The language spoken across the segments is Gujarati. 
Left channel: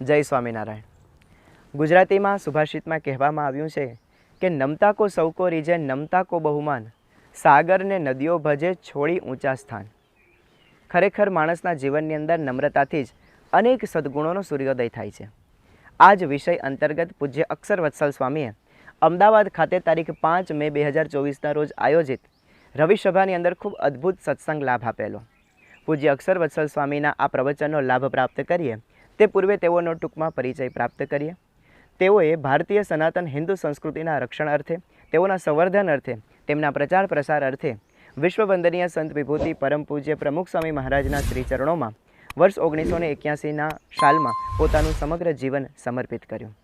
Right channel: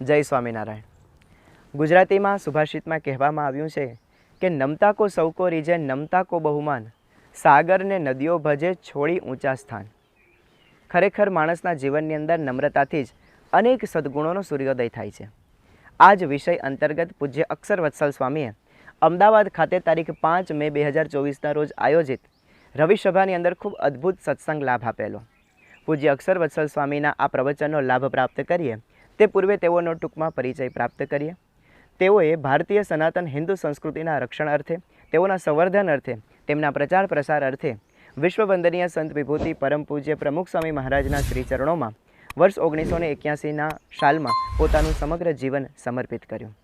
જય સ્વામિનારાયણ। ગુજરાતીમાં સુભાષિતમાં કહેવામાં આવ્યું છે કે નમતા કો સૌ કો રીજે, નમતા કો બહુમાન, સાગર ને નદીઓ ભજે છોડી ઊંચા સ્થાન। ખરેખર માણસના જીવનની અંદર નમ્રતાથી જ અનેક સદ્ગુણોનો સૂર્યોદય થાય છે। આ જ વિષય અંતર્ગત પૂજ્ય અક્ષર વત્સલ સ્વામીએ અમદાવાદ ખાતે તારીખ 5 મે 2024ના રોજ આયોજિત રવિસભાની અંદર ખૂબ અદ્ભુત સત્સંગ લાભ આપેલો। પૂજ્ય અક્ષર વત્સલ સ્વામીના આ પ્રવચનનો લાભ પ્રાપ્ત કરીએ તે પૂર્વે તેઓનો ટૂંકમાં પરિચય પ્રાપ્ત કરીએ। તેઓએ ભારતીય સનાતન હિન્દુ સંસ્કૃતિના રક્ષણ અર્થે, તેઓના સંવર્ધન અર્થે, તેમના પ્રચાર પ્રસાર અર્થે વિશ્વવંદનીય સંત વિભૂતિ પરમ પૂજ્ય પ્રમુખ સ્વામી મહારાજના શ્રીચરણોમાં વર્ષ 1981ના સાલમાં પોતાનું સમગ્ર જીવન સમર્પિત કર્યું।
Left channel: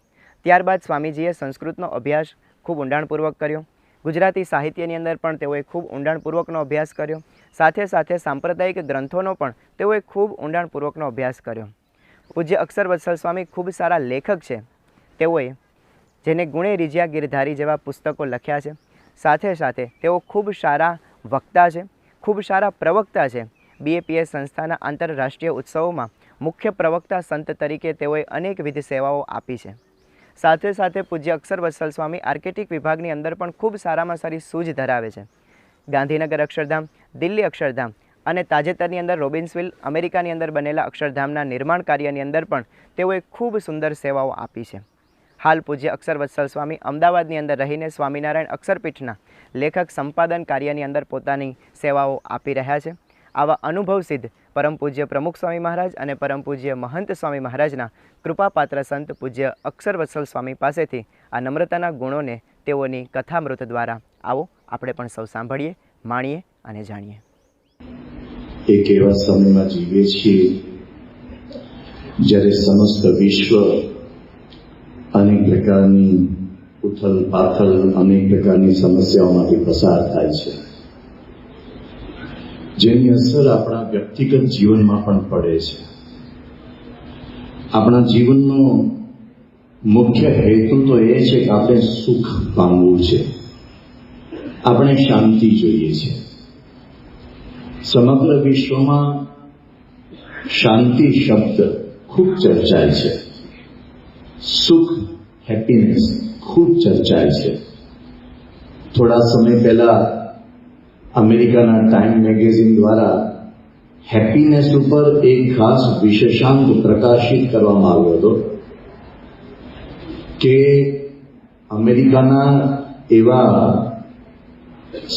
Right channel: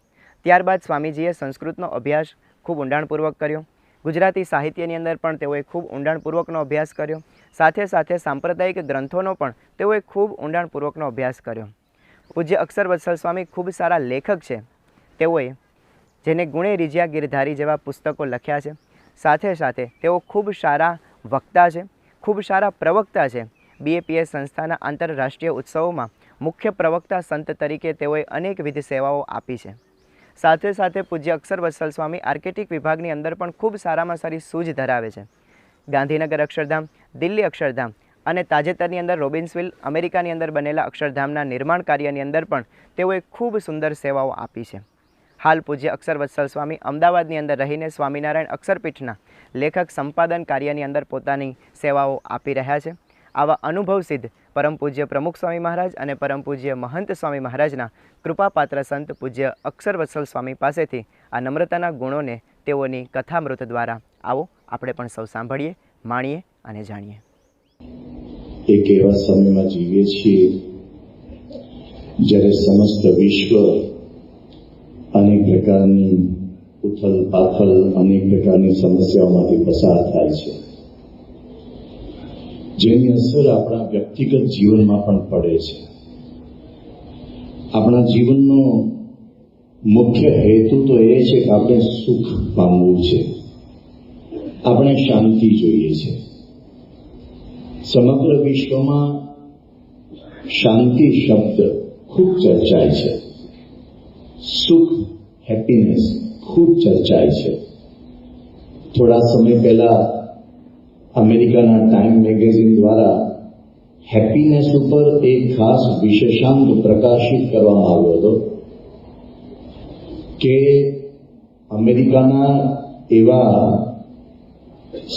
ત્યારબાદ સ્વામીજીએ સંસ્કૃતનો અભ્યાસ ખૂબ ઊંડાણપૂર્વક કર્યો। ગુજરાતી સાહિત્યની અંદર પણ તેઓએ ખૂબ ઊંડાણપૂર્વકનો અભ્યાસ કર્યો। સાથે સાથે સાંપ્રદાયિક ગ્રંથોનો પણ તેઓએ ખૂબ ઊંડાણપૂર્વકનો અભ્યાસ કર્યો। પૂજ્ય અક્ષર વત્સલ સ્વામી ખૂબ સારા લેખક છે। તેઓએ જેને ગુણે રીઝ્યા ગિરધારી જેવા પુસ્તકો લખ્યા છે। સાથે સાથે તેઓ ખૂબ સારા વક્તા છે, ખૂબ સારા પ્રવક્તા છે। BAPS સંસ્થાના આંતરરાષ્ટ્રીય ઉત્સવોમાં મુખ્ય પ્રવક્તા સંત તરીકે તેઓએ અનેકવિધ સેવાઓ આપી છે। સાથે સાથે પૂજ્ય અક્ષર વત્સલ સ્વામી આર્કિટેક્ટ વિભાગની અંદર પણ ખૂબ સારામાં સારી સૂઝ ધરાવે છે। ગાંધીનગર અક્ષરધામ, દિલ્હી અક્ષરધામ અને તાજેતરની અંદર રોબિન્સવિલ અમેરિકાની અંદર બનેલા અક્ષરધામના નિર્માણ કાર્યની અંદર પણ તેઓએ ખૂબ સુંદર સેવાઓ આપી છે। હાલ પૂજ્ય અક્ષર વત્સલ સ્વામી અમદાવાદની અંદર રહીને સ્વામિનારાયણ અક્ષરપીઠના લેખક સંપાદન કાર્યની અંદર પોતાની સેવાઓ આપી રહ્યા છે। આવા અનુભવ સિદ્ધ પરમ પૂજ્ય પ્રમુખ સ્વામી મહારાજ અને પરમ પૂજ્ય મહંત સ્વામી મહારાજના કૃપાપાત્ર સંત પૂજ્ય અક્ષર વત્સલ સ્વામી પાસેથી આ નમ્રતાના ગુણોને તેઓની કથામૃત દ્વારા આવો આપણે પણ સૌ સાંભળીએ, માણીએ અને જાણીએ। એક એવા સમયમાં જીવીએ છીએ જ્યારે સમસ્ત વિશ્વ અનેક પ્રકારની ઉથલ પાથલ, અનેક પ્રકારની સમસ્યાઓમાંથી પસાર થાય છે, જેની અસર આપણા વ્યક્તિગત જીવનમાં પણ પડે છે। આપણા જીવનનો મુખ્ય હેતુ તો એ છે કે આપણે સુખ પામવું છે, આપણે શાંતિ જોઈએ છે। સમગ્ર વિશ્વમાં શાંતિ શબ્દ ખૂબ ચર્ચાય છે, સુખ, હેપીનેસ ખૂબ ચર્ચાય છે। થોડા સમય પહેલા અમેરિકાના ટાઈમ મેગેઝિન દ્વારા હેપીનેસ ઉપર એક ખાસ વિશેષાંક પ્રકાશિત કરવામાં આવ્યો હતો કે અમેરિકાના એવા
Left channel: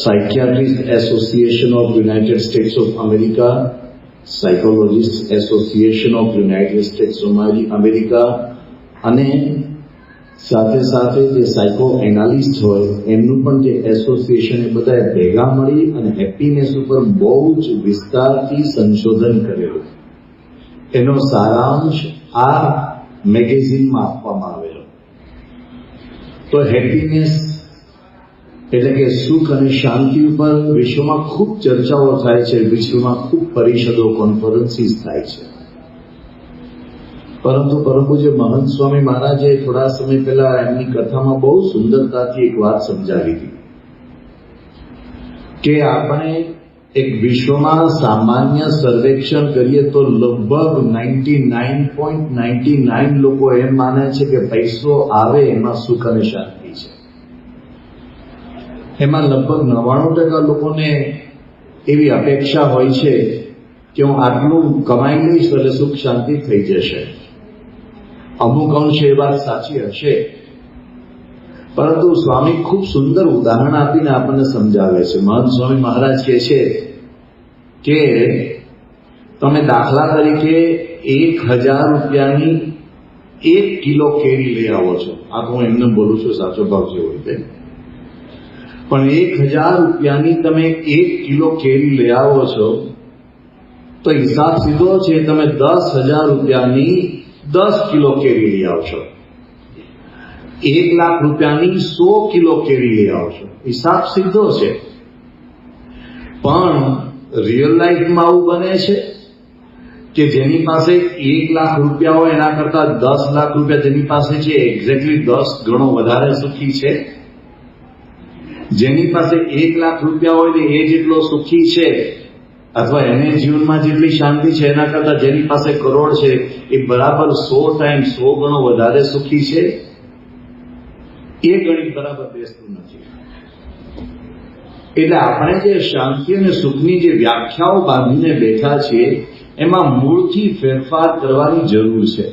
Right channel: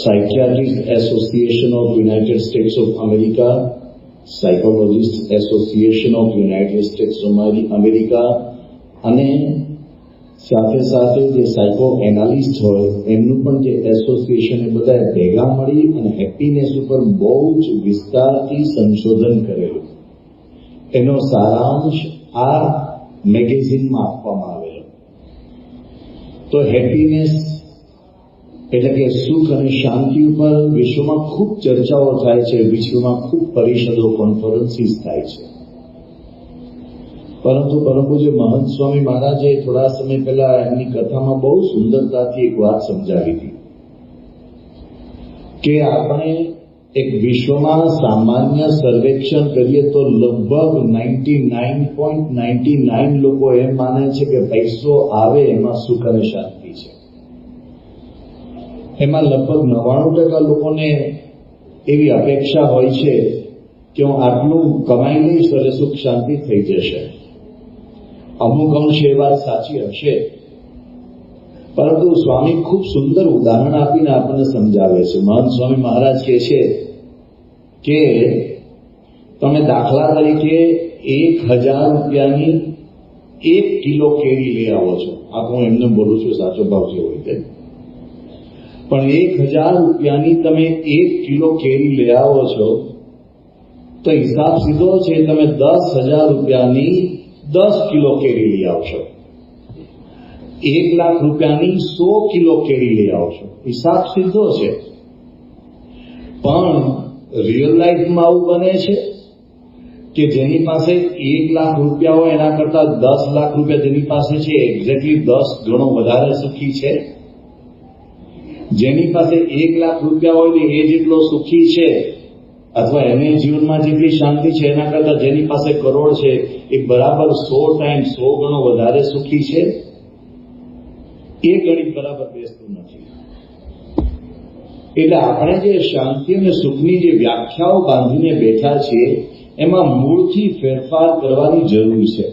psychiatrist association of United states of America, psychologist association of United states of America અને સાથે સાથે જે સાયકો એનાલિસ્ટ હોય એમનું પણ જે એસોસિએશન બધાએ ભેગા મળી અને હેપીનેસ ઉપર બહુ જ વિસ્તારથી સંશોધન કરેલું। એનો સારાંશ આ મેગેઝિનમાં આપવામાં આવેલો। તો હેપીનેસ એટલે કે સુખ અને શાંતિ ઉપર વિશ્વમાં ખૂબ ચર્ચાઓ થાય છે, વિશ્વમાં ખૂબ પરિષદો, કોન્ફરન્સીસ થાય છે। પરંતુ પરમ પૂજ્ય મહંત સ્વામી મહારાજે થોડા સમય પહેલા એમની કથામાં બહુ સુંદરતાથી એક વાત સમજાવી હતી કે આપણે એક વિશ્વમાં સામાન્ય સર્વેક્ષણ કરીએ તો લગભગ 99.99 લોકો એમ માને છે કે પૈસો આવે એમાં સુખ અને શાંતિ છે। એમાં લગભગ 99% લોકોને એવી અપેક્ષા હોય છે કે હું આટલું કમાઈ લઈશ એટલે સુખ શાંતિ થઈ જશે। અમુક અંશે એ વાત સાચી હશે, પરંતુ સ્વામી ખૂબ સુંદર ઉદાહરણ આપીને આપણને સમજાવે છે। મહંત સ્વામી મહારાજ કહે છે કે તમે દાખલા તરીકે 1000 રૂપિયાની 1 કિલો કેરી લઈ આવો છો। આ હું એમને બોલું છું, સાચો ભાવ છે હોય તે, પણ 1000 રૂપિયાની તમે 1 કિલો કેરી લઈ આવો છો તો હિસાબ સીધો છે તમે 10,000 રૂપિયાની 10 કિલો કેરી લઈ આવશો। 1 લાખ રૂપિયાની 100 કિલો કેરી લઈ આવશો, હિસાબ સીધો છે। પણ રિયલ લાઈફમાં આવું બને છે કે જેની પાસે 1 લાખ રૂપિયા હોય એના કરતા 10 લાખ રૂપિયા જેની પાસે છે એક્ઝેક્ટલી 10 ગણો વધારે સુખી છે? જેની પાસે 1 લાખ રૂપિયા હોય ને એ જેટલો સુખી છે અથવા એને જીવનમાં જેટલી શાંતિ છે એના કરતા જેની પાસે કરોડ છે એ બરાબર 100 ટાઈમ 100 ગણો વધારે સુખી છે, એ ગણિત બરાબર બેસતું નથી. એટલે આપણે જે શાંતિ અને સુખની જે વ્યાખ્યાઓ બાંધીને બેઠા છીએ એમાં મૂળથી ફેરફાર કરવાની જરૂર છે.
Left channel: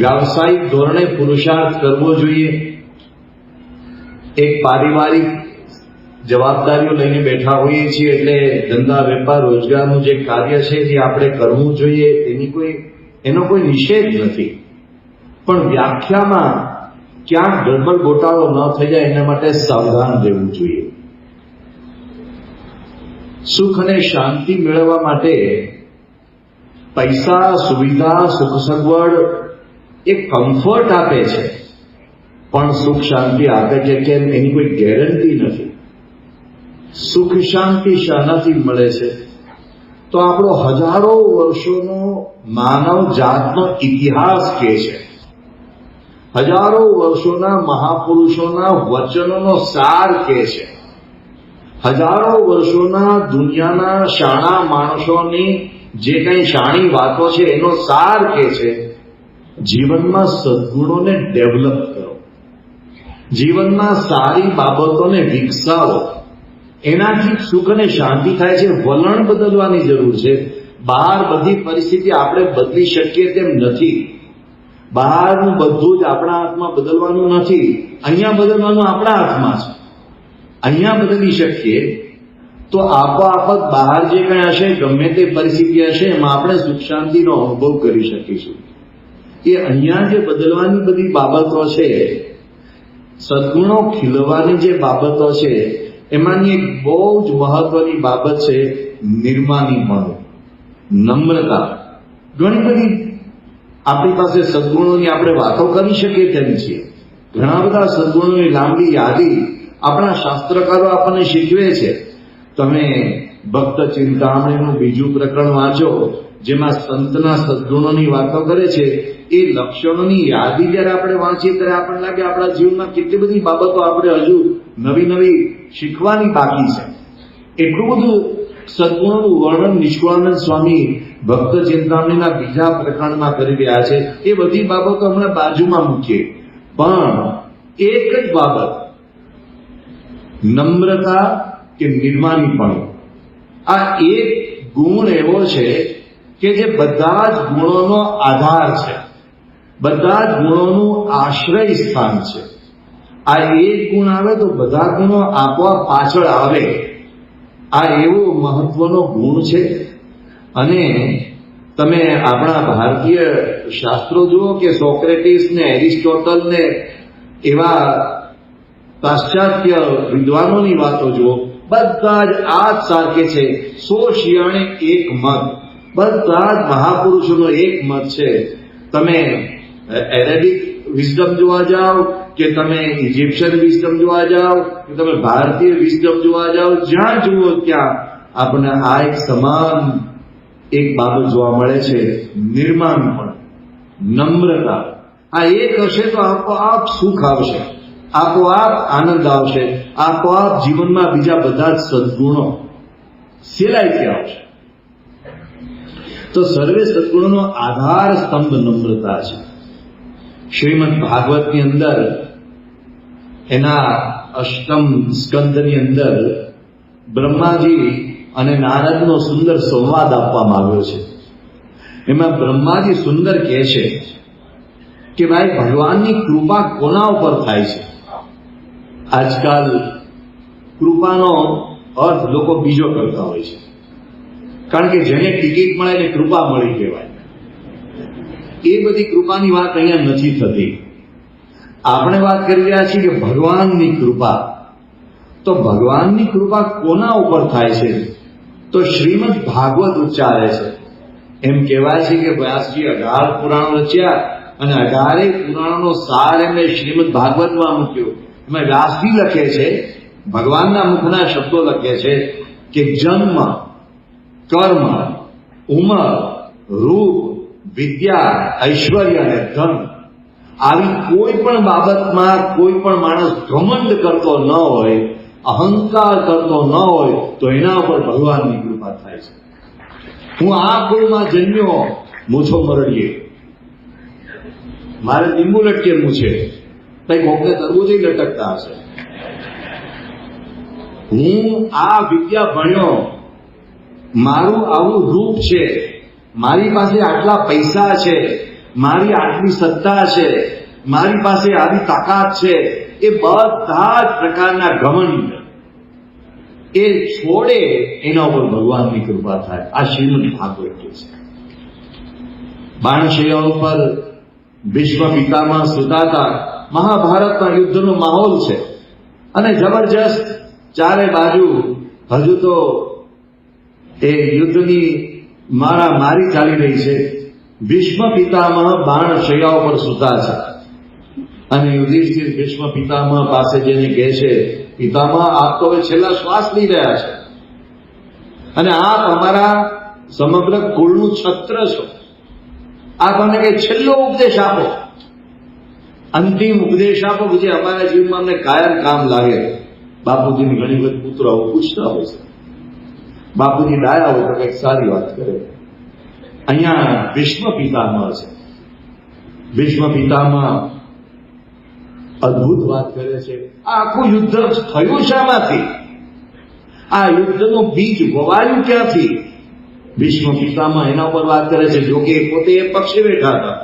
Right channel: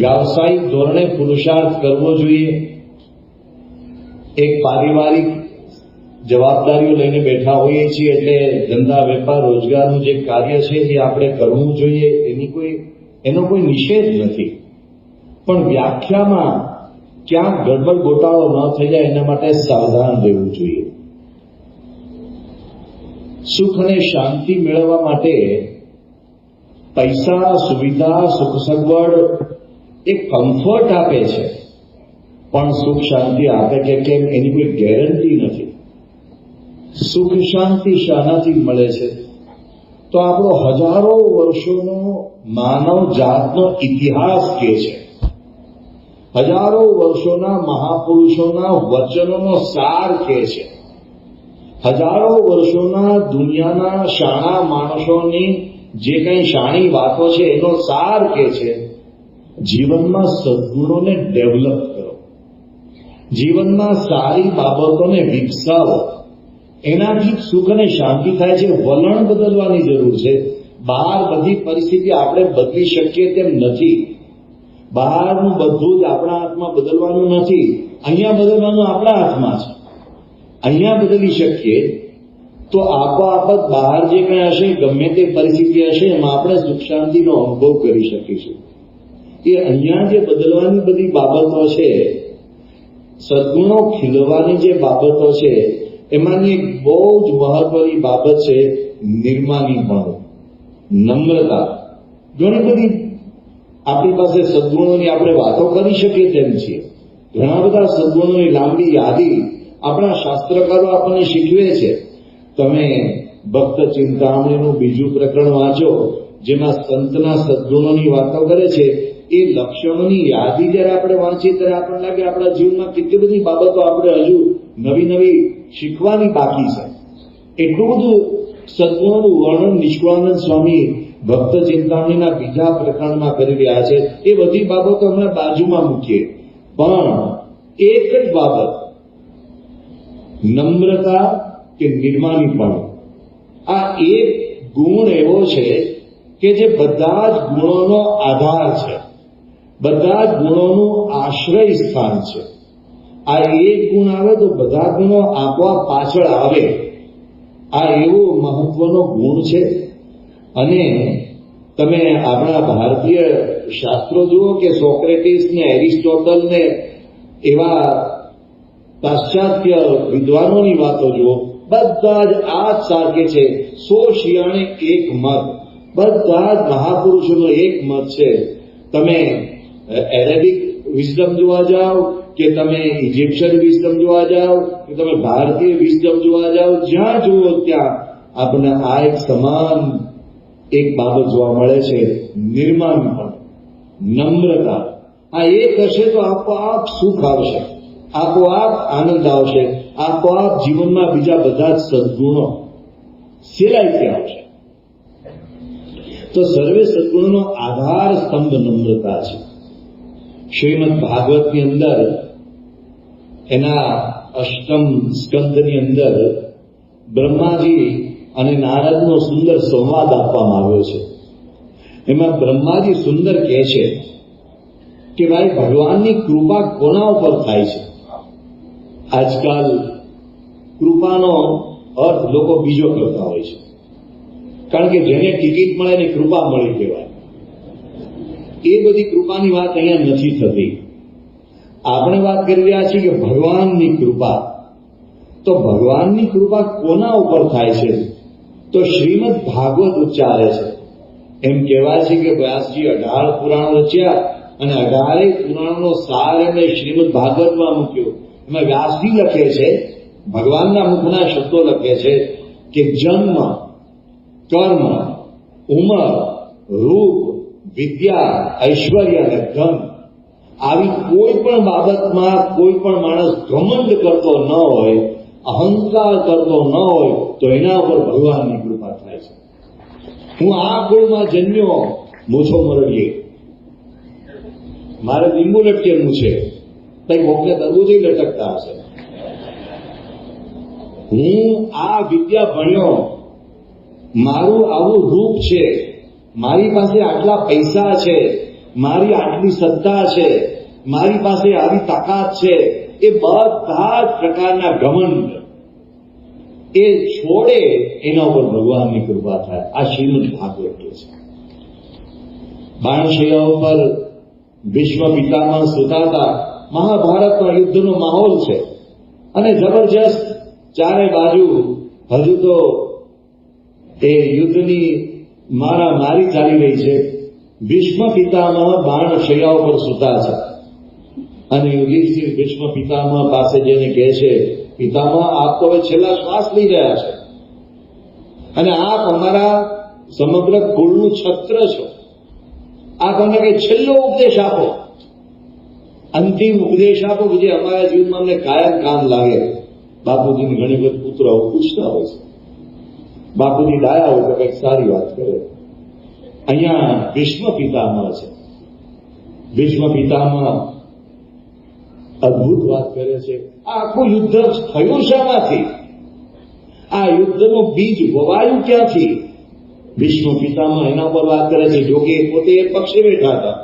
વ્યાવસાયિક ધોરણે પુરુષાર્થ કરવો જોઈએ. એક પારિવારિક જવાબદારીઓ લઈને બેઠા હોઈએ છીએ એટલે ધંધા વેપાર રોજગારનું જે કાર્ય છે જે આપણે કરવું જોઈએ એનો કોઈ નિષેધ નથી, પણ વ્યાખ્યામાં ક્યાંક ગડબડ ગોટાળો ન થઈ જાય એના માટે સાવધાન રહેવું જોઈએ. સુખ અને શાંતિ મેળવવા માટે પૈસા, સુવિધા, સુખ સગવડ એ કમ્ફર્ટ આપે છે, પણ સુખ શાંતિ આપે કે કેમ એની કોઈ ગેરંટી નથી. સુખ શાંતિ શાનાથી મળે છે? તો આપણો હજારો વર્ષોનો માનવ જાતનો ઇતિહાસ કહે છે. હજારો વર્ષોના મહાપુરુષોના વચનોનો સાર કહે છે. હજારો વર્ષોના દુનિયાના શાણા માણસોની જે કંઈ શાણી વાતો છે એનો સાર કહે છે. જીવનમાં સદ્ગુણોને ડેવલપ કરો, જીવનમાં સારી બાબતોને વિકસાવો, એનાથી સુખ અને શાંતિ થાય છે. વલણ બદલવાની જરૂર છે. બહાર બધી પરિસ્થિતિ આપણે બદલી શકીએ તેમ નથી. બહારનું બધું જ આપણા હાથમાં બદલવાનું નથી, અહીંયા બદલવાનું આપણા હાથમાં છે. અહીંયા બદલી શકીએ તો આપોઆપ જ બહાર જે કંઈ હશે, ગમે તે પરિસ્થિતિ હશે, એમાં આપણે સુખ શાંતિનો અનુભવ કરી શકીશું. એ અહીંયા જે બદલવાની બધી બાબતો છે, સદ્ગુણો ખીલવાની જે બાબતો છે, એમાંની એક બહુ જ મહત્વની બાબત છે નિર્માનીપણું, નમ્રતા. ઘણી બધી આપણી પાસે સદ્ગુણોની આપણે વાતો કરી શકીએ તેમ છીએ. ઘણા બધા સદ્ગુણોની લાંબી યાદી આપણા શાસ્ત્રકારો આપણને શીખવે છે. તમે ભક્ત ચિંતામણીનું 2જું પ્રકરણ વાંચો, જેમાં સંતના સદ્ગુણોની વાતો કરે છે. એ લક્ષણોની યાદી જ્યારે આપણે વાંચીએ ત્યારે આપણને લાગે આપણા જીવનમાં કેટલી બધી બાબતો આપણે હજુ નવી નવી શીખવાની બાકી છે. એટલું બધું સદ્ગુણોનું વર્ણન નિષ્કુળાનંદ સ્વામી ભક્ત ચિંતામણીના 2જા પ્રકરણમાં કરી રહ્યા છે. એ બધી બાબતો હમણાં બાજુમાં મૂકીએ, પણ એક જ બાબત, નમ્રતા કે નિર્માનીપણું, આ એક ગુણ એવો છે કે જે બધા જ ગુણોનો આધાર છે, બધા જ ગુણોનું આશ્રય સ્થાન છે. આ એક ગુણ આવે તો બધા ગુણો આપોઆપ પાછળ આવે. આ એવો મહત્વનો ગુણ છે. અને તમે આપણા ભારતીય શાસ્ત્રો જુઓ કે સોક્રેટિસ ને એરિસ્ટોટલ ને એવા પાશ્ચાત્ય વિદ્વાનોની વાતો જુઓ, બધા જ આ જ સાકે છે. 100 શિયાળે એક મત, બધા જ મહાપુરુષોનો એક મત છે. તમે એરેબિક વિઝડમ જોવા જાઓ કે તમે ઇજિપ્શિયન વિઝડમ જોવા જાઓ કે તમે ભારતીય વિઝડમ જોવા જાઓ, જ્યાં જુઓ ત્યાં આપણને આ એક સમાન એક બાબત જોવા મળે છે, નિર્માણપણ, નમ્રતા. આ એક હશે તો આપોઆપ સુખ આવશે, આપોઆપ આનંદ આવશે, આપોઆપ જીવનમાં બીજા બધા જ સદ્ગુણો સેલાઈથી આવશે. તો સર્વે સદ્ગુણોનો આધાર સ્તંભ નમ્રતા છે. શ્રીમદ ભાગવતની અંદર એના 8મ સ્કંદની અંદર બ્રહ્માજી અને નારદનો સુંદર સંવાદ આપવામાં આવ્યો છે. એમાં બ્રહ્માજી સુંદર કહે છે કે ભાઈ, ભગવાનની કૃપા કોના ઉપર થાય છે? આજકાલ કૃપાનો અર્થ લોકો બીજો કરતા હોય છે, કારણ કે જેને ટિકિટ મળે એને કૃપા મળી કહેવાય. એ બધી કૃપાની વાત અહીંયા નથી થતી. આપણે વાત કરી રહ્યા છીએ કે ભગવાનની કૃપા. તો ભગવાનની કૃપા કોના ઉપર થાય છે? તો શ્રીમદ ભાગવત ઉચ્ચારે છે. એમ કહેવાય છે કે વ્યાસજી 18 પુરાણો રચ્યા અને 18 પુરાણોનો સાર એમને શ્રીમદ ભાગવતમાં મૂક્યો. એમાં વ્યાસજી લખે છે, ભગવાનના મુખના શબ્દો લખે છે કે જન્મ, કર્મ, ઉંમર, રૂપ, વિદ્યા, ઐશ્વર્ય અને ધન, આવી કોઈ પણ બાબતમાં કોઈ પણ માણસ ઘમંડ કરતો ન હોય, અહંકાર કરતો ન હોય, તો એના ઉપર ભગવાનની કૃપા થાય છે. હું આ કુળમાં જન્મ્યો મૂછો મરડીએ, મારે લીંબુ લટકે મૂછે, કઈ મોકલે તરબૂચી લટકતા હશે. હું આ વિદ્યા ભણ્યો, મારું આવું રૂપ છે, મારી પાસે આટલા પૈસા છે, મારી આટલી સત્તા છે, મારી પાસે આવી તાકાત છે, એ બધા જ પ્રકારના ઘમંડ એ છોડે, એના ઉપર ભગવાનની કૃપા થાય. આ શ્રીમદ ભાગવત કે છે. બાણશૈયા ઉપર ભીષ્મ પિતામહ સુતા હતા. મહાભારતના યુદ્ધનો માહોલ છે અને જબરજસ્ત ચારે બાજુ હજુ તો એ યુદ્ધની મારી ચાલી રહી છે. ભીષ્મ પિતામહ બાણશૈયા ઉપર સુતા છે અને યુધિષ્ઠિર ભીષ્મ પિતામહ પાસે જઈને કહે છે, પિતામહ આપ તો હવે છેલ્લા શ્વાસ લઈ રહ્યા છે અને આપ અમારા સમગ્ર કુળનું છત્ર છો. આપ અમને કઈ છેલ્લો ઉપદેશ આપો, અંતિમ ઉપદેશ આપો કે જે અમારા જીવનમાં અમને કાયમ કામ લાગે. બાપુજીની ઘણી વખત પુત્રો આવું પૂછતા હોય છે. બાપુજી ડાયા હોય તો કંઈક સારી વાત કરે. અહીંયા ભીષ્મ પિતામહ છે. ભીષ્મ પિતામહ અદભુત વાત કરે છે. આ આખું યુદ્ધ થયું શામાંથી? આ યુદ્ધનું બીજ વવાયું ક્યાંથી? ભીષ્મ પિતામહ એના ઉપર વાત કરે છે. જો કે પોતે એ પક્ષે બેઠા હતા.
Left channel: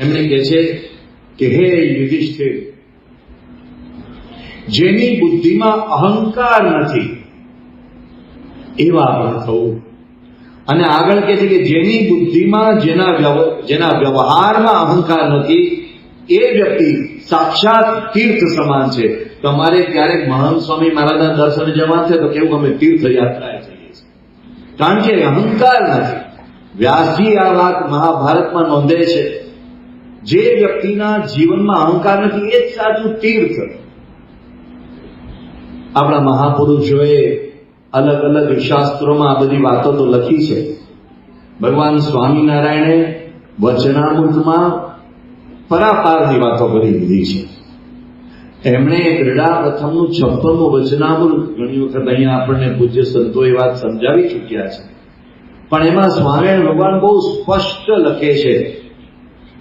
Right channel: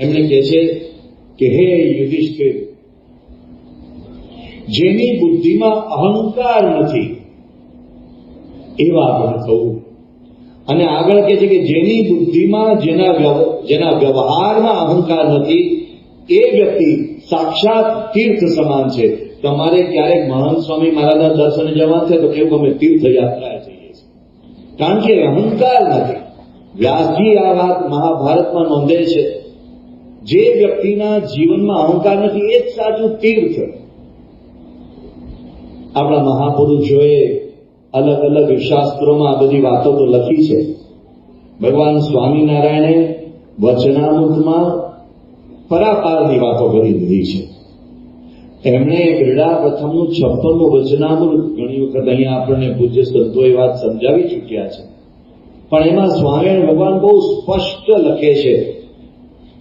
એમણે કહે છે કે હે યુધિષ્ઠિર, જેની બુદ્ધિમાં અહંકાર નથી એવા આપણે થવું. અને આગળ કહે છે કે જેની બુદ્ધિમાં જેના વ્યવહારમાં અહંકાર નથી એ વ્યક્તિ સાક્ષાત તીર્થ સમાન છે. તમારે ક્યારેક મહંત સ્વામી મહારાજના દર્શને જવા છે તો કેવું અમે તીર્થયાત્રાએ જઈએ છીએ, કારણ કે અહંકાર નથી. વ્યાસજી આ વાત મહાભારતમાં નોંધે છે. જે વ્યક્તિના જીવનમાં અહંકાર નથી એ જ સાચું તીર્થ. આપણા મહાપુરુષોએ અલગ અલગ શાસ્ત્રોમાં આ બધી વાતો તો લખી છે. ભગવાન સ્વામિનારાયણે વચનામૃતમાં પરાપારની વાતો કરી દીધી છે. એમણે ક્રીડા પ્રથમનું 56મું વચનામૃત ઘણી વખત અહીંયા આપણને પૂજ્ય સંતોએ વાત સમજાવી ચૂક્યા છે, પણ એમાં સ્વામિનારાયણ ભગવાન બહુ સ્પષ્ટ લખે છે,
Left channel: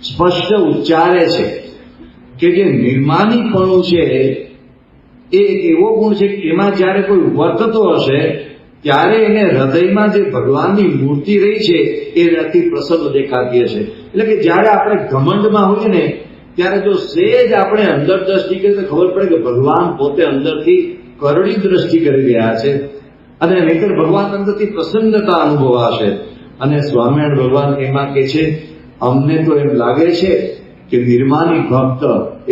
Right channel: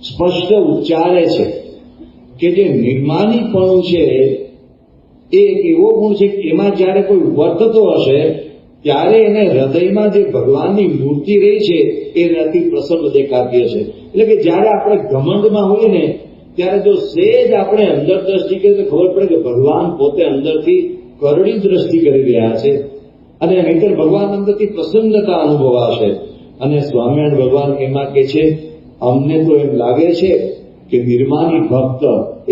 સ્પષ્ટ ઉચ્ચારે છે કે જે નિર્માનીપણું છે એ એક એવો ગુણ છે કે એમાં જ્યારે કોઈ વર્તતો હશે ત્યારે એને હૃદયમાં જે ભગવાનની મૂર્તિ રહી છે એ અતિ પ્રસન્ન દેખાતી હશે. એટલે કે જ્યારે આપણે ઘમંડમાં હોઈએ ને ત્યારે જો સહેજ આપણે અંદર દ્રષ્ટિ કરીએ તો ખબર પડે કે ભગવાન પોતે અંદરથી કરડી દ્રષ્ટિ કરી રહ્યા છે અને નહીંતર ભગવાન અંદરથી પ્રસન્નતા અનુભવાશે. અને સ્વામિનારાયણ ભગવાન એમાં કહે છે, અમને તો એમ લાગે છે કે નિર્માની ભક્ત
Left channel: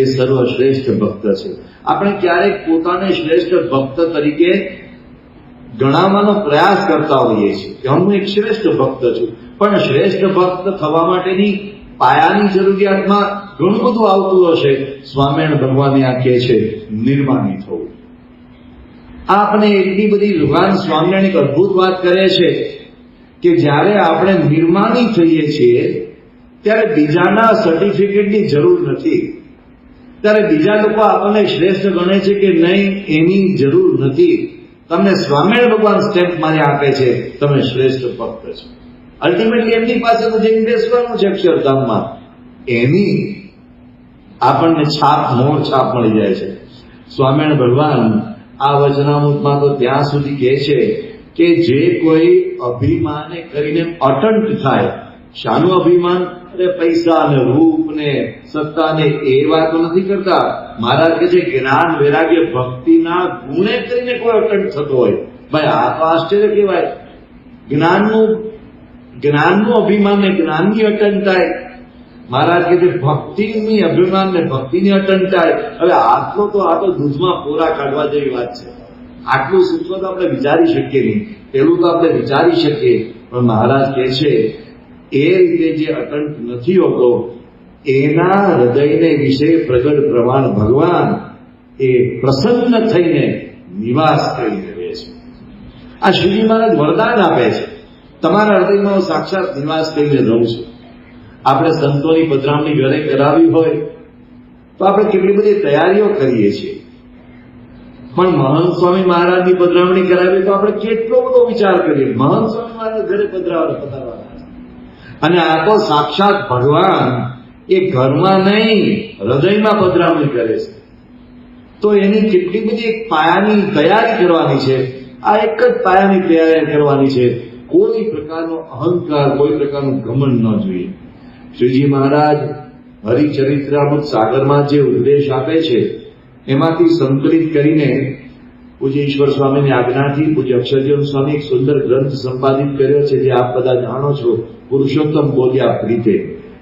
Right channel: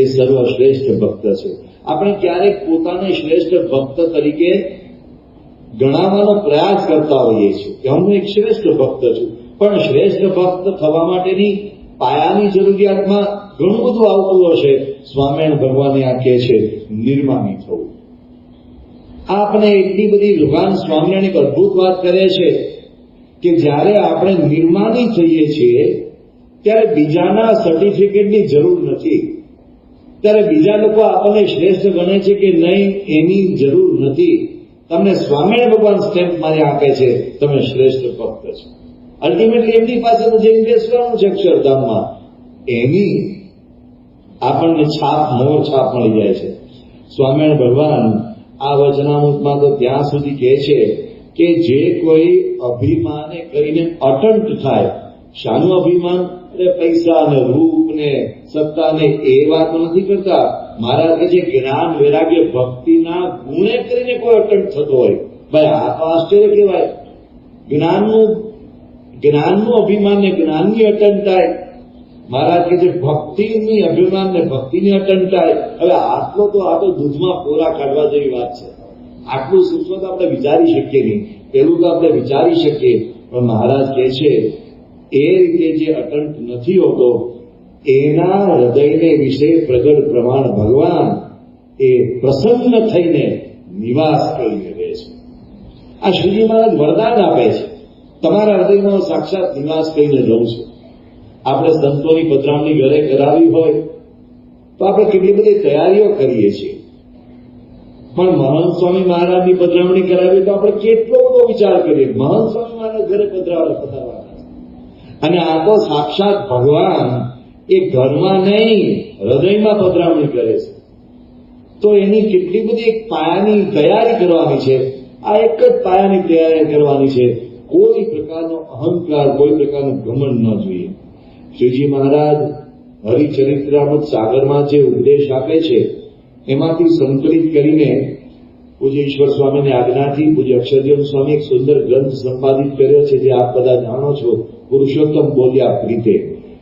એ સર્વશ્રેષ્ઠ ભક્ત છે. આપણે ક્યારેક પોતાને શ્રેષ્ઠ ભક્ત તરીકે ગણાવવાનો પ્રયાસ કરતા હોઈએ છીએ કે હું એક શ્રેષ્ઠ ભક્ત છું, પણ શ્રેષ્ઠ ભક્ત થવા માટેની પાયાની જરૂરિયાતમાં ઘણું બધું આવતું હશે. સ્વામિનારાયણ ભગવાને આ કહે છે નિર્માની થવું. આપણે એટલી બધી ભગવાન સ્વામિનારાયણ એક અદભુત વાત કરે છે કે જ્યારે આપણે નિર્માની થઈએ છીએ ત્યારે બીજાના સર્ટિફિકેટની જરૂર નથી. ત્યારે બીજા લોકો આપણને શ્રેષ્ઠ ગણે છે કે નહીં એની જરૂર નથી. તમને સ્વામિનારાયણ ભગવાન સ્ટેમ્પ મારી આપે છે, તમે શ્રેષ્ઠ ભક્ત છો. અલ્ટિમેટલી એમની પાસે તો જઈને બેસવાનું છે અક્ષરધામમાં, એની આપણને મોર છાપ મળી જાય છે. સ્વામિનારાયણ ભગવાન આ વચનામૃતમાં તો ત્યાં સુધી કહે છે કે જે કોઈ અભિમાને કરીને અટંટ થાય. શાનું અભિમાન? અરે પૈસા ને રૂપ ને સત્તા ને એ વાતો નથી કરતા. મહારાજ કહે છે જ્ઞાન વૈરાગ્ય ભક્તિના ગુણે કરીને કોઈ અટંટ થતો હોય, ભાઈ આ તો આશ્ચર્ય કહેવાય. જ્ઞાનનું અભિમાન ને જ્ઞાનની અટંટાય. મહારાજ કહે છે ભક્તિની અભિમાન ને ભક્તિની અટંટાય. હવે આટલો તો આ તો દૂધમાં પોરા કાઢવા જેવી વાત છે. આટલું સૂક્ષ્મ તો આપણે વિચારી શકીએ નહીં, પેલું તો આપણે વિચારી શકીએ, પણ મહારાજ કહે છે એ રીતે જે અટંટ નથી હોતો એના હૃદયને વિશે પ્રગટ પ્રમાણ ભગવાન એ પ્રસન્ન થઈને નિવાસ કરીને રહે છે. આ શ્રીજી મહારાજ વરદાન આપે છે, તમારા હૃદયમાં સાક્ષાત નિવાસ કરીને રહું છું. આપણે સંતોની પધરામણી ઘરે કરાવી હોય તો આપણે કેટલી બધી તૈયારીઓ કરીએ છીએ, પણ મહંત સ્વામી મહારાજની પધરામણી કરાવી તો આપણે કેટલો બધો વિચાર કરીએ. મહંત સ્વામી મહારાજ ઘરે પધરાવવાના, અને આ તો સાક્ષાત ભગવાન એ ઘરમાં નહીં હૃદયમાં પધરામણી કરે છે. તો એની કેટલી બધી એક પાયાની તૈયારી કરવાની છે. આ એક જ પાયાની તૈયારી કરવાની છે. કોઈ પ્રકારનો અહંકાર, કોઈ પ્રકારનું ઘમંડ ન જોઈએ. શ્રીજી મહારાજ હરિચરિત્રામૃત સાગરમાં જે ઉપદેશ આપે છે એમાંથી સંકલિત કરીને પૂજ્ય ઈશ્વર સ્વામીની આજ્ઞાથી પૂજ્ય અક્ષરજીવન સ્વામી એક સુંદર ગ્રંથ સંપાદિત કર્યો છે, જે આપ બધા જાણો છો, પુરુષોત્તમ બોલ્યા પ્રીતે.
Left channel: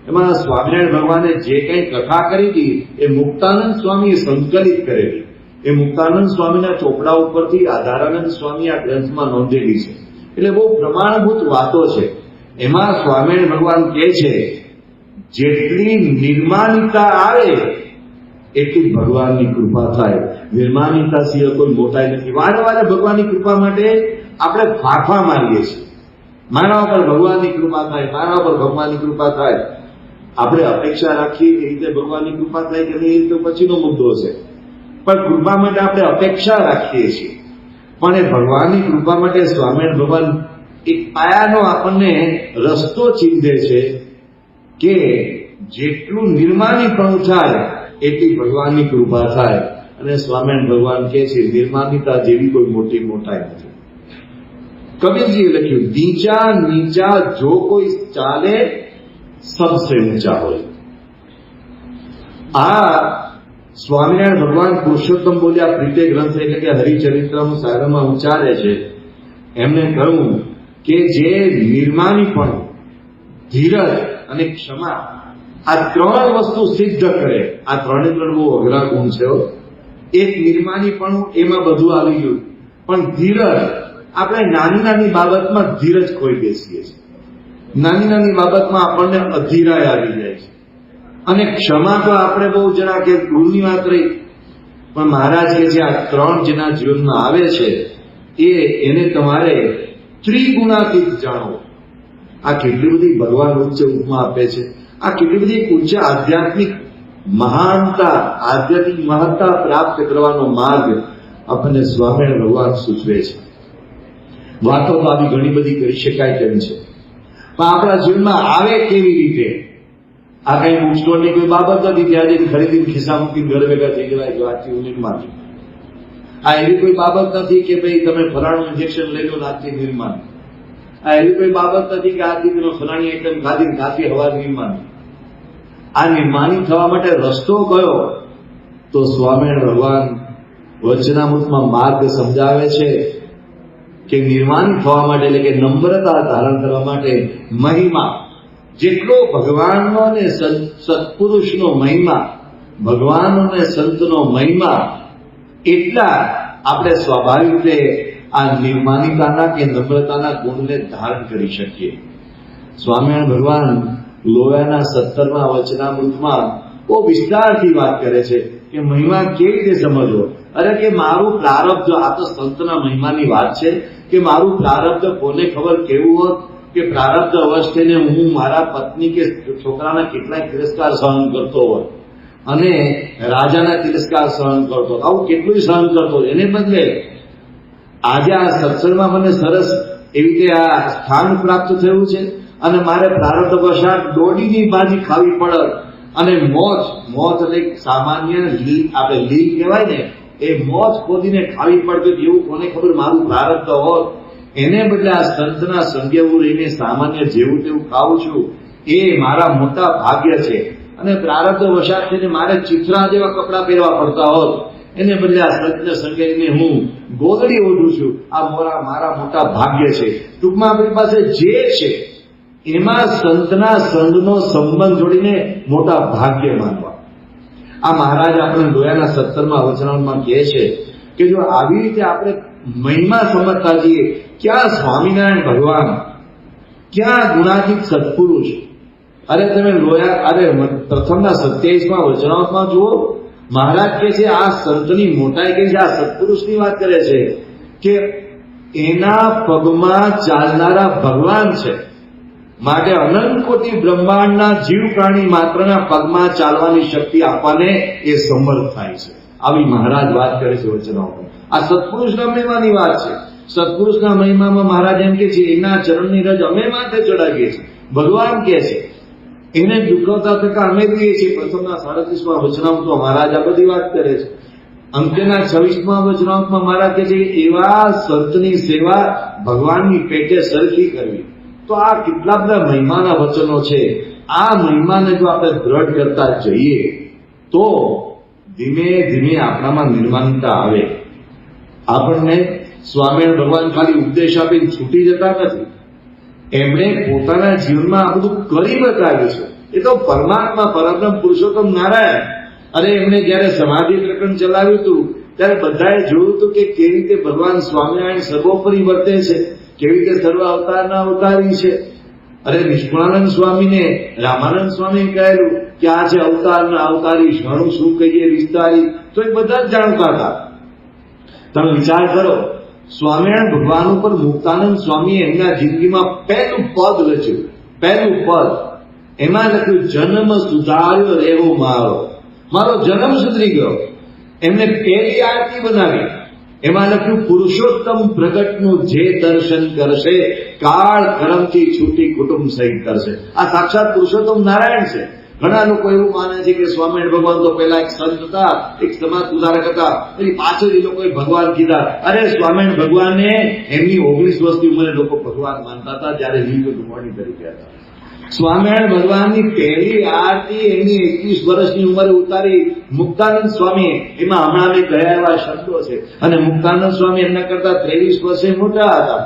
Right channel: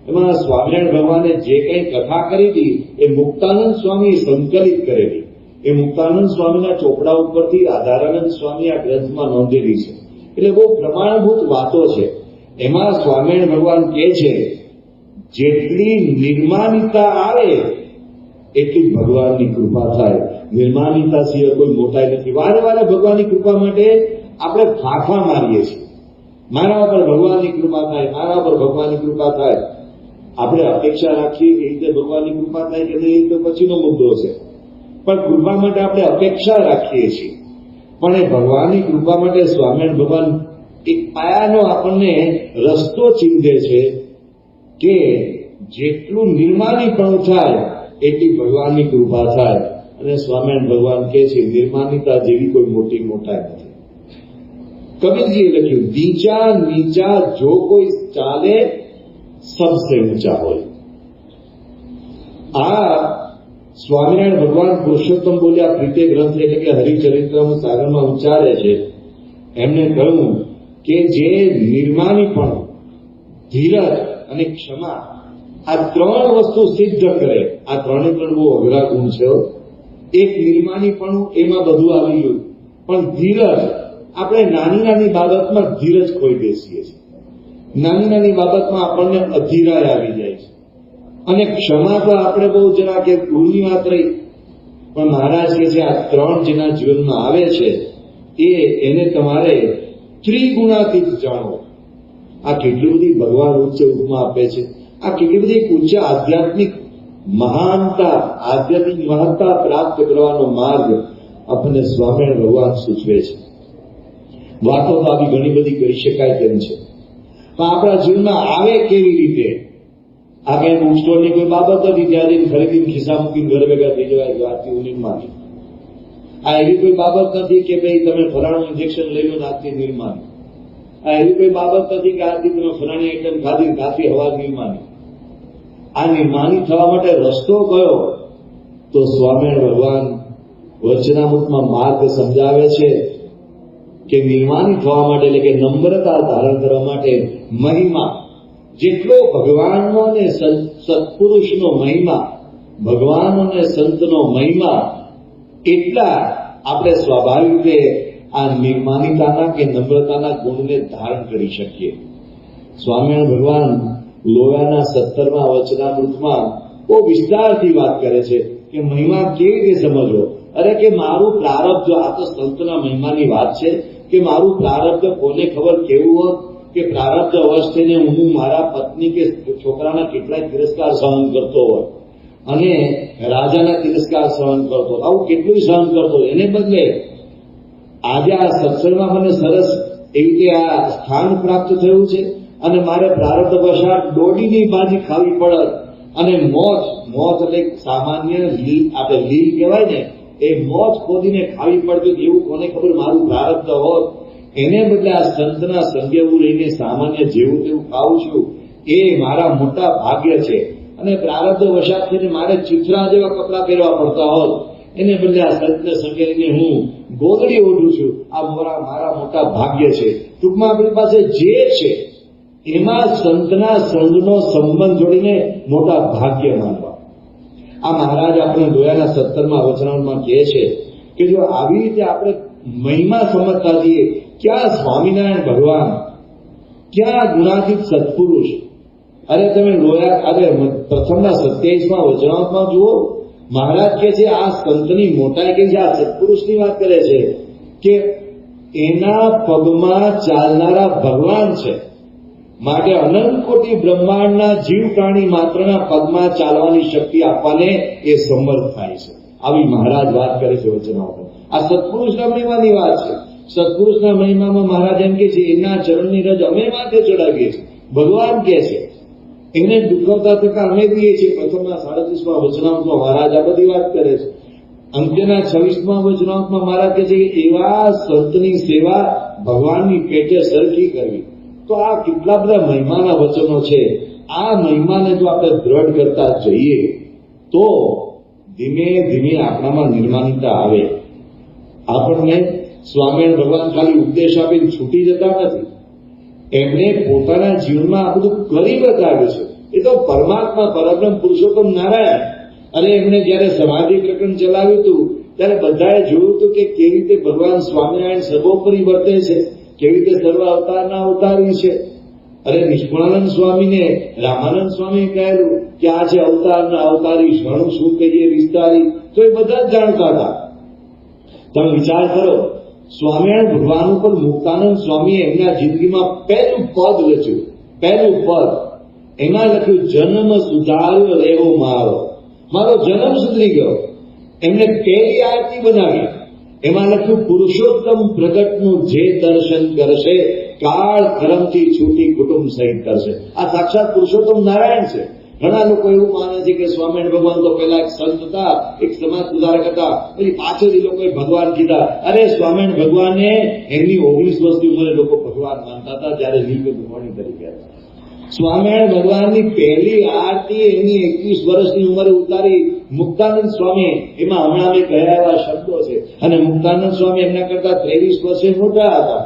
એમાં સ્વામિનારાયણ ભગવાને જે કંઈ કથા કરી હતી એ મુક્તાનંદ સ્વામીએ સંકલિત કરેલી. એ મુક્તાનંદ સ્વામીના ચોપડા ઉપરથી આધારાનંદ સ્વામી આ ગ્રંથમાં નોંધેલી છે. એટલે બહુ પ્રમાણભૂત વાતો છે. એમાં સ્વામિનારાયણ ભગવાન કહે છે જેટલી નિર્માણિતા આવે એટલી ભગવાનની કૃપા થાય. નિર્માણિતા સિવાય કોઈ મોટાઈ નથી. વારે વારે ભગવાનની કૃપા માટે આપણે ફાંફા મારીએ છીએ. મારા ઉપર ભગવાનની કૃપા થાય, મારા ઉપર ભગવાનની કૃપા થાય. આપણે અપેક્ષા રાખીએ કે રીતે ભગવાનની કૃપા થાય કે નહીં તો પછીનો મુદ્દો છે, પણ કૃપા માટે આપણે અપેક્ષા રાખીએ છીએ. પણ એ ભગવાનની કૃપા માટે સ્વામિનારાયણ ભગવાન એક પાયાનો આપણને રસ્તો ચીંધે છે કે જેટલું નિર્માણીપણું થાય એટલી ભગવાનની કૃપા થાય. અને સ્વામિનારાયણ ભગવાન કહે છે નિર્માણિતા જેવી કોઈ મોટી મોટાઈ નથી. કબીરજીએ લખ્યું નીચા નીચા જો કોઈ ચાલે સબસે ઊંચા હોય. આ સ્વામિનારાયણ ભગવાન પુરુષોત્તમ બોલ્યા પ્રીતે ગ્રંથ એટલે કે હરિચરિત્રમ સાગરમાં ઉચ્ચારે છે. એમને કહ્યું કે જે નિર્માણીપણ, ધીરજ અને ક્ષમા આ ત્રણ વસ્તુ સિદ્ધ કરે. આ ત્રણે ત્રણ બહુ અઘરા ગુણ છે. એક નિર્માણીપણું, એમાં બધું આવી ગયું. પણ ધીરજ, આપણે નાની નાની બાબતમાં ધીરજ ખોઈ બેસીએ છીએ. નાની નાની બાબતમાં આપણને અધીરાય આવી જાય છે. અને ક્ષમા તો આપણે બહુ જરા કે ભૂલની વાત રહી, પણ મહારાજ કે જે આ ત્રણ જેના જીવનમાં આવે છે એને તમારે ત્રિગુણાતીત જાણો. આ કેટલી બધી ભગવાન ઉચ્ચ ઉપમા આપે છે. આ કેટલી બધી ઉચ્ચ આધ્યાત્મિક મહાનતા, આધ્યાત્મિક મહત્તા પ્રાપ્ત કરવાનો માર્ગ આપણને સ્વામિનારાયણ ભગવાન સૂચવે છે. વાતો તો આવી ઘણી બધી કરી શકાય તેમ છે, પણ આપણા જીવનમાં આવે કેવી રીતે? આ કઈ બુક સ્ટોરની કોઈ બાબત નથી ત્યાં જઈને ખરીદીને ખિસ્સા મૂકીને ઘરે ભેગા થઈ જવાય કે આજથી હું નિર્માણ. આ એવી કોઈ બાબત નથી કે ભાઈ તમે ફલાણું ઇન્જેક્શન લઈ લો આજથી નિર્માણ. આ એવી કોઈ બાબત નથી કે આજથી તમે ફલાણી આઈટમ ખાધી ખાતી હવા નિર્માણ. આ નિર્માણી થવા માટે રસ્તો કયો? તો સ્વામિનારાયણ ભગવાન વચનામૃતમાં માર્ગ સમજાવે છે કે નિર્માણ થવા માટે એટલે કે નમ્રતા ધારણ કરવા માટે મહિમા, જેટલો ભગવાનનો અને સત્પુરુષનો મહિમા, ભગવાન અને સંતનો મહિમા, એટલા આપણે સ્વાભાવિક રીતે આ નિર્માણિતાના કે નમ્રતાના ગુણને ધારણ કરી શકીએ. સ્વામિનારાયણ ભગવાન લોયાના 17મા વચનામૃતમાં બહુ વિસ્તારથી વાત કરે છે કે મહિમા કેવી રીતે સમજવો. અરે કે મારું પ્રારબ્ધ, આ તો સંતના મહિમાની વાત છે કે મારું પ્રારબ્ધ કોને ખબર કેવું હોત કે પ્રારબ્ધ અવસ્થાને હું મારા પત્ની કે છોકરાના કેટલાય તિરસ્કાર સહન કરતો હોય અને રાજાના તિરસ્કાર સહન કરતો, આવું કેટલું સહન કરતો. એને બદલે આજે આ સત્સંગમાં મને સરસ એવી રીતે આ સ્થાન પ્રાપ્ત થયું છે અને મારે પ્રારબ્ધ વશાત દોડીની ભાજી ખાવી પડત અને મોત એટલે સામાન્ય આપણે લીલ કહેવાય ને, એ મોત ખોદીને ખાવી પડતી એવું કોને ખબર મારું પ્રારબ્ધ હોત. એને બદલે આ સંતના સંજ્ઞવું રહીને સામાન્ય જેવું તેવું ખાવું છું એ મારા મોટા ભાગ્ય છે. અને પ્રારબ્ધ વશાત થઈને મારે ચિત્રા જેવા કપડા પહેરવા પડતા હોત, એને બદલે આ સંતના સંજ્ઞને હું ગોદડી ઓઢું છું, આ મારા મોટા ભાગ્ય છે. ટૂંકમાં આપણી પાસે જે છે એમાં સંતના સંઘનો સંબંધ જોડીને મોટા ભાગ્ય માનવા. આ મહારાજ આપણે લોયાના 17મા વચનામૃતમાં કહે છે કે જો આવી રીતે આપણે મહિમા સમજતા જઈએ, ક્યાં સ્વામિનારાયણ ભગવાન, ક્યાં ગુણાતીત સત્પુરુષ. અરે તમે લોયા, અરે પ્રથમના 27મા વચનામૃતમાં જુઓ, મહારાજ કહે છે આ સંતની મોટાઈ કહે છે, આ સત્પુરુષની વાત કરે છે કે એના પગમાં ચાલનારા ભગવાન છે. માટે અનંત કોટી બ્રહ્માંડના જીવ પ્રાણી માત્રના પગમાં ચાલવાની શક્તિ આપવાને એ સમર્થ થાય છે. આવી મહારાજ વાત કરે છે વચનાઓમાં. આ સત્પુરુષના મહિમાની વાત છે. સત્પુરુષના મહિમામાં મહારાજ એમ કે છે એના ચરણની રજ અમે માથે ચડાવીએ છીએ. ભગવાન કહે છે એને દુખવતા થતા અમે કહીએ છીએ. પ્રથમના 37મા વચનામૃતમાં મહારાજ આ બધી વાત કરે છે. અંત્યના 26મા વચનામૃતમાં મહારાજ કહે છે એવા સંતની સેવા ભગવાનની પેટે સરખી કરવી. તો આ કેટલા બધા મહિમાના વચનો છે. આ મહિમાને જો આપણે દ્રઢ કરતા જઈએ તો ધીમે ધીમે આપણામાં નિર્માણતા આવે. આપણને સ્વામિનારાયણ ભગવાન ખાલી ઉપદેશ આપીને છૂટી જતા નથી. એમણે પોતાના જીવનમાં આ બધું કરી બતાવ્યું છે. એ તો પરમાત્મા પરબ્રહ્મ પુરુષોત્તમ નારાયણ. અને એમને જયારે સમાધિ પ્રકરણ ચલાવ્યું હતું ત્યારે બધાએ જોયું હતું કે કેવી રીતે ભગવાન સ્વામિનારાયણ સર્વોપરી વર્તે છે, કેવી રીતે સર્વ અવતારના અવતારી છે. અરે નિષ્કુળાનંદ સ્વામીને રામાનંદ સ્વામી કહેલું કે આ છે અવતારના અવતારી, ઘણું શું કહીએ વિસ્તારી, તો એ બધા જ જાણતા હતા. તમે વિચાર કરો, સ્વામિનારાયણ ભગવાન ઉપર મુક્તાનંદ સ્વામીએ એમના જિંદગીમાં પહેલું પદ રચ્યું. પહેલું પદ એમાં લખ્યું જન્મ સુધાર્યો રહેવો મારો, મારો જન્મ સુધરી ગયો. એમને પહેલી આરતી બનાવી, એમાં લખ્યું પુરુષોત્તમ પ્રગટનું જે દર્શન કરશે કાળ કર્મથી છૂટી કુટુંબ સહિત કરશે. આ સાક્ષાત પુરુષોત્તમ નારાયણ છે. ઘણા લોકો એવું માને છે કે સ્વામિનારાયણ ભગવાન તો પેલા એક સંત હતા, એક સમાજ સુધારક હતા, એની પાછળ એ લોકોએ ભગવાન કીધા. અરે સ્વામિનારાયણ ભગવાનને એમની 19 વર્ષની ઉંમરે લોકો ભગવાન માનતા હતા જયારે લીલ ગુમાણી તરીકે હતા. સ્વામિનારાયણ ભગવાનની પહેલી આરતી એમની 21 વર્ષની ઉંમરે ઉતારી મુક્તાનંદ સ્વામી. એમાં હમણાં મેં કયા એવા શબ્દો છે. અને મુક્તાનંદ સ્વામી એમના કરતા 23 વર્ષે મોટા હતા.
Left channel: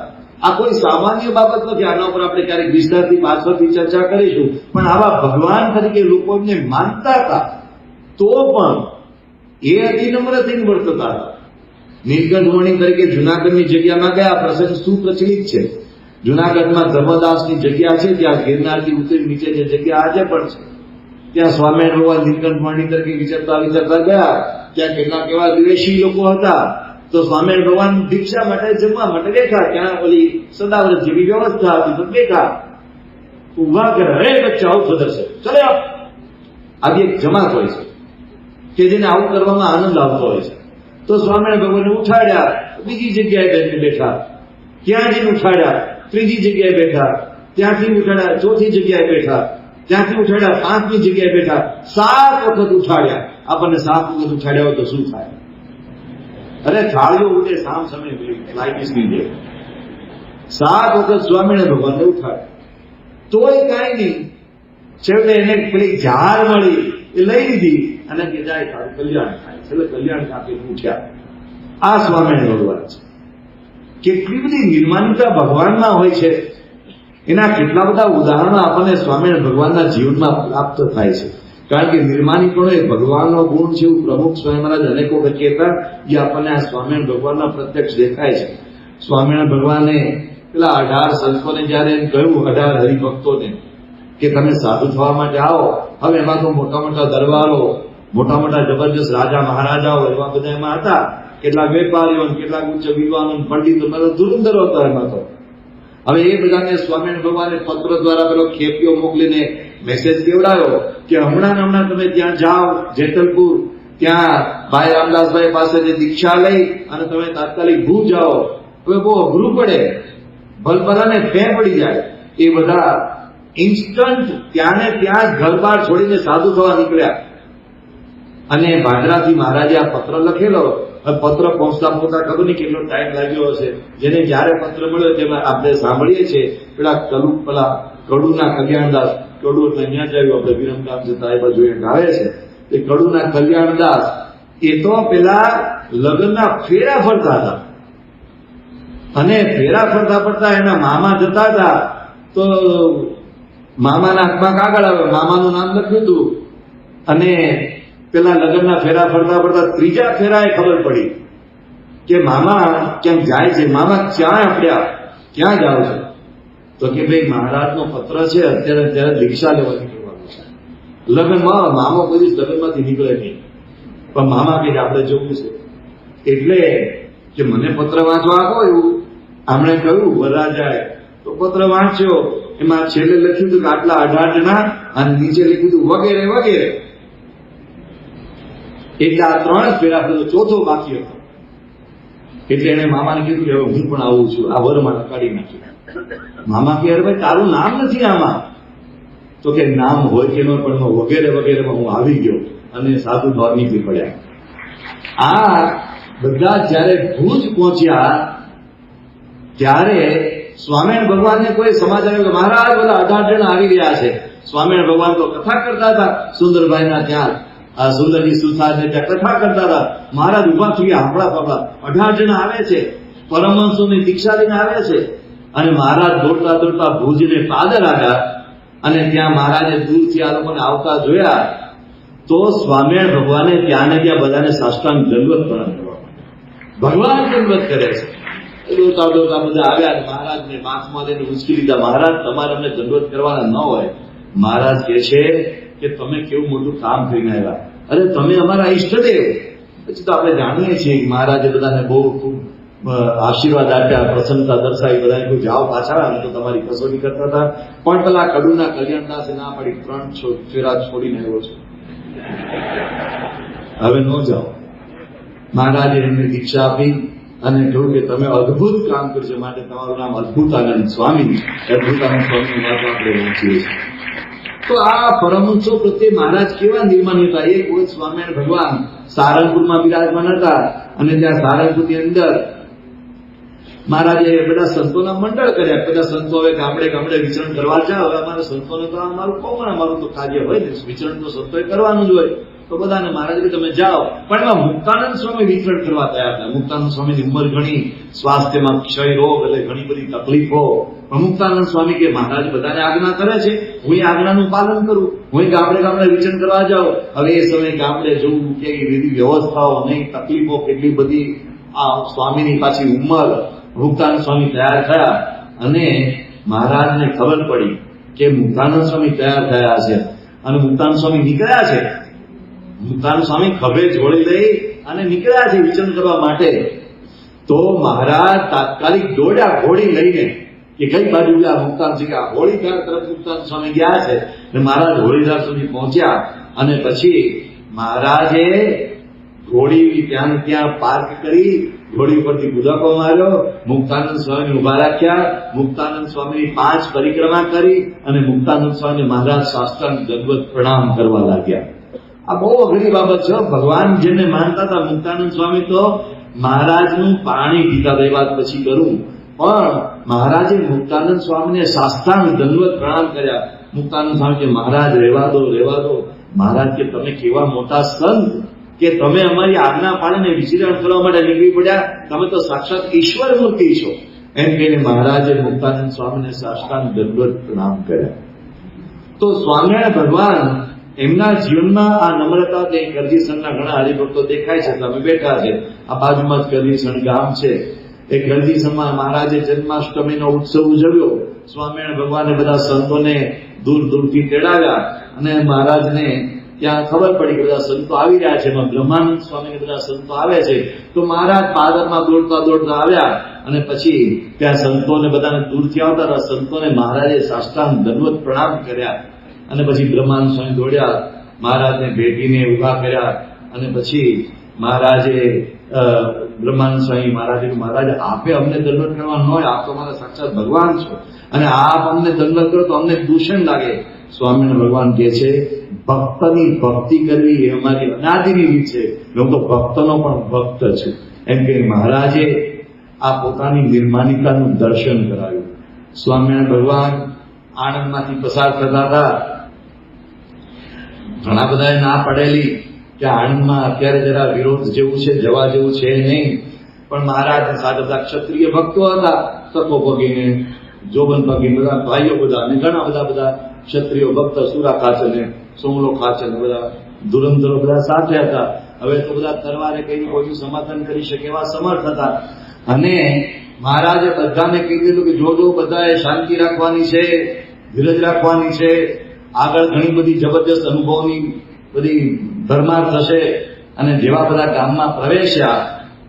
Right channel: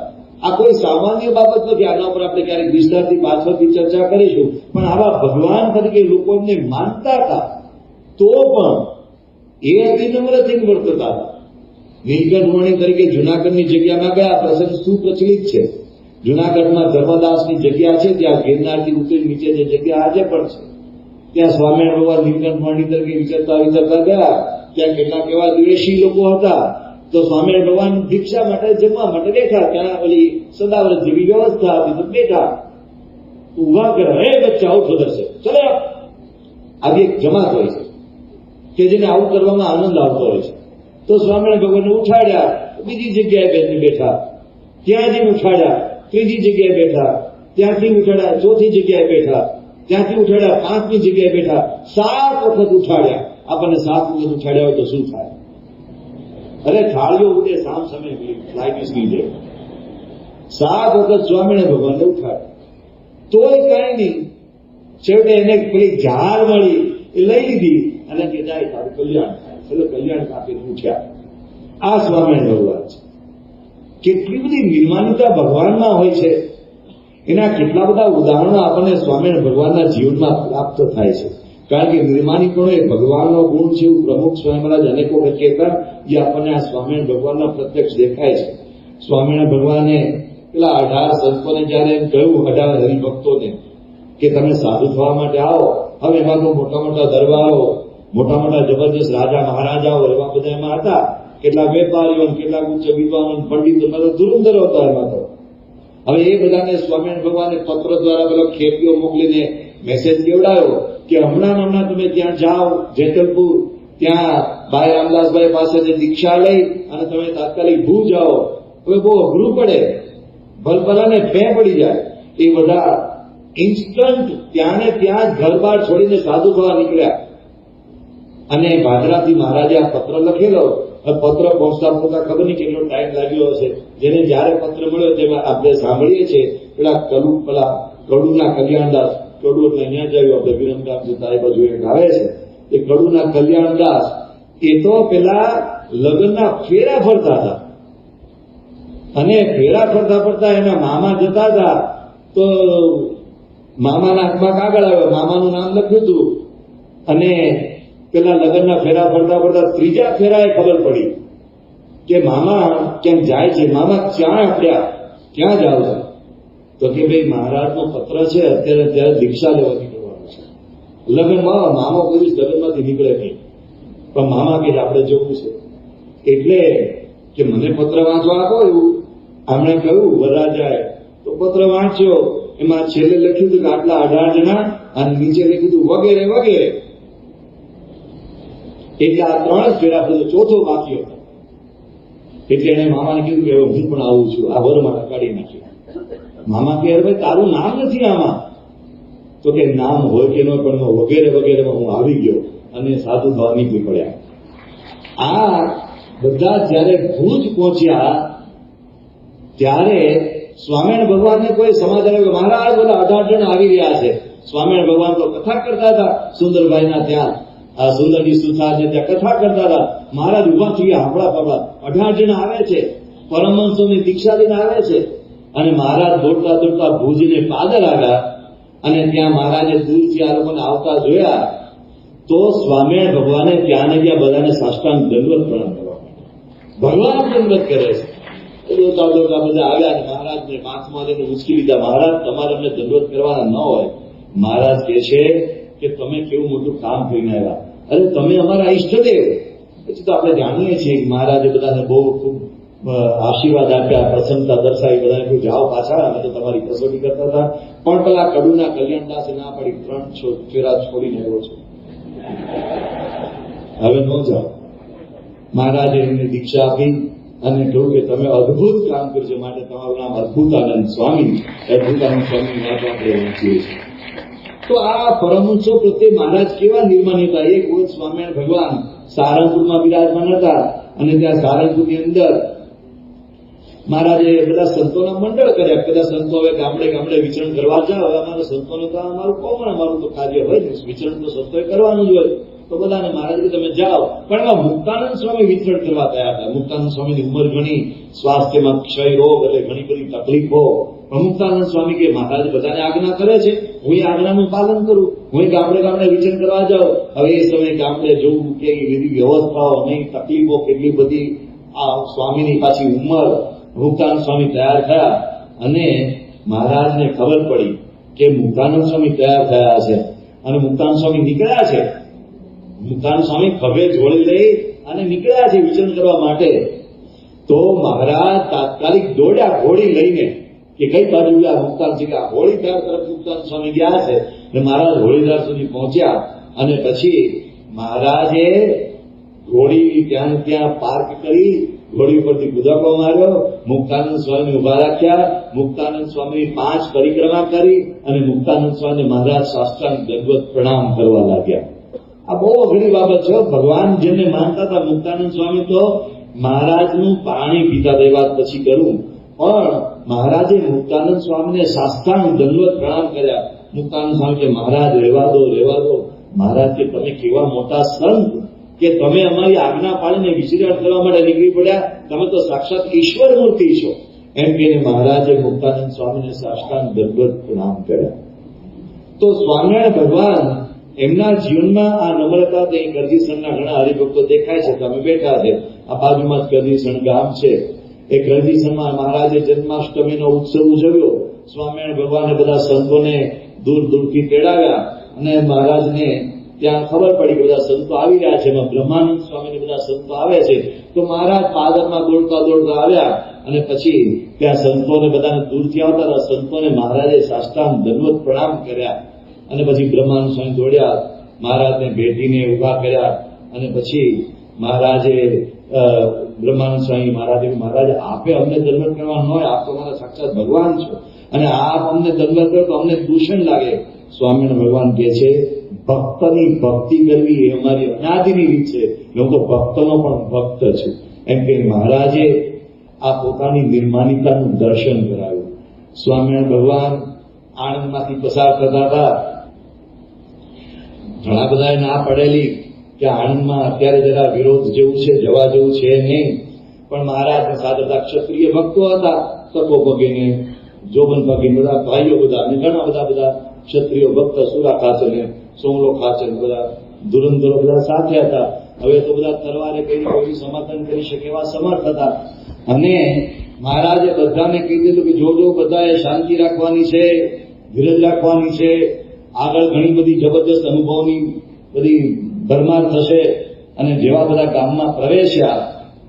આ કોઈ સામાન્ય બાબત નથી. આના ઉપર આપણે ક્યારેક વિસ્તારથી પાછળથી ચર્ચા કરીશું. પણ આવા ભગવાન તરીકે લોકો એમને માનતા હતા. તો પણ એ અતિનમ્ર થઈને વર્તતા હતા. નીલકંઠ મણી તરીકે જુનાગઢની જગ્યામાં ગયા. પ્રસંગ સુપ્રચલિત છે. જુનાગઢમાં ધર્મદાસની જગ્યા છે, ત્યાં ગિરનારથી ઉતરી નીચે જે જગ્યા આજે પણ છે, ત્યાં સ્વામિનારાયણ ભગવાન નીલકંઠ મણી તરીકે વિચરતા ગયા. ત્યાં કેટલાક એવા દ્વેષી લોકો હતા. તો સ્વામિનારાયણ ભગવાન ભિક્ષા માટે જમવા માટે બેઠા. ત્યાં ઓલી સદાવ્રત જેવી વ્યવસ્થા હતી, તો બેઠા. ઉભા કરે, અરે બચ્ચા આવું થશે, ચલે આવી એક જમાત હોય છે કે જેને આવું કરવામાં આનંદ આવતો હોય છે. તો સ્વામિનારાયણ ભગવાનને ઉઠાડ્યા, બીજી જગ્યાએ બેઠા. ત્યાં જઈને ઉઠાડ્યા, ત્રીજી જગ્યાએ બેઠા. ત્યાંથી ઉઠાડ્યા, ચોથી જગ્યાએ બેઠા. ત્યાંથી ઉઠાડ્યા, 5મી જગ્યાએ બેઠા. 7 વખત ઉઠાડ્યા. આપણને 7 વખત ઉઠાડ્યા હોય તો શું થાય? અરે થાળીઓ ઉઠે સામ સમય ફ્લાઇટની જેમ. 7 વખત સ્વામિનારાયણ ભગવાનને ઉઠાડ્યા. તોય કઈ નહીં. છેવટે એને પેલી ઝાર મળી, એ લઈ લીધી અને કે જાય તારું કલ્યાણ થાય. છેલ્લે કલ્યાણ કાપી ઉઠ્યા. આ સ્વામિનારાયણ ભગવાન છે. કેટલી બધી નિર્માણતા ભગવાનમાં હોય છે. એના કેટલા બધા ઉદાહરણો આપણને સ્વામિનારાયણ ભગવાનના જીવનમાં પ્રાપ્ત થાય છે. કારણ કે નિર્માણીપણો એ ભગવાનનો ગુણ છે એવું પ્રમુખ સ્વામી મહારાજ અનેકો વખત કહેતા. એ આપણને આ સ્વામિનારાયણ ભગવાનના પ્રત્યક્ષ દેખાય છે. સ્વામિનારાયણ ભગવાને પેલા 18 સંતોને જયારે એમ કહ્યું, 18 હરિભક્તોને કે તમે સાધુ થવા માટે આવો. હવે એમાં તો મોટા મોટા દરબારો, મોટા મોટા જબરજસ્ત રાજા મહારાજાઓ એવા બધા એમાં હતા. કેટલાક વેપારીઓ, કેટલાક ઉચ્ચ વિદ્વાનો, પંડિતો, ધુરંધરો હતા એમાં તો. હવે એ બધાને સ્વામિનારાયણ ભગવાને પત્ર દ્વારા પેલો ખેપીઓ મોકલીને મેસેજ કેવડાયો કે હમણાં તમે ત્યાં જાઓ જેતલપુર, ત્યાં ભાઈ રામદાસભાઈ પાસેથી દીક્ષા લઈ અને તમે તાત્કાલિક ભૂ જાઓ. હવે બહુ અઘરું પડે, ભલભલાને ફે પડી જાય. એ બધા ઇન્સ્ટન્ટ ત્યાં ને ત્યાં ઘર બહાર છોડીને સાધુ થવા નીકળ્યા. અને ભાદરાથી મહારાજે આ પત્ર લખેલો. પત્ર પહોંચતા ખબર નહીં કેટલો ટાઈમ લાગ્યો હશે. જેને જયારે પત્ર મળ્યો તેમાં આપણે સાંભળીએ છીએ પેલા કડુના કલ્યાણદાસ, કડુ એટલે અહીંયા જ આવ્યું, આપણે વિરમગામ જતા એ બાજુ એક આવે છે. એ કડુના કલ્યાણદાસ એ તો પેલા લગ્નના ફેરા ફરતા હતા. અને ફેરા ફરતા એના મામા જતા હતા. તો મામાના હાથમાં કાગળ આવે, મામાનું નામ લખ્યું હતું. અને પેલા લગ્નના ફેરા ફરતા ત્રીજા ફેરાએ ખબર પડી કે મામા ક્યાંક જાય છે. મામા ક્યાં પડ્યા, ક્યાં જાવ છે? તો કે ભાઈ મહારાજનો પત્ર છે, અત્યારે દીક્ષા લેવા નીકળવાનું છે. લગ્નમાં મામો કોઈ લગ્નમાંથી નીકળે નહીં, પણ મામા કે આપણે જવું છે. એટલે કે મને પત્ર વાંચવા આપો એવું આમણે કહ્યું. વરરાજાએ તો પત્ર વાંચ્યો. એમાં છેલ્લે લખ્યું હતું કે આટલા 18 જણા અને નીચે લખ્યું હતું વગેરે વગેરે. એટલે આ 3 જ ફેરા થયો, ચોથો બાકી હતો. એટલે એને મામાને કીધું કે હવે હું પણ આવું છું, આ વરમાં કાઢી નાખ્યું. મામા કે અરે ભાઈ તારું નામ નથી આમાં, તો કે નામ હોય કે ન પણ વગેરે વગેરેમાં હું આવી ગયો અને સાધુ બહાર નીકળી પડ્યા. આ બધા જયારે ભુજ પહોંચ્યા ત્યારે સ્વામિનારાયણ ભગવાનને કોઈ સમાજ આવ્યો કે મહારાજ બધા 18 જણ આવી રહ્યા છે. સ્વામિનારાયણ ભગવાન તો કથા કરતા હતા સુંદરભાઈના ત્યાં, આ સુલભી સુથારને ત્યાં કથા કરતા હતા. મહારાજ ઉભા થઈ ગયા, હાંભળા ફાફડા 18 જણ આવે છે, પરમહંસોની દીક્ષા લઈને આવે છે. અને મહારાજ દોડતા દોડતા ભુજને પાદર આવ્યા અને ત્યાં મહારાજે દૂરથી આ લોકોને આવતા જોયા તો સ્વામિનારાયણ ભગવાને ત્યાં ને ત્યાં બધાને સાષ્ટાંગ દંડવત પ્રણામ કરવા માંડ્યા. ભગવાન દંડવત કરે છે. દોડતા દોડતા બધા આવ્યા અને મહારાજને માથમાં લઈને ઉંચકી લીધા. મહારાજ તમારે અમને દંડવત કરવાના ન હોય. મહારાજ કહે છે કે તમે કેવું મોટું કામ કરીને આવ્યા, અરે તમે અમારા ઈષ્ટદેવ. પછી તો આપણે જાણીએ છીએ કે મહારાજે બધાને બહુ ખૂબ આશીર્વાદ આપ્યા, પ્રસન્નતા દર્શાવી. બધાને કહ્યું જાઓ પાછા, અમે તો તમારી કસોટી કરતા હતા. પણ પેલા કડુના કલ્યાણદાસે ના પડી, 3 ફેરા છોડીને આવ્યો છે, હવે ન જાઓ. મહારાજે એમને દીક્ષા આપી અને કહ્યું કે તમે અદભુત કામ કર્યું છે, માટે તમારું નામ અદભુતાનંદ સ્વામી. અદભુતાનંદ સ્વામીની વાતો આપણે વાંચીએ છીએ. તો આ પરમહંસો પ્રત્યે મહારાજ કેવા નિર્માણ હતા. એક વખત સ્વામિનારાયણ ભગવાન સારંગપુરમાં બિરાજમાન હતા અને ત્યાં સારંગપુરની અંદર મહારાજે બધા સંતોના મંડળ કર્યા. બધા સંતો હવે ગામડે ગામડે વિચરણ કરવા જાવ. હવે અમારા સંતોને તો અમારું કોમણ, અમારું તો કાર્ય હોય ને, વિચરણ તો સંતોએ કરવાનું જ હોય. તો બધાને મહારાજ તમે જાઓ. પણ એમાં મુક્તાનંદ સ્વામી વિચરણ કરવા તૈયાર હતા. મુક્તાનંદ સ્વામીની ઉંમર ઘણી, સ્વાસ્થ્યમાં ક્ષય રોગ એટલે ઘણી બધી તકલીફો. મુક્તાનંદ સ્વામી કે મહારાજ બધાને આજ્ઞા કરે છે, હું એ આજ્ઞાનું પાલન કરું, હું ગામડે ગામડે વિચરણ કરવા જાઉં. હવે એ સમયે ગામડે જોવું કેવી વિધિ વ્યવસ્થાઓ નહીં, તકલીફો કેટલી બધી. આ સ્વામીની પાછી ઉંમર. મુક્તાનંદ સ્વામી તૈયાર થયા અને મહારાજને ખબર પડી કે મુક્તાનંદ સ્વામી તૈયાર થયા છે અને મુક્તાનંદ સ્વામી નીકળ્યા છે. મુક્તાનંદ સ્વામી ખભે જોડી લઈ અને નીકળ્યા છે વિચરણ કરવા માટે. તો મહારાજ તાત્કાલિક દોડ્યા ઘોડી લઈને કે કઈ બાજુ આ મુક્તાનંદ છે, કે આ હોળીધાર તરફ મુક્તાનંદ સ્વામી ગયા છે. અને મહારાજ હોળીધાર સુધી પહોંચ્યા અને પછી મહારાજે ઘોડી ત્યાં પાર્ક કરી, ઘોડી ઉપરથી કૂદકો માર્યો, મુક્તાનંદ સ્વામી ઉભા રાખ્યા, મુક્તાનંદ સ્વામીની 5 પરિક્રમા કરી અને મુક્તાનંદ સ્વામીને મહારાજ સાષ્ટાંગ દંડવત પ્રણામ કરવા લાગ્યા. આ બહુ અઘરી બાબત છે. ભગવાન જેને માનતા હતા, મુક્તાનંદ સ્વામી તો મહારાજનું પાણી પીતા, એ વાત પછી કરું, પણ મહારાજે મુક્તાનંદ સ્વામીને સાષ્ટાંગ દંડવત પ્રણામ કર્યા. મુક્તાનંદ સ્વામી કે મહારાજ રહેવા દો, રહેવા દો. મહારાજ કે તમે કેવા મોટા સંત કે તમે અમારી આજ્ઞા પાડીને વિચરણ કરવા માટે નીકળી પડ્યા, તમે તો સાક્ષાત ઈશ્વર મૂર્તિ છો. એમ કહીને મહારાજે મુક્તાનંદ સ્વામીને સાષ્ટાંગ દંડવત પ્રણામ કર્યા. તો સ્વામિનારાયણ ભગવાન એમના જીવનમાં આ નમ્રતા, તે ગરજીસણના ઘણા હરિભક્તો દેખાય છે, તમે બેઠા છે. આ બાજુમાં જ ગરજીસણ ગામ છે. એ ગરજીસણમાં મહારાજે જન્માષ્ટમીનો ઉત્સવ ઉજવ્યો. સ્વામિનારાયણ ભગવાને બધા સંતોને દૂર દૂરથી તેડાવ્યા અને મહારાજને ત્યાં ખબર પડી કે બધા સંતો આવી રહ્યા છે. એમાં બ્રહ્માનંદ સ્વામીને બધા સંતો આવે છે. તો મહારાજ પાદરમાં દોડતા દોડતા આવ્યા અને પછી ત્યાં સંતોને બધાને દૂરથી આવતા હતા. સંતોને મહારાજે સાષ્ટાંગ દંડવત પ્રણામ કર્યા અને પછી બ્રહ્માનંદ સ્વામી દોડ્યા, મહારાજને ભેટીને ઉભા કર્યા અને પછી મહારાજે બ્રહ્માનંદ સ્વામી મહારાજ આપે અમને દંડવત કરવા ન હોય, આપ તો મારા સાક્ષાત ભગવાન છો અને આપ અમને દંડવત કરો તો અમને દૂષણ લાગે. સ્વામિનારાયણ ભગવાન કહે છે ભક્તની ભક્તિ કરવી એ અમારી અનાદિની રીત છે, હું તો ભક્તનો પણ ભક્ત છું. એમ કે મહારાજે આ પોતાની નિર્માનિકાનું દર્શન કરાવ્યું. સ્વામિનારાયણ ભગવાન આણંદમાંથી પસાર થતા હતા. ઘણા બધાએ ના પડેલી કે આણંદમાં અત્યારે જરા વિરોધ જેવું છે, જવા જેવું છે નહીં. પણ મહારાજ સાથે બધા ક્ષત્રિય ભક્તો હતા, તકો પગીને, જોબન પગીને, બધા ભાઈઓ બધા અને ઘણા બધા ક્ષત્રિય ભક્ત, સુરા ખાચર ને સોમલો ખાચર બધા ધુરંધરો બધા સાથે હતા. હવે તો બધા તલવારે કઈ કોઈ સમર્થન કરી શકે એવા સમર્થ હતા. અને મહારાજે બધાને કહી દીધું કે જો બધાએ શાંતિ રાખવાની છે, ધીરજ રાખવાની છે. આગળ ઘણી બધી જબરજસ્ત અનુભવની બધી ભરમાર થશે. અને જેવા બધા ગામમાં પ્રવેશ્યા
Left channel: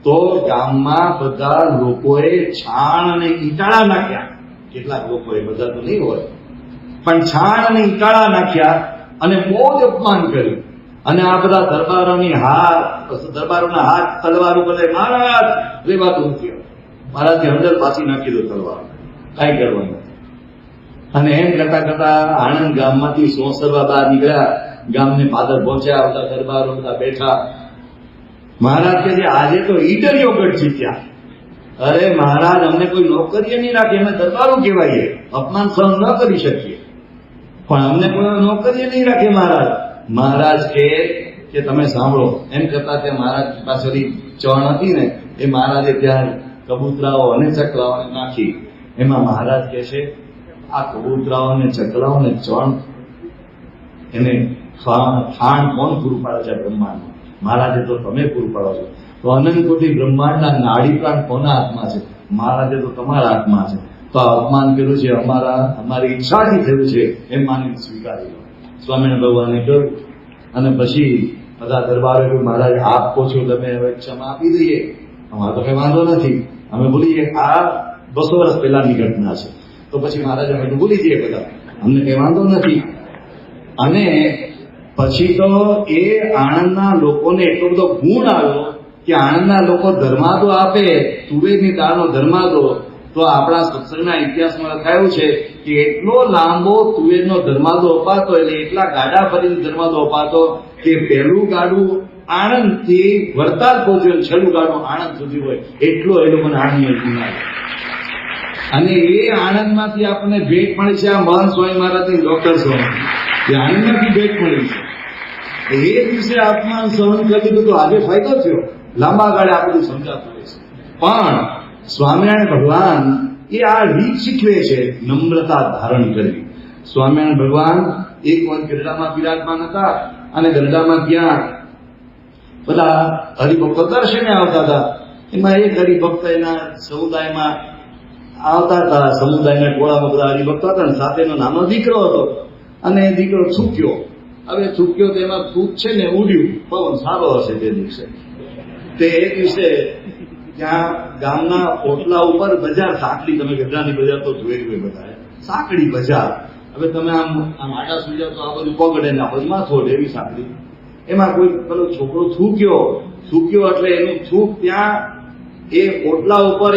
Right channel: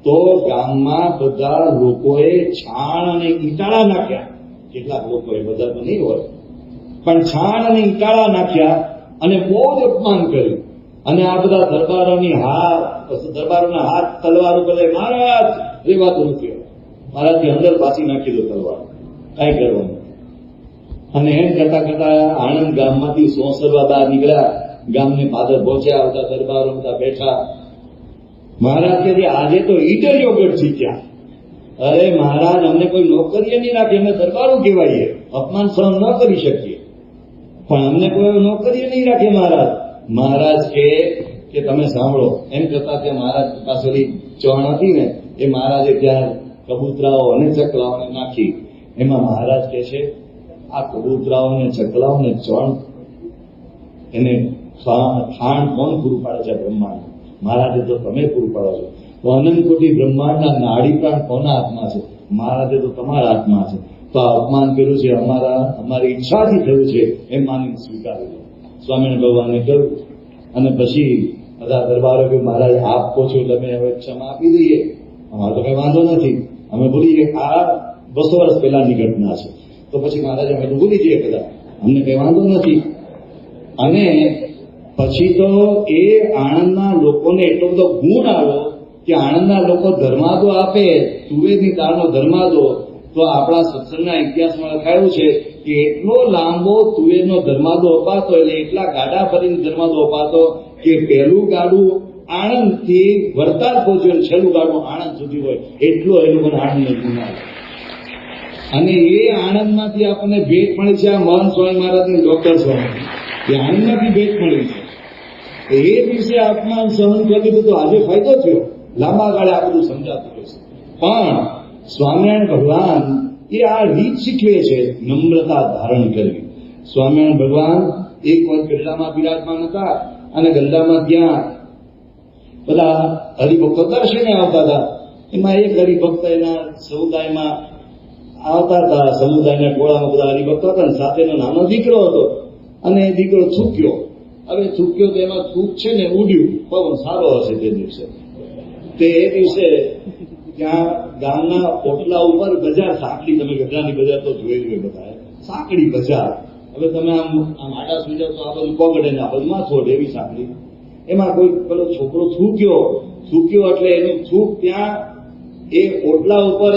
તો ગામમાં બધા લોકોએ છાણ અને ઈટાળા નાખ્યા. કેટલાક લોકોએ, બધા તો નહીં હોય, પણ છાણ અને ઈટાળા નાખ્યા અને બહુ જ અપમાન કર્યું. અને આ બધા દરબારોના હાથ તલવાર ઉપર મહારાજ રેવાતું નથી. મહારાજની અંદર પાછી નાખી દો તલવાર, કાંઈ કરવાનું. અને એમ કરતા કરતા આણંદ ગામમાંથી સોસરવા બહાર નીકળ્યા, ગામને પાદર પહોંચ્યા, બધા દરબારો બધા બેઠા. મહારાજ કે છે આજે તો ઈડરિયો ગઢ જીત્યા. અરે મહારાજ, અમને કોઈ નોકરીએ નહીં રાખે, અમે દરબારો કહેવાય, અપમાન સહન ન કરી શકીએ, પણ અમને કોઈ નોકરીએ નહીં રાખે મહારાજ. મહારાજ કે તમે સાંભળો. એમ કરતા ત્યાં મહારાજ પાછળની ચણ હતી ને, એ મહારાજે ત્યાં કબૂતરાઓ અને ચકલાઓને નાખી. એમાં મહારાજ કહે છે આ કબૂતરાઓ અને ચકલાઓ ને ચણ એને ખાણ કોણ પૂરું પાડે છે? બ્રહ્માંડ. મહારાજે તો તમે પૂરું પાડો છો. તો અનંત કોટી બ્રહ્માંડના નાડી પ્રાણ કોના હાથમાં છે? મહારાજે તો તમારા હાથમાં છે. તો આ અપમાન કર્યું છે અમારી ઈચ્છાથી થયું છે એમ માની સ્વીકારી લો. સ્વામિનારાયણ ભગવાને કહ્યું. અને પછી બધા દરબારો કહ્યું મહારાજ આપ કહો છો તમે હવે ક્ષમા આપી દઈએ, અમારો તો કઈ વાંધો નથી, અમે બોલીએ આ 200 વર્ષ પહેલાની ઘટના છે. તો પછી મહારાજ અમે ભૂલી જઈએ બધા, અમને કઈ વાંધો નથી. અને પછી તો એ આણંદના લોકોને એટલો બધો ગુણ આવ્યો કે આણંદના લોકો ધર્માદો આપે, તુવેરની દાળનો ધર્માદો. તો આપણા સત્સંગના ઇતિહાસમાં લખાયું છે કે એટલો લાંબો તુવેરનો ધર્માદો અપાતો, એટલે એટલા ગાડા ફરીને ધર્માદો અપાતો કે પહેલું ગાડું આણંદથી વડતાલ પહોંચ્યું, છેલ્લું ગાડું આણંદ સુધી હોય, એટલો એ લોકોને આણંદ ગુણ આવ્યો. અને એ આણંદમાંથી આપણને ભેટ મળી છે આ મહંત સ્વામી મહારાજની ડોક્ટર સ્વામી, એ આણંદમાંથી ભેટ મળી છે. એ દિવસે આત્મા સહન કરી દીધું તો આજે ફાયદો થયો, લાંબા ગાળે આ બધું સમજાતું હોય છે. પણ સ્વામિનારાયણ ભગવાન એ આ રીત શીખવે છે, નમ્રતા ધારણ કરવી. સ્વામિનારાયણ ભગવાન એક વાર ગરડામાં બિરાજમાન હતા, અને ગરડામાં ત્યાં બધા હરિભક્તો દર્શને આવતા હતા. એમાં એક હરિભક્ત એના સમુદાયમાં આવતા હતા, સમુદાયના ટોળામાં બધા હરિભક્તો હતા, સાથે એનો નાનો દીકરો હતો. અને એ દીકરો થૂક્યો. હવે થૂક્યો તો એમાં થૂક છે ને ઉડ્યું, પવન સારો હશે તે દિવસે. તે એ દિવસે ત્યાં ગામના ઓટલા ઉપર બજાર, સાંકડી, તમે ગઢડાની બજાર તો જોઈ હોય બધા, સાંકડી બજાર. હવે તમે આમ આડા સુઈ જાવ તો આ બધું પગડે ને આ બધું માથોડ, એવી સાંકડી. એમાં કોઈ પેલો છોકરો થૂક્યો એટલે એનું થૂક ત્યાં એ ઓટલા ઉપર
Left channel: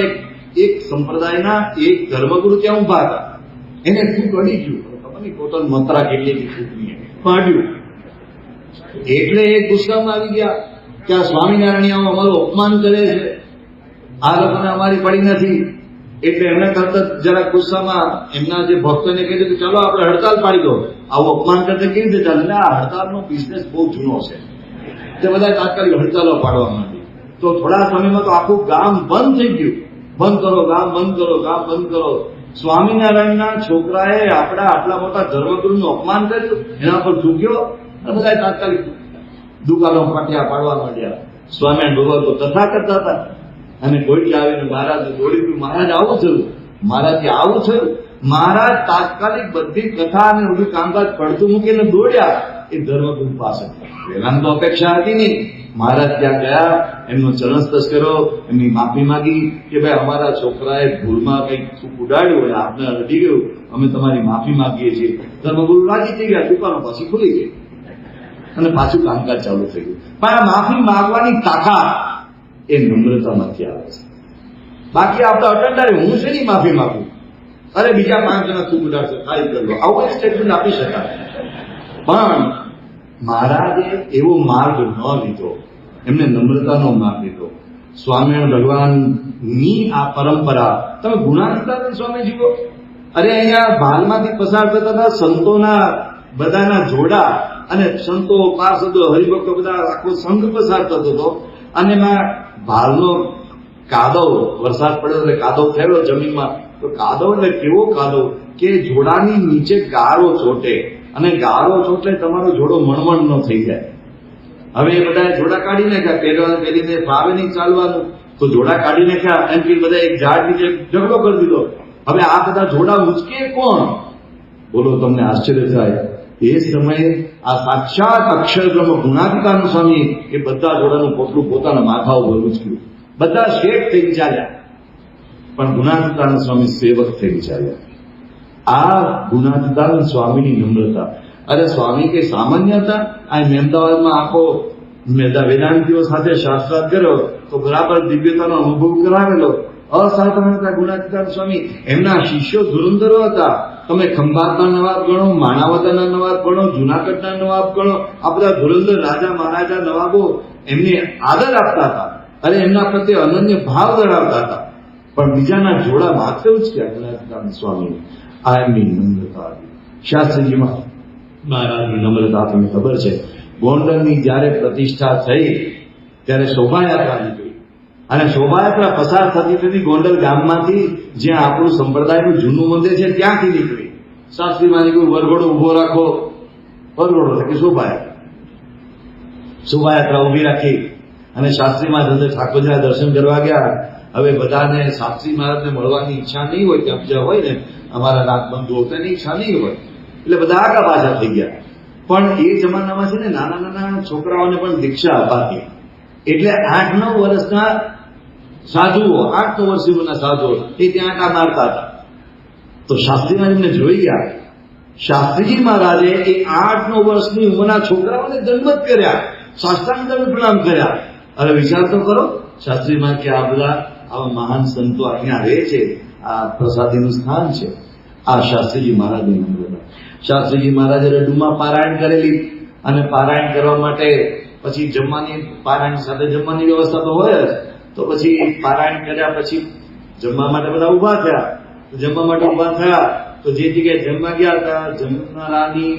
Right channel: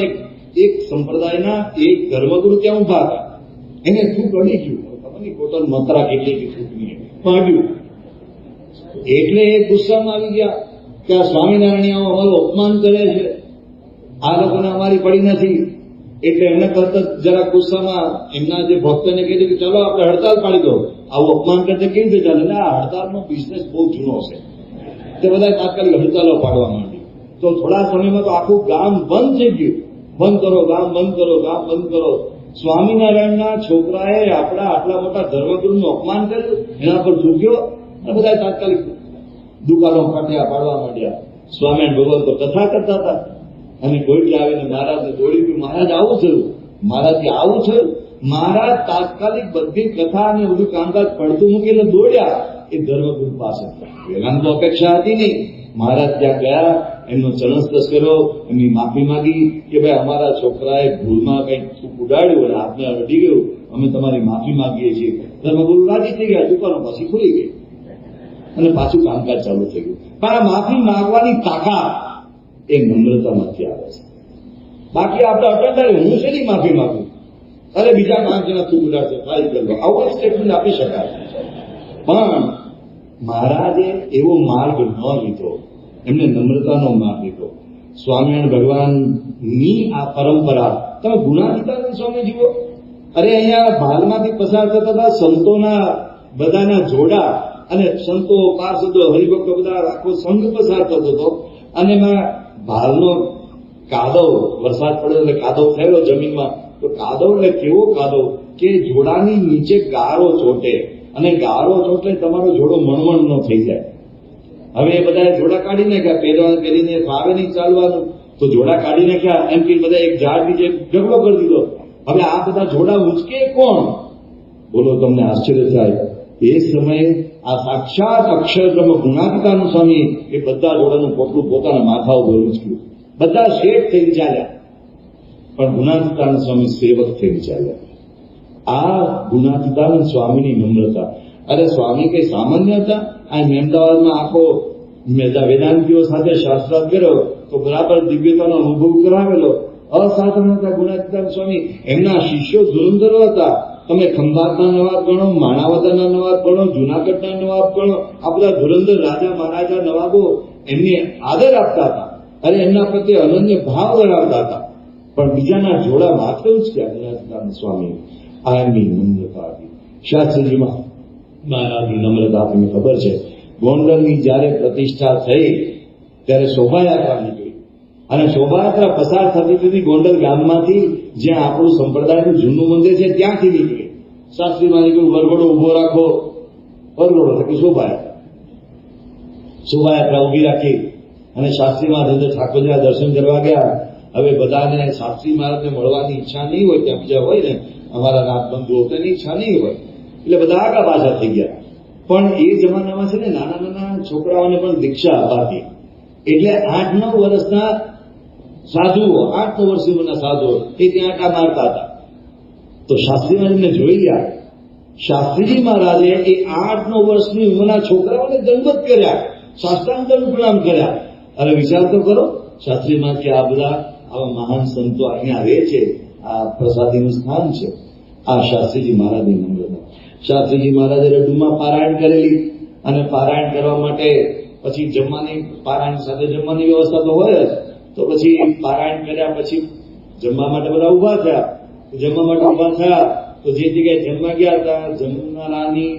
એક સંપ્રદાયના એક ધર્મગુરુ ત્યાં ઉભા હતા, એને થૂક અડી ગયું. ખબર નહીં પોતાની મંત્રા કેટલી થૂકની પાડ્યું. એટલે એ ગુસ્સામાં આવી ગયા કે આ સ્વામિનારાયણ અમારું અપમાન કરે છે, આ લોકોને અમારી પડી નથી. એટલે એના કરતા જરા ગુસ્સામાં એમના જે ભક્તોને કહી દીધું ચાલો આપણે હડતાલ પાડી દો, આવું અપમાન કરતા કેવી રીતે ચાલે? આ હડતાલનો બિઝનેસ બહુ જૂનો છે. તે બધા તાત્કાલિક હડતાલો પાડવા માંડી. તો થોડા સમયમાં તો આખું ગામ બંધ થઈ ગયું. બંધ કરો, ગામ બંધ કરો, ગામ બંધ કરો. સ્વામિનારાયણના છોકરાએ આપણા આટલા મોટા ધર્મગુરુનું અપમાન કર્યું, એના પર ઝૂક્યો, અને બધા તાત્કાલિક દુકાનો ફાટ્યા પાડવા માંડ્યા. સ્વામિનારાયણ ભગવાન તો કથા કરતા હતા, અને કોઈ આવીને મહારાજ દોડી ગયું, મહારાજ આવું થયું, મહારાજથી આવું થયું. મહારાજ તાત્કાલિક બધી કથા અને બધું કામકાજ પડતું મૂકીને દોડ્યા એ ધર્મગુરુ પાસે. પહેલા તો અપેક્ષા હતી નહીં. મહારાજ ત્યાં ગયા, એમનો ચરણસ્પર્શ કર્યો, એમની માફી માંગી કે ભાઈ અમારા છોકરાએ ભૂલમાં કંઈક ઉડાડ્યું અને આપને અડી ગયું, અમે તમારી માફી માંગીએ છીએ. ધર્મગુરુ રાજી થઈ ગયા, દુકાનો પાછી ખુલી ગઈ અને પાછું કામકાજ ચાલુ થઈ ગયું. પણ આ માફી માંગવાની તાકાત એ નમ્રતામાંથી આવે છે. બાકી આપણે અટંડારે હું શેની માફી માંગું? અરે બીજા 5 જણા તું ઉડાડશે, ખાલી કરી લો, આવું એક સ્ટેટમેન્ટ આપી શકાય. પણ મહારાજે એવો માર્ગ ન લીધો, એમને નમ્રતાનો માર્ગ લીધો. સ્વામિનારાયણ ભગવાનની આ પરંપરા, તમે ગુણાતીતાનંદ સ્વામી જુઓ. અરે અહીંયા ભાલમાંથી પસાર થતા હતા સંતોના બધાના જોડા, અને સંતો, પાર્ષદો, હરિભક્તો બધા આખો સંઘ પસાર થતો હતો. અને એમાં ભાલનો કાદવ, વરસાદ પડ્યો એટલે કાદવ થયો જમીનમાં. તો કાદવ એટલે કેવો કાદવ કે જોડાની નીચે ગારો ચોટે, અને ગારો ચોટે તમારો જોડો મણમણ ન થઈ જાય. હવે એ બધા જોડા કાઢી નાખ્યા, પહેરીને ફાવે નહીં ચાલવાનું, તો જોડા કાઢી નાખ્યા. એમ કે બધા એક ઝાડ નીચે ઝઘડો કરી દીધો. હવે આ બધા જોડા ઉચકે કોણ? બોલો, તમને આશ્ચર્ય થાય. એ સમયે આ સાક્ષાત અક્ષરબ્રહ્મ ગુણાતીતાનંદ સ્વામી એ બધા જોડાનું પોટલું પોતાના માથા ઉપર ઉચક્યું. બધા શેઠ થઈ ચાલ્યા, પણ ગુણાતીતાનંદ સ્વામી સેવક થઈ ચાલ્યા. આ ગુણાતીતાનંદ સ્વામીની નમ્રતા. અરે સ્વામી કઈ સામાન્ય હતા? આ અમદાવાદમાં આખો વેદાંતિઓ સાથે શાસ્ત્રાર્થ કર્યો તો બરાબર દિવ્યતાનો અનુભવ કરાવેલો. અસાધારણ હતા ગુણાતીતાનંદ સ્વામી. એમના શિષ્યો ધુરંધરો હતા. તમે ખંભાતના નવાબ ગણો, માણાવદરના નવાબ ગણો, જુનાગઢના નવાબ ગણો, આ બધા ધુરંધર રાજા મહારાજા નવાબો એમને આદર આપતા હતા અને એમના પ્રત્યે અનન્ય ભાવ ધરાવતા હતા. પણ બીજાના જોડા માત્ર જ કે અજ્ઞાનંદ સ્વામી આ એમની નમ્રતા હતી. શાસ્ત્રીજી મહારાજની નમ્રતા તમને ખબર છે. ગોંડલની જયારે પ્રતિષ્ઠા થઈ ત્યારે શોભાયાત્રા નીકળી અને શોભાયાત્રા પસાર થતી થતી ગોંડલ ગામમાંથી જ્યાં આપણું સંપ્રદાયનું જૂનું મંદિર છે ત્યાંથી નીકળી. શાસ્ત્રી માની કોઈ વરઘોડો ઉભો રાખો, વરઘોડો એટલે કે શોભાયાત્રા ઉભી રાખી અને શાસ્ત્રી મહારાજ ઠાકોરજીના દર્શન કરવા ગયા. હવે બધાને શાસ્ત્રી મહારાજને મળવાની ઈચ્છા નહીં હોય, ત્યાં બીજા હોય ને અમારા નાથબંધુઓ, તેની ઈચ્છા નહીં હોય એટલે બધા આગા પાછા થઈ ગયા. પણ એ જમાનામાં છે ને નાના નાના છોકરાઓને પણ દીક્ષા અપાતી. એટલે 8-9 વર્ષના સાધુઓ, 8-9 વર્ષના સાધુઓ એ ત્યાં આટા મારતા હતા. તો શાસ્ત્રી મહારાજને જોઈ ગયા. શાસ્ત્રીજી મહારાજે એ 8-9 વર્ષની ઉંમરના છોકરાઓને દંડવત કર્યા, સાષ્ટાંગ દંડ પ્રણામ કર્યા. હવે વિચાર તો કરો, શાસ્ત્રી મહારાજ કે આ બધા આવા મહાન સંતો અહીંયા રહે છે, આ પ્રસાદીનું સ્થાન છે. આ શાસ્ત્રીજી મહારાજની નમ્રતા. શાસ્ત્રીજી મહારાજે રડુમાં પારાયણ કરેલી અને પારાયણ કરવા માટે પછી જમવાની, પારાયણ સાથે જમવાની વ્યવસ્થા તો હોય જ. તો પછી પારાયણ કર્યા પછી જમવા માટે બધા ઉભા થયા. જમવા માટે ઉભા થયા તો જે જગ્યાએ જમવા ગયા હતા જમનારાની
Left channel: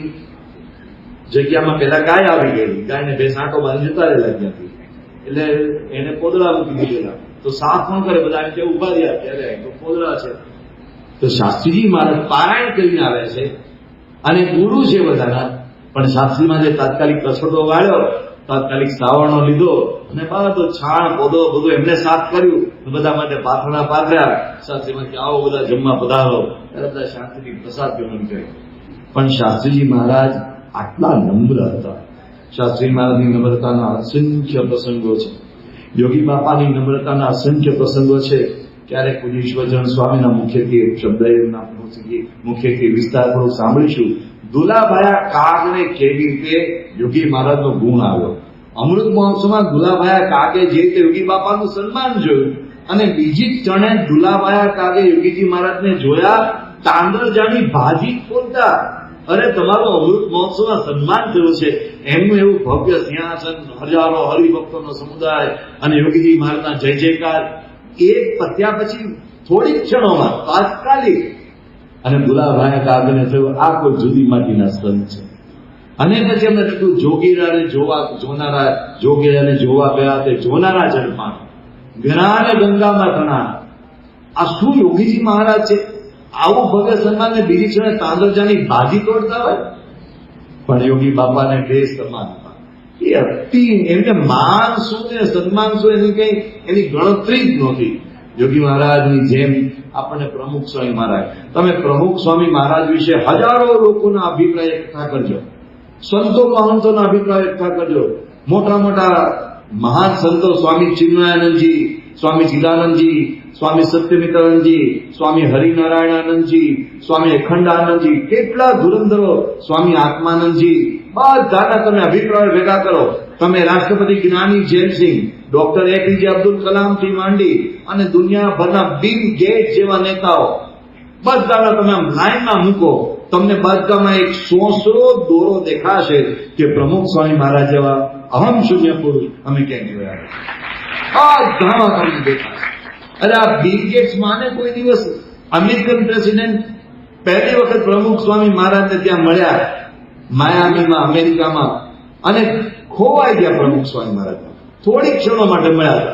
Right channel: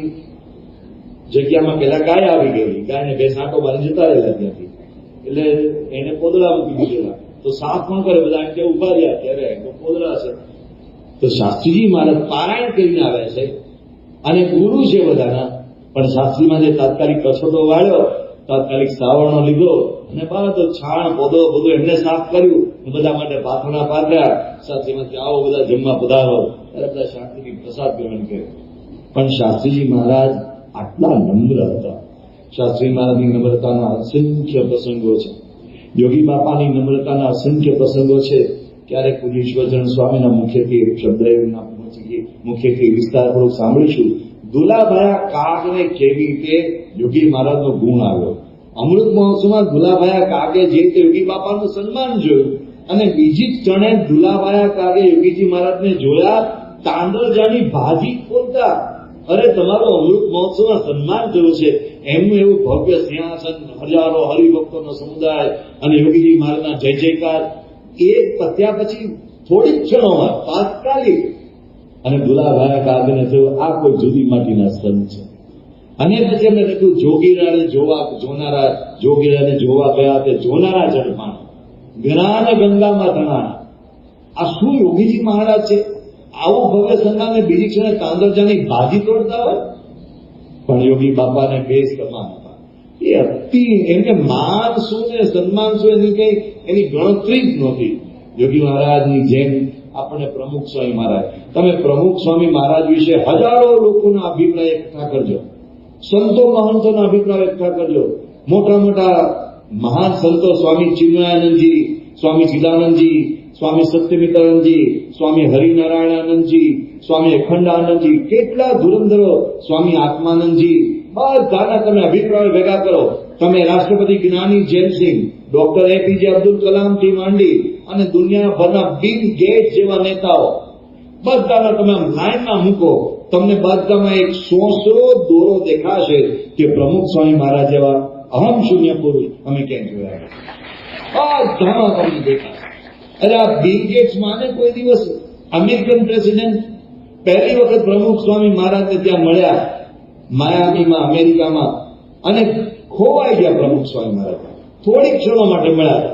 જગ્યામાં પેલા ગાય આવી ગયેલી. ગાયને બે સાંટો બાંધી જતા રહેલા ત્યાંથી. એટલે એને પોદળા મૂકી દીધેલા. તો સાફ ન કરે, બધા એમ કે ઉભા રહ્યા ત્યારે તો પોદળા છે. તો શાસ્ત્રીજી મહારાજ પારાયણ કરીને આવ્યા છે અને ગુરુ છે બધાના. પણ શાસ્ત્રી મહારાજે તાત્કાલિક કસોટો વાળ્યો, તાત્કાલિક શ્રાવણનો લીધો અને બધો છાણ પોદો બધું એમને સાફ કર્યું. બધા માટે પાથરણા પાથર્યા. શાસ્ત્રીમાં આવો બધા જમવા પધારો, બધા શાસ્ત્રી પ્રસાદ ગ્રહણ કર્યો. પણ શાસ્ત્રીજી મહારાજ આટલા નમ્ર હતા. શાસ્ત્રી મહારાજની નમ્રતાના અસંખ્ય પ્રસંગો છે. યોગી બાપાની નમ્રતાના અસંખ્ય પ્રસંગો છે. ક્યારેક પૂજ્ય ઈશ્વરચંદ્ર સ્વામીના મુખ્યથી શબ્દ એમના મુખ્યથી વિસ્તારપૂર્વક સાંભળીશું. દુલાભાયા કાગને કેવી રીતે યોગી મહારાજનો ગુણ આવ્યો. અમૃત મહોત્સવમાં દુલાભાયા કાગે જે રીતે યોગી બાપાનું સન્માન જોયું અને બીજી જ ક્ષણે દુલાભાયા કાગે યોગીજી મહારાજને જોયા તાંદરજાની ભાજી ખોલતા. અરે તમારું અમૃત મહોત્સવમાં સન્માન થયું છે, એમનું એવું ભવ્ય સિંહાસન, હજારો હરિભક્તોનો સમુદાય અને યોગીજી મહારાજના જય જયકાર એક પત્યા પછી થોડીક ક્ષણોમાં તાત્કાલિક. અને દુલાભાઈ કાગને થયું આ કોઈ જુદી માટીના સંત છે. અને પછી એમને કહ્યું જોગીરાને જોવા ગયા તે જોનારા ઝડપાણ ગરાને ગંગામાં તણા. આ શું યોગીજી મહારાજ છે? આવું ભવ્ય સન્માનને બીજી ક્ષણે તાંદરજાની ભાજી તોડતા હોય. પણ યોગી બાપાને બે સમાન હતા. એ અતિ એમને માન શું ને સન્માન શું એની કઈ એની ગણતરી જ નહોતી. યોગી મહારાજની જેમ આપણને પ્રમુખ સ્વામી મહારાજ, તમે પ્રમુખ સ્વામી મહારાજ વિશે હજારો લોકોના અભિપ્રાય એકઠા કરજો, સંતો મહંતોના અભિપ્રાય એકઠા કરજો. મોટા મોટા મહાન સંતો સ્વામી ચિન્મયાનંદજી, સ્વામી ચિદાનંદજી, સ્વામી સત્યમિત્રાનંદજી, સ્વામી હરિનારાયણાનંદજી, સ્વામી અખંડાનંદજી, કેટલા ધુરંધરો, સ્વામી આત્માનંદજી, બધાના તમે અભિપ્રાય ભેગા કરો. તમે રાષ્ટ્રપતિ જ્ઞાની જૈનસિંહ, ડોક્ટર એપીજે અબ્દુલ કલામ થી માંડી અને દુનિયાભરના બિલ ગેટ જેવા નેતાઓ બધાના તમે આમ લાઈનમાં મૂકો, તમને બધામાં એક સોસરો દોરો દેખાશે કે પ્રમુખ સ્વામી મહારાજ જેવા અહમ શૂન્ય પુરુષ અમે ક્યાંય જોયા બધામાં તમને દેખાશે. અરે આ બિલ ગેટ્સ માને કોઈ દિવસ અમેરિકન પ્રેસિડેન્ટ પહેલી વખત પ્રમુખ સ્વામી મહારાજને ત્યાં મળ્યા માયામીમાં અમેરિકામાં અને ખોવાઈ ગયા. પ્રમુખ સ્વામી મહારાજ થોડીક ક્ષણો માટે મળ્યા.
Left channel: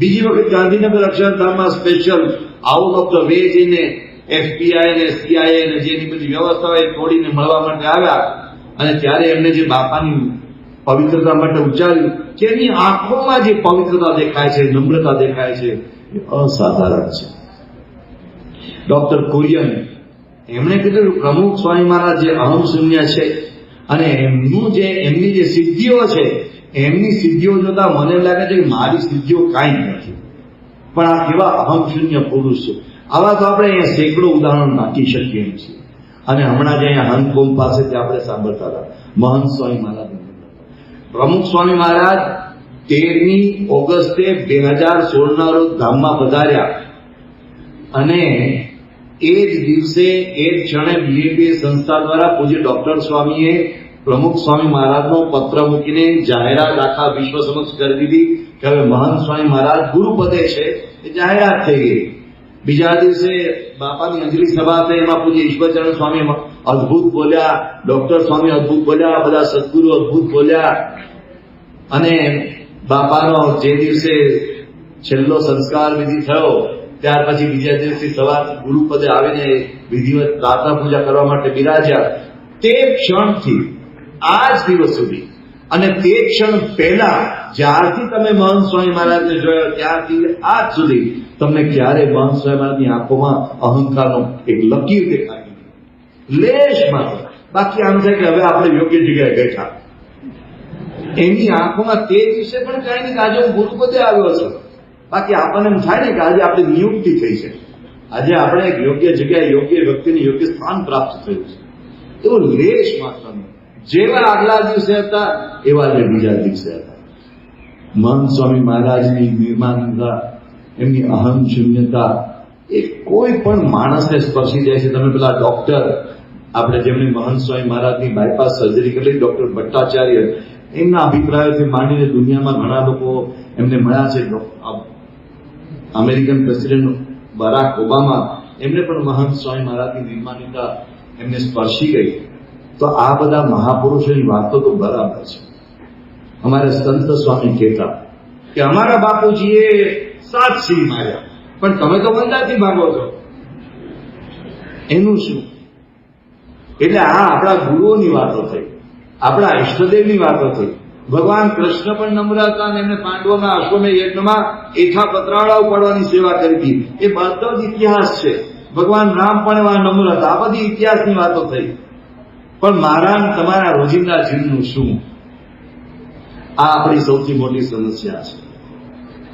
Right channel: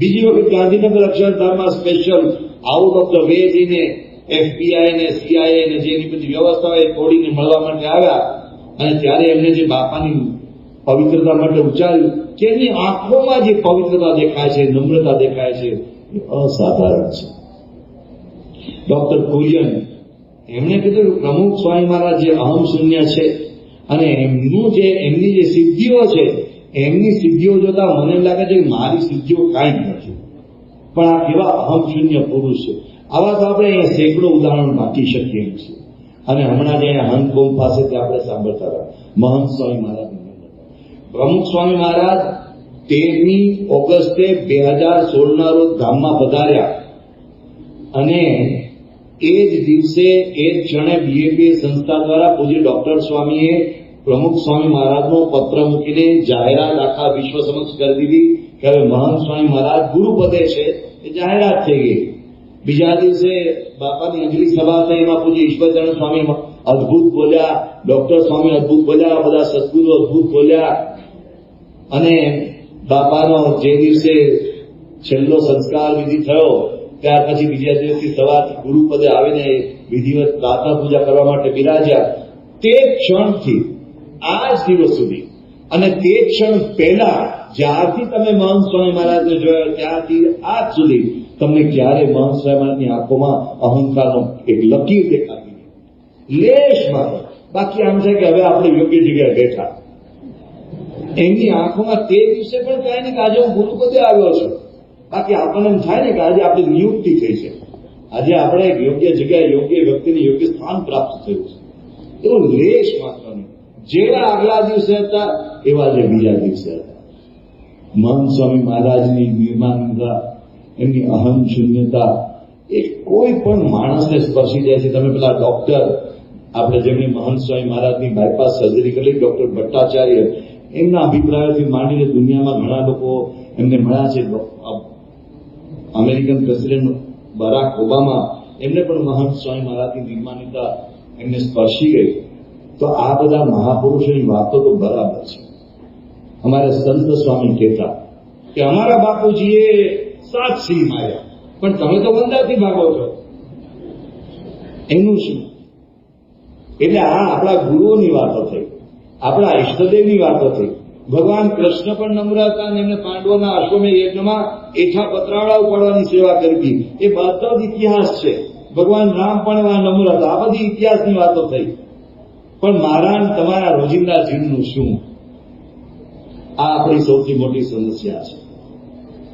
બીજી વખત ગાંધીનગર અક્ષરધામમાં special out of the way જઈને FBI ને CIA ને જેની બધી વ્યવસ્થા હોય થોડીને મળવા માટે આવ્યા અને ત્યારે એમને જે બાપાની પવિત્રતા માટે ઉચ્ચાર્યું કે એની આંખોમાં જે પવિત્રતા દેખાય છે, નમ્રતા દેખાય છે, એ અસાધારણ છે. ડોક્ટર કુરિયન એમણે કીધું પ્રમુખ સ્વામી મહારાજ જે અહમ શૂન્ય છે અને એમની જે સિદ્ધિઓ છે એમની સિદ્ધિઓ જોતા મને લાગે છે કે મારી સિદ્ધિઓ કાંઈ નથી, પણ આ કેવા અહમ શૂન્ય પુરુષ છે. આવા તો આપણે અહીંયા સેંકડો ઉદાહરણ નાખી શકીએ છીએ. અને હમણાં જ અહીંયા હંતકોલ પાસેથી આપણે સાંભળતા હતા મહંત સ્વામી મહારાજ. પ્રમુખ સ્વામી મહારાજ 13મી ઓગસ્ટે 2016 ના રોજ ધામમાં પધાર્યા અને એ જ દિવસે એ જ ક્ષણે બીએપીએ સંસ્થા દ્વારા પૂજ્ય ડોક્ટર સ્વામીએ પ્રમુખ સ્વામી મહારાજનો પત્ર મૂકીને જાહેરાત આખા વિશ્વ સમક્ષ કરી દીધી કે હવે મહંત સ્વામી મહારાજ ગુરુપદે છે, એ જાહેરાત થઈ ગઈ. બીજા દિવસે બાપાની અંજલિ સભા થઈ, એમાં પૂજ્ય ઈશ્વરચંદ્ર સ્વામી અદભુત બોલ્યા, ડોક્ટર સ્વામી અદભુત બોલ્યા, બધા સદગુરુ અદભુત બોલ્યા. અને બાપાનો જે દિવસે છેલ્લો સંસ્કાર વિધિ થયો ત્યાર પછી બીજા દિવસથી સવારથી ગુરુપદે આવીને વિધિવત પ્રાર્થના પૂજા કરવા માટે બિરાજ્યા. તે ક્ષણથી આજ દિવસ સુધી અને તે ક્ષણ પહેલા જ્યારથી તમે મહંત સ્વામી મહારાજને જોયા ત્યારથી આજ સુધી તમને ક્યારે મહંત સ્વામી મહારાજની આંખોમાં અહંકારનો એક લકીર દેખાય નહીં, લેશ માત્ર. બાકી આમ છે કે હવે આપણે યોગ્ય જગ્યાએ બેઠા. એની આંખોમાં તે દિવસે પણ કઈ નહીં કે આજે હું ગુરુપદે આવ્યો છું. બાકી આપણને એમ થાય ને કે આજે આપણી નિયુક્તિ થઈ છે, આજે આપણે એક યોગ્ય જગ્યાએ યોગ્ય વ્યક્તિને યોગ્ય સ્થાન પ્રાપ્ત થયું છે. એવું લેશ માત્રનું. જેવા આગલા દિવસે હતા એવા જે બીજા દિવસે હતા. મહંત સ્વામી મહારાજની નિર્માણતા, એમની અહમ શૂન્યતા એ કોઈ પણ માણસને સ્પર્શી જાય છે. તમે પેલા ડોક્ટર આપણે જેમને મહંત સ્વામી મહારાજની બાયપાસ સર્જરી કરી, ડોક્ટર ભટ્ટાચાર્ય, એમના અભિપ્રાયોથી માંડીને દુનિયામાં ઘણા લોકો એમને મળ્યા છે. અમેરિકન પ્રેસિડેન્ટ બરાક ઓબામા, એમને પણ મહંત સ્વામી મહારાજની નિર્માણતા એમને સ્પર્શી ગઈ. તો આ બધા મહાપુરુષોની વાતો તો બરાબર છે. અમારા સંત સ્વામી કહેતા કે અમારા બાપુજીએ 7 સિંહ માર્યા, પણ તમે તો મંદાથી ભાગો છો, એનું શું? એટલે આ આપણા ગુરુઓની વાતો થઈ, આપણા ઈષ્ટદેવની વાતો થઈ. ભગવાન કૃષ્ણ પણ નમ્ર હતા અને એમને પાંડવોના અશ્વમેધ યજ્ઞમાં એઠા પતરાળાઓ પાડવાની સેવા કરી હતી. એ બધો જ ઇતિહાસ છે. ભગવાન રામ પણ એવા નમ્ર હતા. આ બધી ઇતિહાસની વાતો થઈ. પણ મારા તમારા રોજિંદા જીવનનું શું? આ આપણી સૌથી મોટી સમસ્યા છે.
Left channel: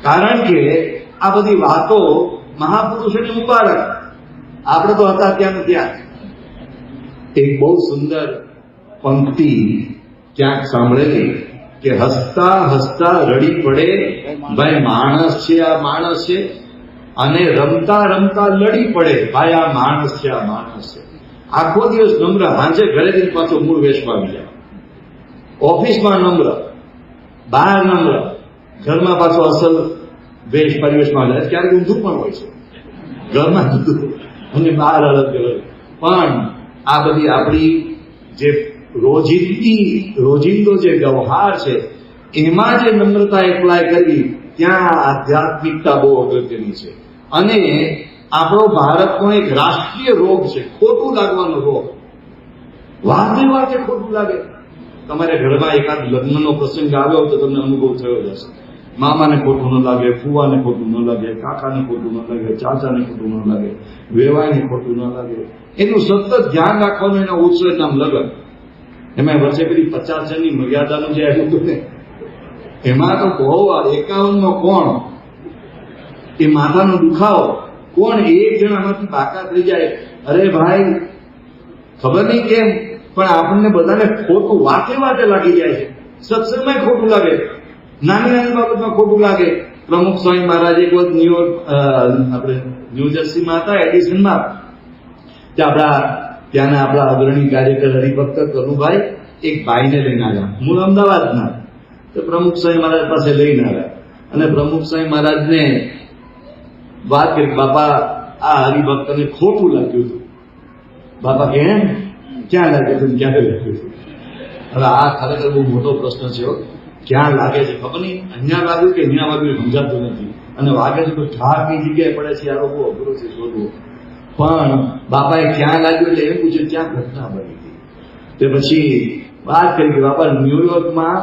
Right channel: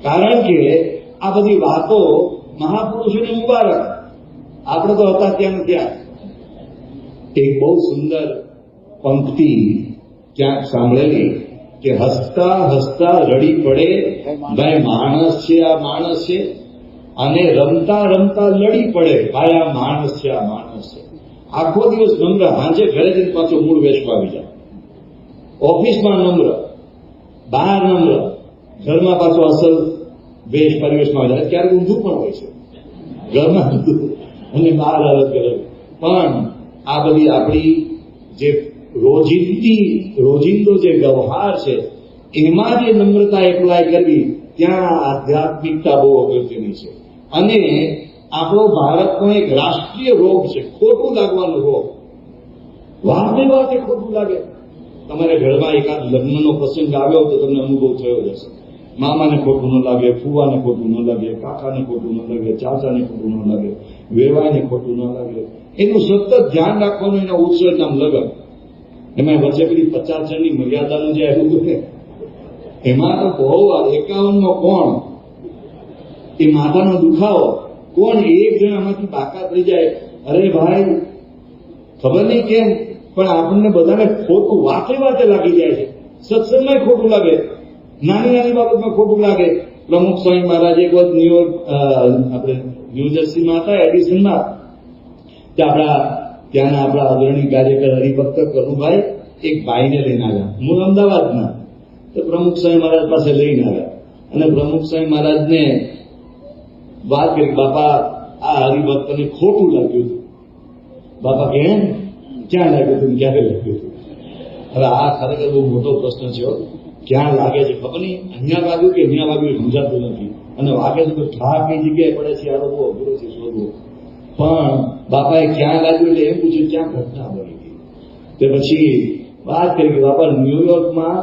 કારણ કે આ બધી વાતો મહાપુરુષોને મુબારક, આપણે તો હતા ત્યાં ત્યાં. એક બહુ સુંદર પંક્તિ ક્યાંક સાંભળેલી કે હસતા હસતા રડી પડે ભાઈ માણસ છે, આ માણસ છે, અને રમતા રમતા લડી પડે ભાઈ આ માણસ છે, આ માણસ છે. આખો દિવસ નમ્ર, સાંજે ઘરે જઈને પાછો મૂળ વેશમાં આવી જાય. ઓફિસમાં નમ્ર, બહાર નમ્ર, ઘરમાં પાછો અસલ વેશ પરિવેશમાં જાય. ક્યારેક ઊંધું પણ હોય છે, ઘરમાં ઊંધું અને બહાર અલગ અલગ. પણ આ બધી આપણી જે રોજિંદો જે વ્યવહાર છે એમાં જે નમ્રતા એપ્લાય કરવી, ત્યાં આધ્યાત્મિકતા બહુ અગત્યની છે. અને આપણો ભારતનો એક રાષ્ટ્રીય રોગ છે ખોટું લાગવાનો રોગ. વાતે વાતે ખોટું લાગે. તમારે ઘરમાં એકાદ લગ્નનો પ્રસંગ આવ્યો તો તમને અનુભવ થયો હશે. મામાને ખોટું ન લાગે, ફુવાને ખોટું ન લાગે, કાકાને ખોટું ન લાગે, ચાચાને ખોટું ન લાગે, વેવાઈને ખોટું ન લાગે. એનું સતત ધ્યાન રાખવાનું એના ઉત્સવ નામ લગન. એમાં વચ્ચે પેલી 50 જણની મર્યાદાનું જે આવ્યું હતું ને, એમાં તો બહુ 51 કોણ, એ માથાનો દુખાવો, કોણ એક જણ આમાંથી બાકાત થઈ જાય. અરે ભાઈ ખબર નહીં કેમ પણ આપણને બધાને ખોટું વાતે વાતે લાગી જાય છે. સત્સંગમાં ખોટું લાગે, નાની નાની બાબતમાં ખોટું લાગે. પ્રમુખ સ્વામી મહારાજ એક વખત ન્યુયોર્ક, આપણે ન્યુજર્સીમાં હતા, એડિસનમાં, આપણા ત્યાંના આપણા અગ્રણી કાર્યકર હરિભક્ત કરુભાઈ એક ભાઈને લઈને આવ્યા, મૂળ અમદાવાદના. તો પ્રમુખ સ્વામી મહારાજ પાસે લઈને આવ્યા અને પ્રમુખ સ્વામી મહારાજને વાત કરી, બાપા આ હરિભક્તને ખોટું લાગ્યું હતું. બાપા કે એમ ક્યાં લાગ્યું હતું, ક્યારે લાગ્યું હતું? હવે આ ખરેખર બહુ મોટો પ્રશ્ન છે. ક્યાં લાગે છે ખબર નહીં, અહીંયા લાગ્યું કે અહીંયા લાગ્યું સમજાતું નથી. અને વાગે છે તો ઠાર કઈ જગ્યાએ પડે છે, આ બહુ અઘરો છે શોધવું. પણ બાપાએ ક્યાં લાગ્યું એટલે એમ પૂછ્યું ક્યાં ઘટના બની હતી. તે પછી વાત કરી કે બાપા ન્યુયોર્કમાં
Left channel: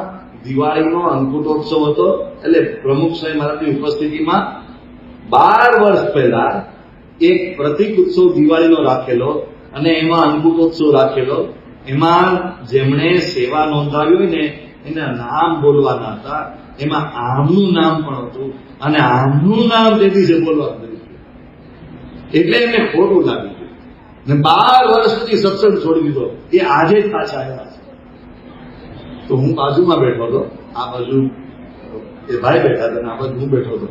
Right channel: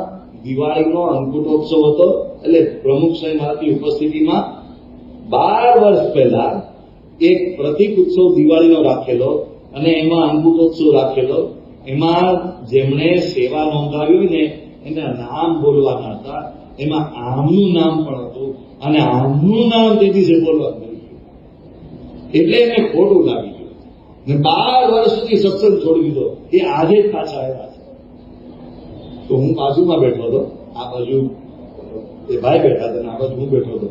દિવાળીનો અંકુટોત્સવ હતો. એટલે પ્રમુખ સ્વામી મહારાજની ઉપસ્થિતિમાં 12 વર્ષ પહેલા એક પ્રતિક ઉત્સવ દિવાળીનો રાખેલો અને એમાં અંકુટોત્સવ રાખેલો. એમાં જેમણે સેવા નોંધાવી હોય ને એના નામ બોલવાના હતા. એમાં આમનું નામ પણ હતું અને આમનું નામ તે દિવસે બોલવાનું એટલે એમને ખોટું લાગી ગયું ને 12 વર્ષ સુધી સત્સંગ છોડી દીધો. એ આજે જ પાછા આવ્યા છે. તો હું બાજુમાં બેઠો હતો, આ બાજુ એ ભાઈ બેઠા હતા, આ બાજુ હું બેઠો હતો.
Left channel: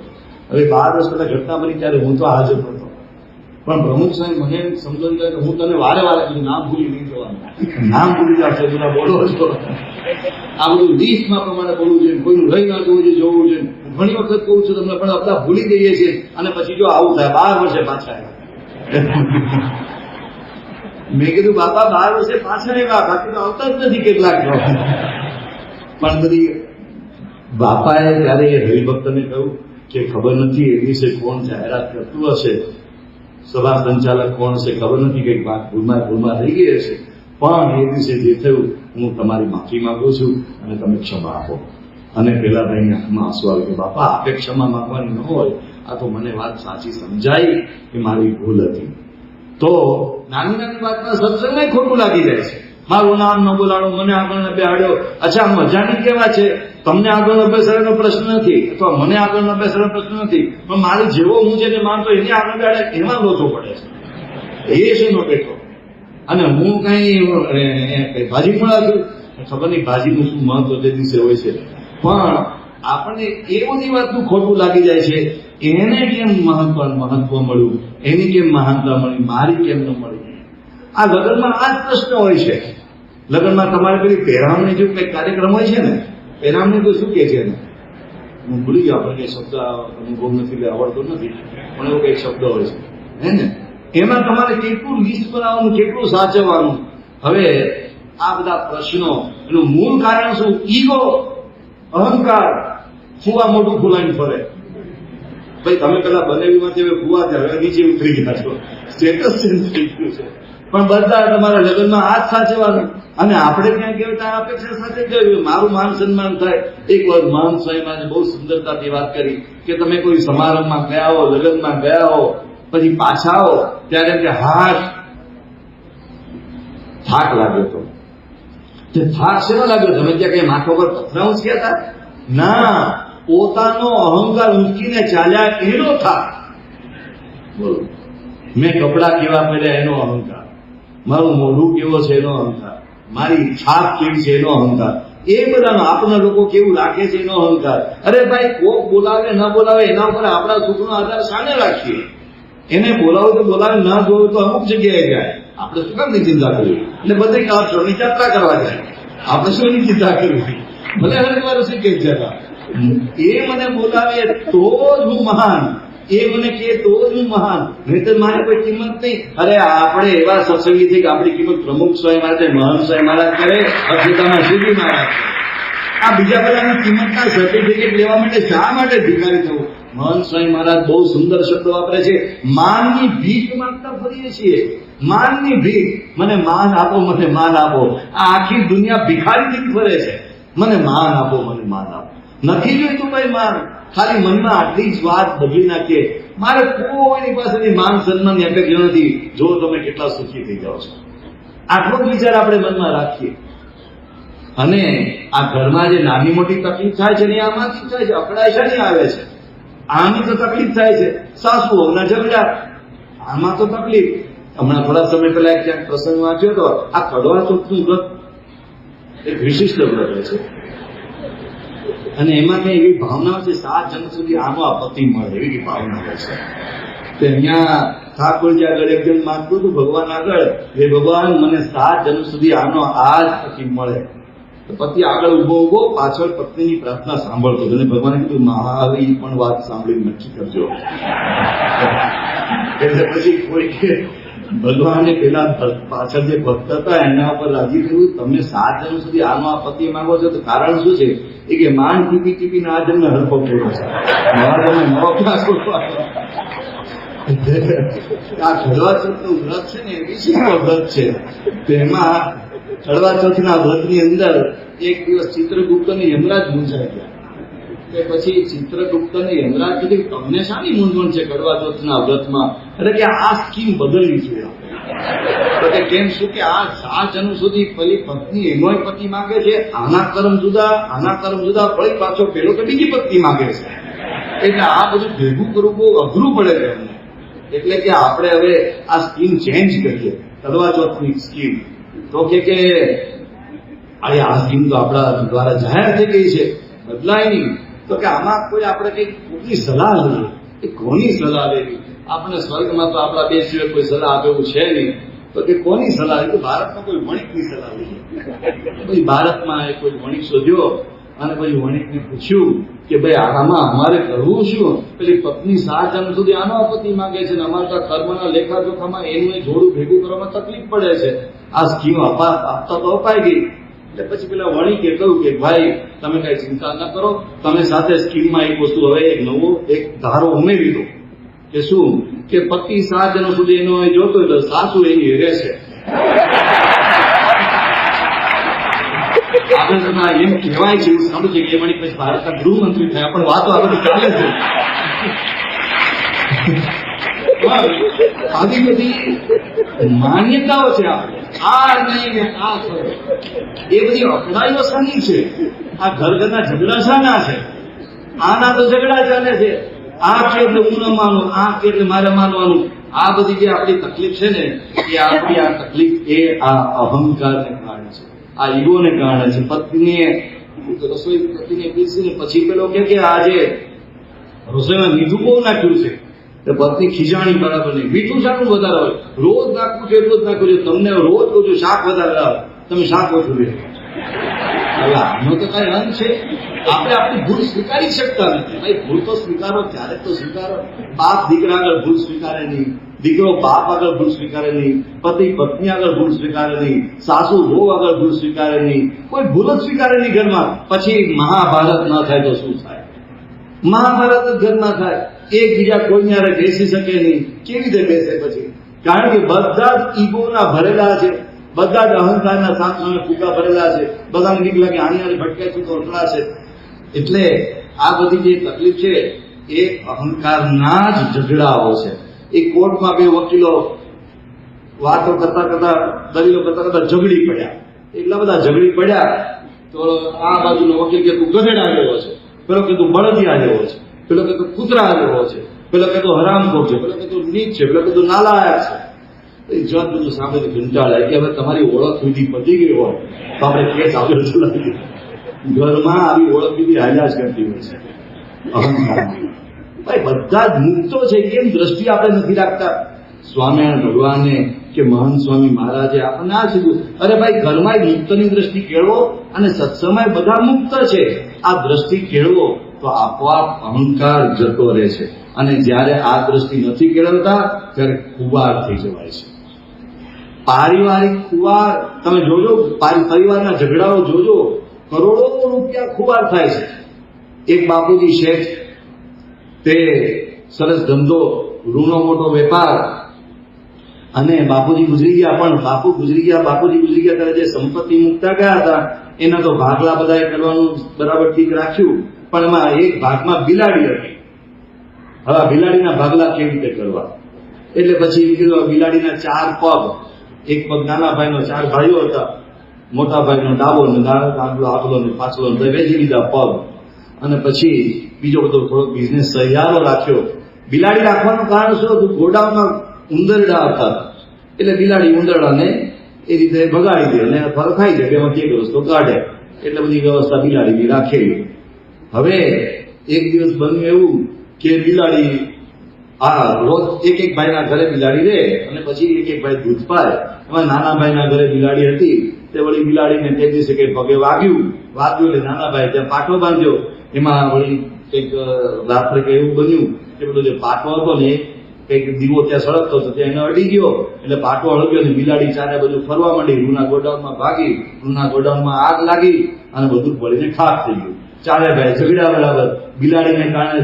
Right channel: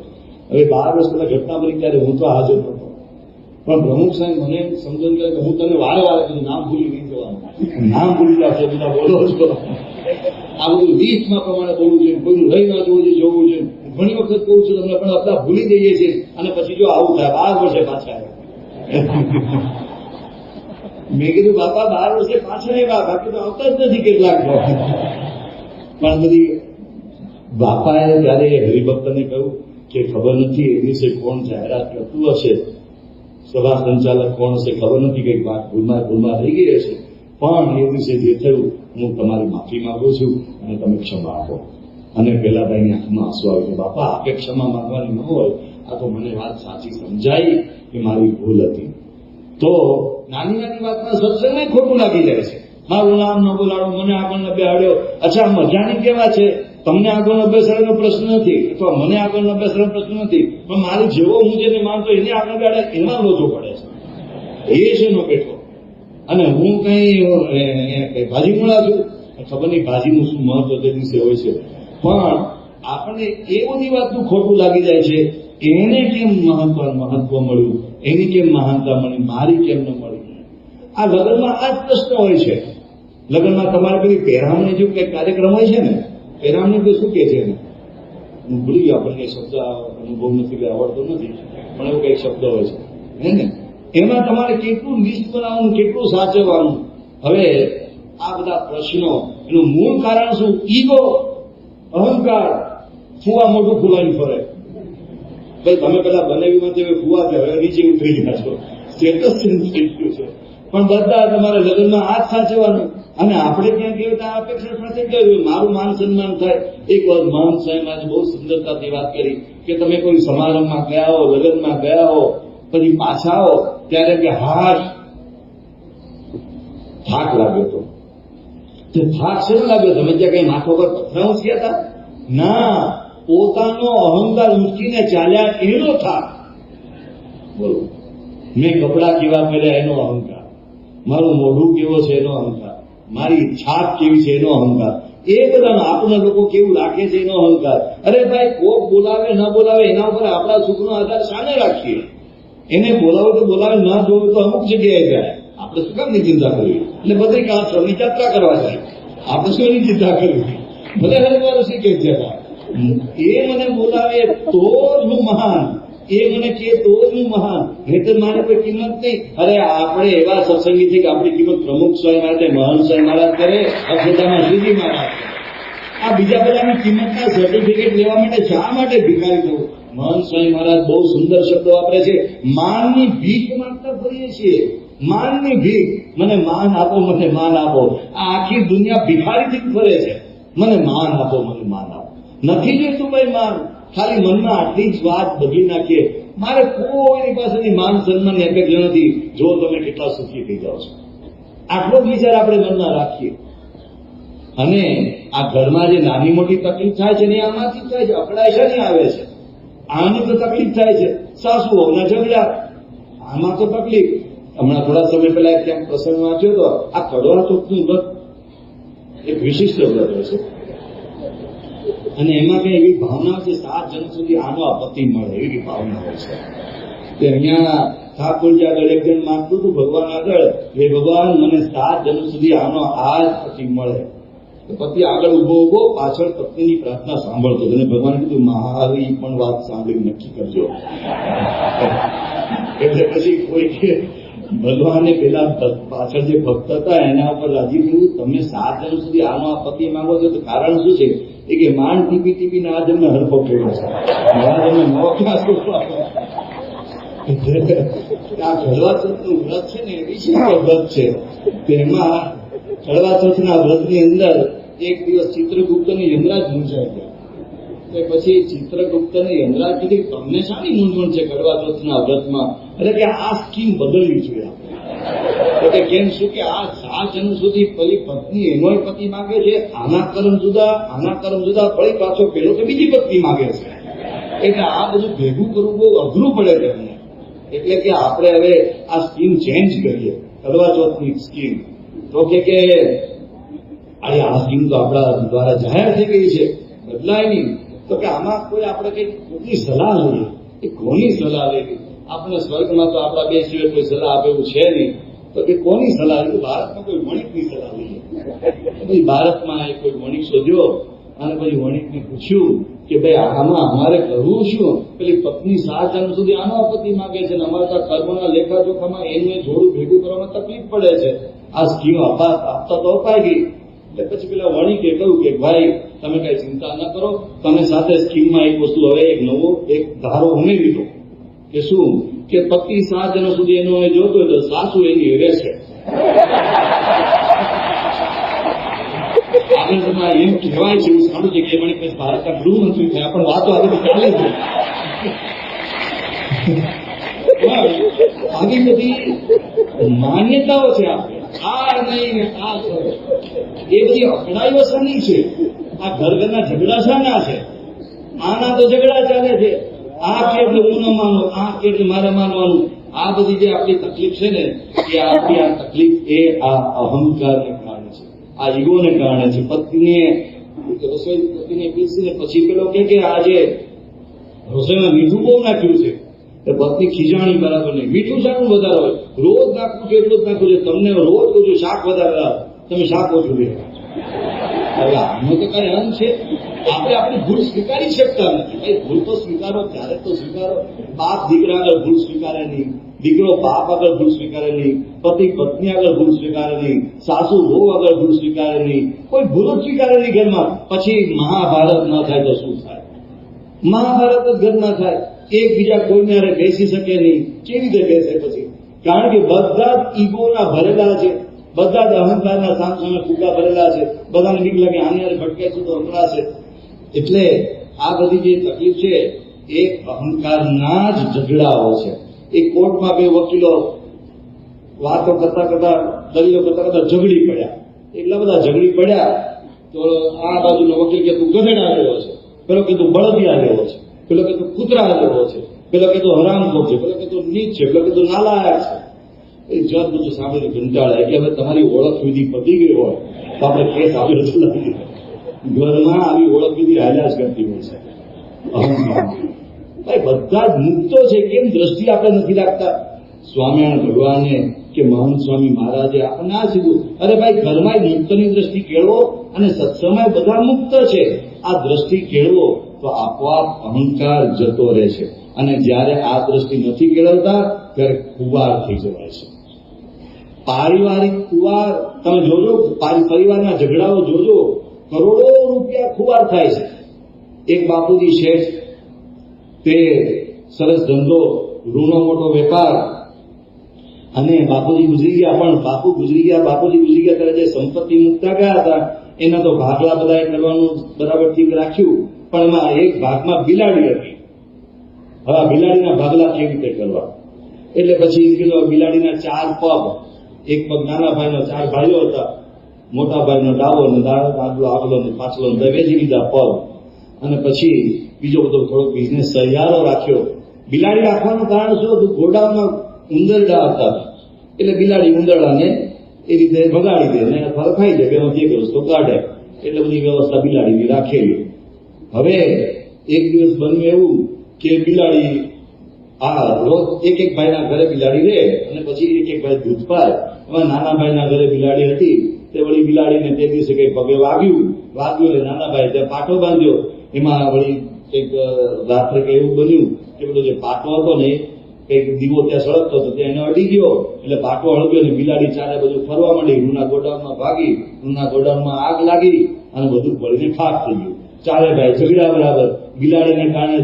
હવે 12 વર્ષ પહેલા ઘટના બની ત્યારે હું તો હાજર નહોતો. પણ પ્રમુખ સાહેબ મને સમજણ કે હું તને વારે વારે તું નામ ભૂલી નહીં જવાનું, નામ ભૂલી જશે બધા બોલો છો. આ બધું લિસ્ટમાં પ્રમાણે બોલવું જોઈએ, કોઈનું રહી ના જવું જોઈએ, જોવું જોઈએ. ઘણી વખત કહું છું તમને, પણ આપણે ભૂલી જઈએ છીએ અને પછી જો આવું થાય 12 વર્ષે પાછા આવ્યા. મેં કીધું બાપા 12 વર્ષે પાછળ આવ્યા, બાકી તો આવતા જ નથી કેટલાક. પણ બધી બાપાએ ત્યારે હરિભક્તને કહ્યું કે ખબર નથી એ દિવસે કોણ જાહેરાત કરતું હશે, સભા સંચાલક કોણ હશે ખબર નથી, કઈક વાત ભૂલમાં થઈ ગઈ હશે, પણ એ દિવસે જે થયું હું તમારી માફી માંગુ છું અને તમે ક્ષમા આપો. અને પેલા ભાઈની આંખમાં આંસુ આવ્યું કે બાપા આપે ક્ષમા માંગવાની ન હોય, આ તો મને વાત સાચી સમજાઈ કે મારી ભૂલ હતી. તો નાની નાની વાતમાં સત્સંગને ખોટું લાગી જાય છે. મારું નામ ન બોલાડો, મને આગળ ન બેહાડ્યો. અચ્છા મજાની કેવા છે, તમને આગળ ન બેસાડવાનો પ્રશ્ન નથી અથવા મને આગળ ન બેસાડવાનો પ્રશ્ન નથી, પણ મારું જેવો હું જેને માનતો એને આગળ બેહાડે એમાં લોચો પડે છે. એ છે નો બેઠો. અને હું કઈ ભાજી મળા છું, ખબર નહીં ભાજીનું શું મહત્વ તે દિવસે હોય છે, પણ આપણને એ બધી વાતનું ખોટું લાગી જાય છે. એને કેમ મહત્વ મળ્યું, એની કેમ મહાનતા મળી, મારી કેમ ન મળી. આ લગ્નમાં આ જ પ્રશ્ન હોય છે. લગ્નમાં તમારે પેલી પહેરામણી જો કઈ કાર્યક્રમ હોય છે ને, પહેરામણી તો શું કે છે, હું ભૂલી ગયો, આપણે કઈ શબ્દ અનુભવ નથી, આવડતો નથી, પણ એવો કઈક શબ્દ હોય છે હે ને. એમાં તમારે કેટલું લિસ્ટ બનાવવાનું, કેટલું સાચવવાનું. હવે આ બધા પ્રશ્નો એનું મૂળ કારણ શું? ઈગો, અહંકાર. ફુવા મોટું ફૂલાઈને ફરે. ભાઈ તમે પેલા બનેવીમાંથી હવે ફુવા છે, હવે નીચે ઉતરી ગયા છો, સ્ટેટસ ચેન્જ થઈ ગયું છે. પણ બધા તમારા લગ્નમાં આ જ સાચવવાનું. અને આપણે ત્યાં કેવું ત્યાં અપેક્ષા સાથે કર્યું મારું માન સન્માન થાય. એક વાર મહાન સ્વામી બહુ સુંદરતાથી વાત કરી કે તમે કોઈ સમારંભમાં ગયા હો, લગ્નમાં ગયા હો, પછી પાછા આવો ત્યારે કે હાશ થાક લાગ્યો હતો. તે થાક શેનો લાગ્યો? તમે ત્યાં કઈ માથા પર પથરા ઉંચક્યા હતા? ના, પોતાનો અહંકાર મૂકીને ચાલ્યા એનો થાક. બોલો, મેં કપડા કેવા પહેર્યા એનો અહંકાર, મારું મોઢું કેવો છે એનો અહંકાર, મારી છાપ કેવી છે એનો અહંકાર, એ બધાનો આપણા લોકો કેવું રાખે છે એનો અહંકાર. અરે ભાઈ, કોક બોલાવે ન બોલાવે એના ઉપર આપણા સુખનો આધાર સામે રાખીએ. એને બોલાવો તો બોલાવે, ના બોલાવે તો અમુક જગ્યાએ જાય. આપણે શું કામ ની ચિંતા કરવી? એટલે બધી કાળની યાત્રા કરવા જાય. આપણે શું એની ચિંતા કરવી? ભલે હરિદ્વાર શીખે છે, એ મને બોલાવે તો જ હું મહાન, એ મને કહે તો જ હું મહાન, નહીતર મારી કોઈ કિંમત નહીં. અરે આપણે એવા સત્સંગી છે કે આપણી કિંમત પ્રમુખ સ્વામી મહારાજ, મહાન સ્વામી મહારાજ કરે, અક્ષરધામના શ્રીજી મહારાજ. આ બીજા બધાની કિંમતના સર્ટિફિકેટ લેવા માટે શા માટે ભિખારી થવું? મહાન સ્વામી મહારાજ બહુ સુંદર શબ્દો વાપરે છે. માનની ભીખ માંગતા ફરીએ છીએ, માનની ભીખ. મને માન આપો, મને માન આપો. આ આખી દુનિયા ભિખારીથી ફરે છે. મને માન આપો, મને માન આપો. નથી જોઈતું ભાઈ માન. ખાલી મનમાં આટલી જ વાત બદલી નાખીએ, મારે કોઈની પાસેથી માન સન્માનની અપેક્ષા નથી, જો તમે કેટલા સુખી થઈ જાઓ છો. આટલો જ વિચાર આપણે મનમાં રાખીએ. અને આ ઘરમાં જે નાની મોટી તકલીફ થાય છે ને આમાંથી થાય છે. અકળાય છે ને આવે છે, આની તો તકલીફ થાય છે. સાસુઓના ઝઘડા, આમાં તો તકલીફ. હમણાં થોડા સમય પહેલા ક્યાંક પ્રસંગ વાંચ્યો હતો. આ કડવા ચોથનું વ્રત એક વિશિષ્ટ વ્રત છે અને એમાં કઈ એવી ભાવના છે 7 જન્મ સુધી આનો આ પતિ મળે, એવી ભાવના હોય છે. તો અહીંયા ઠાકોરજી આગળ એક જણ માંગતું હતું ભગવાન આગળ, હે ભગવાન મને 7 જન્મ સુધી આનો આ જ પતિ મળે. તો પતિ આગળ ઉભો પાછળ પત્નીની પ્રાર્થના સાંભળતો અને ભગવાને કીધું મારી પણ વાત સાંભળી નક્કી કરજો. એટલે પછી કોઈ કે ભગવાને પેલા પાછળ જે ભક્ત હતા એના ઉપર રાજી થયું, તમે 7 જન્મ સુધી આનો આ પતિ માંગો છો તો કારણ શું છે? એ કે માંડ ટીપી ટીપીને આ જન્મે હરફો પડ્યો છે, મારા જન્મે નવો ક્લાસ આ કડવા ચોથનું વ્રત છે ને એ વિશિષ્ટ વ્રત છે. તેમાં કડવા ચોથના વ્રતની અંદર એક દિવસ ચિત્રગુપ્તને યમરાજ મૂંઝાઈ ગયા. પછી ચિત્રગુપ્તને યમરાજ કીધું તમને શાની મૂંઝવણ છે કડવા ચોથના વ્રતમાં? એટલે કે આ સ્કીમ બદલવી જોઈએ. કેમ શું કે આ 7 જન્મ સુધી પેલી પત્ની એનોય પતિ માંગે છે, આના કર્મ જુદા, ફરી પાછો પેલો તો બીજી પત્ની માંગે છે. એટલે આ બધું ભેગું કરવું બહુ અઘરું પડે છે એમને. એટલે કે આપણે હવે આ સ્કીમ ચેન્જ કરીએ, કડવા ચોથની સ્કીમ. તો કે આ સ્કીમ તો આપણા દ્વારા જાહેર થઈ ગઈ છે, બદલાય નહીં. તો કે આમાં કોઈ આપણે કઈ કોઈની સલાહ લઈએ, કોની સલાહ લેવી? આપણે સ્વર્ગમાં તો આપણા બે સિવાય કોઈ સલાહ આપે એવું છે નહીં. તો કે કોની સલાહ? એ તો ભારતમાં કોઈ વણિકની સલાહ લઈએ. પછી ભારતમાં કોઈ વણિક શોધ્યો અને પછી વણિકને પૂછ્યું કે ભાઈ આમાં અમારે કરવું શું? પેલી પત્ની 7 જણ સુધી આનો પતિ માંગે છે ને અમારા કર્મના લેખાજોખામાં એનું જોડું ભેગું કરવામાં તકલીફ પડે છે. આ સ્કીમ આપતા તો અપાઈ ગઈ. એટલે પછી પેલા વણિકે કહ્યું કે ભાઈ તમે કઈ ચિંતા ન કરો, તમે સાથે સ્કીમમાં એક વસ્તુ હવે એક નવો એક ધારો ઉમેરી દો કે શું કે પતિ 7 જણ સુધી એનો જોતો હોય તો સાસુ એની રહેશે. આપણે એમ કહેવાય છે એવું સાંભળ્યું છે કે વણિક પછી ભારતના ગૃહમંત્રી થયા, પણ વાતો આગળ ચાલે છે. આવી બધી માન્યતાઓ છે. આ નહીં ને આ એ બધી અકળાઈઓ શાની છે? આ ઘરના ઝઘડા શાના છે? આના તો ઝઘડા ચાલે છે. આ કે એટલે હું ન માનું, આ કે એટલે મારે માનવાનું. આ બધી જે આપણી તકલીફ છે ને એ આપણી આ તકલીફ એ આ અહંકારને કારણે છે, આ ઈગોને કારણે છે. પત્નીએ રસોઈ પતિને પીસીને પછી પેલો કે આજે રસોઈમાં મીઠું બહુ નાખ્યું છે. તો પત્ની ખીજાણી બરાબર નહીં. મીઠું શાકનું વધારે હોય? રોજ નાખવું છે એટલું જ નાખવું છે. તમને રોજ કહું છું શાક વધારે આવે, તમે શાક ઓછું લે. આનો તો કઈ અંત છે? આપણે આપણી ભૂલ સ્વીકારી શકતા નથી. ભાઈ ભૂલ તો સ્વીકારો, ત્યારે તો સ્વીકારો. બાપ દીકરા આગળ ભૂલ સ્વીકારે નહીં, દીકરો બાપ આગળ ભૂલ સ્વીકારે નહીં, પતિ પત્ની આગળ ભૂલ સ્વીકારે નહીં, સાસુ વહુ આગળ ભૂલ સ્વીકારે નહીં, કોઈ ભૂલ જ સ્વીકારે નહીં ઘરમાં. પછી મહાભારત ના થાય તો શું થાય? મહાભારત જ ઘરમાં થાય. એકબીજા કોઈને હારે બેસી શકે નહીં. કેવી રીતે બેસે પછી? કારણ કે બધા જ ઈગોના ભરેલા છે, બધા જ અહંકારના સામે ફૂગા ભરેલા છે. બધાને બીક લાગે આની હારે ભટકાઈશું તો અંતરાશે. એટલે આ બધી જે તકલીફ છે એ અહંકારના જ ઝઘડાઓ છે. એ કોર્ટમાં બે વકીલો વાતો કરતા કરતા દલીલો કરતા કરતા ઝઘડી પડ્યા. એટલા બધા ઝઘડી પડ્યા તો આ બાજુનો વકીલ કે તું ગધેડા જેવો છે, પેલો કે તું બળદિયા જેવો છે, પેલો કે તું કૂતરા જેવો છે, પેલો કે તું હરામખોર છે, પેલો કે તું નીચ છે, પેલો કે તું નાલાયક છે. એ જજ બધું સામે કંટાળાય કે હવે તમારી ઓળખ સુધી પતી ગઈ હોય તો આપણે કેસ આગળ ચલાવીએ. ઘરમાં આવી ઓળખ બીજી હાલ્યા જ કરતી હોય છે. ભાઈ બધા જ મુક્તો છે, કેમ દ્રષ્ટિ આપણે નથી રાખતા? સ્વામિનારાયણ ભગવાને કે મહાન સ્વામી મહારાજે આપણને આ કીધું, અરે ભાઈ ઘરમાં મુક્તની દ્રષ્ટિ કેળવો અને સત્સંગમાં બધા મુક્ત છે. આ દ્રષ્ટિ કેળવો તો આપોઆપ અહંકાર જતો રહે છે. અને જ્યારે આ દ્રષ્ટિ નથી કેળવતા ત્યારે ખુવાર થઈ જવાય છે. પારિવારિક ખુવાર તમે જોજો, પરિવારના ઝઘડાઓ જોજો, કરોડો રૂપિયા ખુવાર થાય છે. એક બાપુજી શેઠ, તે સરસ ધંધો, રૂનો મોટો વેપાર, અને બાપુજી ગુજરી ગયા. પણ બાપુજી ગુજરી ગયા ત્યારે જે સંપત્તિ મૂકતા ગયા હતા એના તો ભાગલા બધાએ કરવાનું બરાબર ઠીક રાખ્યું, પણ એમાં એક ભાગમાં બિલાડી હતી. હવે બિલાડીના ભાગલા કેવી રીતે કરવા? એટલે પછી કીધું બિલાડીના 4 પગ, એક પગ નાના ભાઈનો, 4 ભાઈઓ હતા, મોટા ભાઈનો ડાબો ને આગલો ને પાછલો વેચી દીધા પગ. અને પછી બીજો બધો થોડોક બિઝનેસ સહિયારો રાખ્યો. બિલાડી રાખવાનું કારણ શું હતું? ગોડાઉનમાં ઉંદરડા હતા, એટલે બિલાડી ઉંદરડાને એ રીતે ભગાડી દે અને ફળ ખાઈ જાય, એમાંથી એક રસ્તો કાઢે. એટલે બધી વ્યવસ્થા બિલાડી રાખેલી. હવે એક દિવસ બન્યું એવું કે બિલાડી રોજ એક ભાઈના ઘરે બિલાડી રહે અને પછી એક ભાઈ દૂધ પાય. એમાં નાના ભાઈના ઘરે બિલાડી હતી, તે વળી બિલાડીને તે દિવસે કઈ પગે વાગ્યું એટલે નાના ભાઈ ત્યાં પાટો બાંધ્યો. એમાં વળી કંઈક રાત્રે કઈ એવું બન્યું કે પેલો જે પાટો હતો ને કંઈક દીવો ત્યાં સળગતો હતો, ત્યાં એને અડી ગયો. એટલે પાટો હળગ્યો ને બિલાડી ચારે બધું ફરવા માંડી. રૂના ગોડાઉનમાં ભાગી, રૂના ગોડાઉનમાં આગ લાગી અને બધું પડીને ખાક થઈ ગયું. ચારે ભાઈ ઝઘડા બરાબર. બિલાડીને કારણે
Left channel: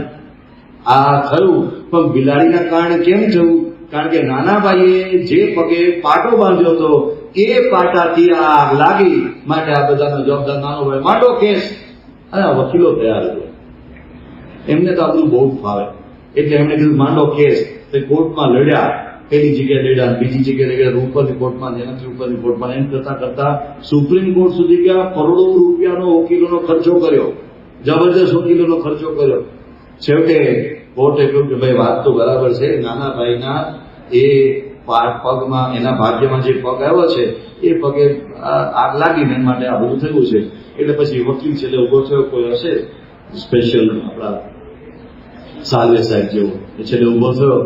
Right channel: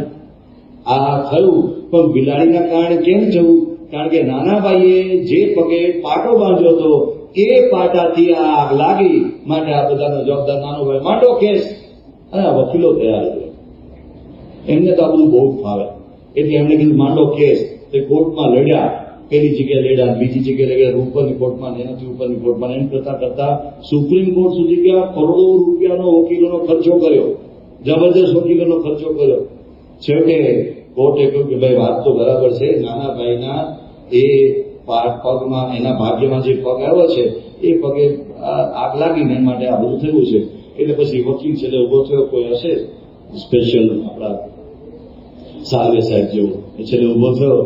આ થયું, પણ બિલાડીના કારણે કેમ થયું? કારણ કે નાના ભાઈએ જે પગે પાટો બાંધ્યો હતો એ પાટાથી આગ લાગી. માટે આ બધાનો જવાબદાર નાનો ભાઈ. માંડો કેસ. અને વકીલો તૈયાર હતો, એમને તો આ બધું બહુ ફાવે, એટલે એમણે કીધું માંડો કેસ. તે કોર્ટમાં લડ્યા. પેલી જગ્યાએ લડ્યા, બીજી જગ્યાએ લડ્યા, ઉપરની કોર્ટમાં, જેનાથી ઉપરની કોર્ટમાં. એમ કરતા કરતા સુપ્રીમ કોર્ટ સુધી ગયા. કરોડો રૂપિયાનો વકીલોનો ખર્ચો કર્યો, જબરજસ્ત વકીલોનો ખર્ચો કર્યો. છેવટે કોર્ટે કહ્યું કે ભાઈ વાત તો બરાબર છે, નાના ભાઈના એ પગમાં, એના ભાગ્યમાં જે પગ આવ્યો છે એ પગે આગ લાગીને એના માટે આ બધું થયું છે. એટલે પછી વકીલ છેલ્લે ઉભો થયો, કોઈ હશે સ્પેશિયલ આપણા સાલ્વે સાહેબ જેવો, છેલ્લે ઉભો થયો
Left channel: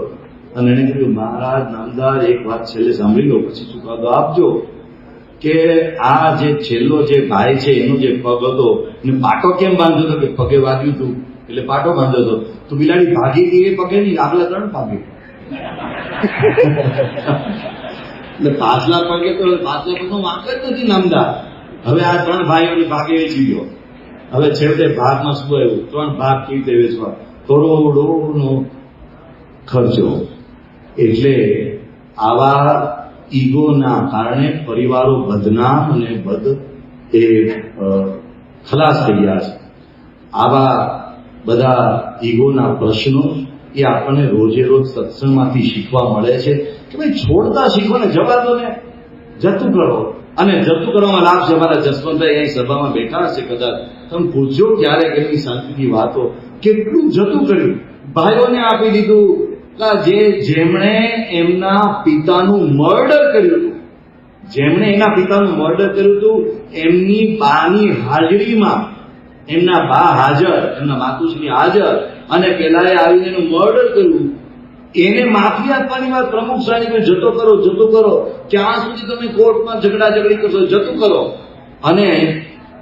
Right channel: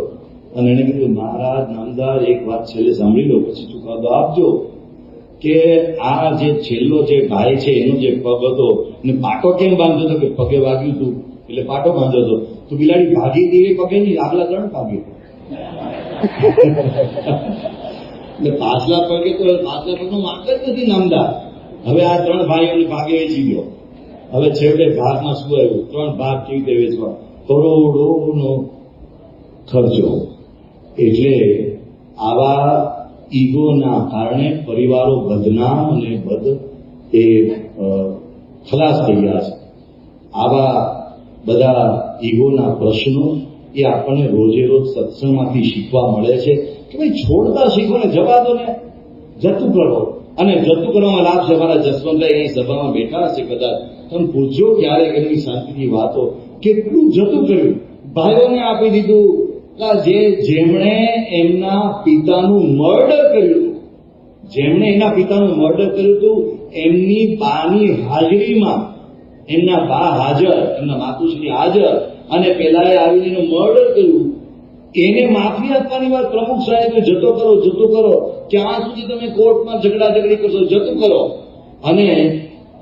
અને એને કીધું, મહારાજ નામદાર, એક વાત છેલ્લે સાંભળી લો, પછી ચુકાદો આપજો કે આ જે છેલ્લો જે ભાઈ છે એનો જે પગ હતો એને પાટો કેમ બાંધ્યો હતો? કે પગે વાગ્યું હતું એટલે પાટો બાંધ્યો હતો. તો બિલાડી ભાગી ગઈ એ પગે નહીં, આગલા 3 ભાગે. એટલે પાછલા પગે તો માર્ગ જ નથી નામદાર. હવે આ 3 ભાઈઓને ભાગે વેચી ગયો. હવે છેવટે ભાગમાં શું આવ્યું? 3 ભાગ કેવી રીતે વેચવા? કરોડોનો ખર્ચો. એટલે આવા ઈગોના કારણે પરિવારો બદનામ અને ખલાસ થઈ ગયા છે. આવા બધા ઈગોના પ્રશ્નો એ આપણને રોજે રોજ સત્સંગમાંથી શીખવા મળે છે કે ભાઈ છોડતા શીખો ને, જવા દો ને, જતું કરો. અને જતું કરવામાં લાભ છે. અમારા જસવંતભાઈ અહીં સભામાં બેઠા છે, કદાચ તમે પૂછજો ક્યારેક એમની શાંતિની વાતો, કેટલું જતું કર્યું, ભાઈઓને આપી દીધું. જેમણે એમના પિતાનું મર્ડર કર્યું હતું, જેમણે એના પિતાનું મર્ડર કર્યું હતું, એમની બાની હાજરીમાં એમના બા હાજર, એમના માતુશ્રી હાજર, અને પેલાએ આવીને એનું મર્ડર કર્યું. એને માફી આપવાની વાત પ્રમુખ સાહેબ, જતો કરો, જતો કરો. ક્યાં સુધી તમે કોર્ટમાં ઝઘડાઝઘડી કરશો? જતું કરો. અને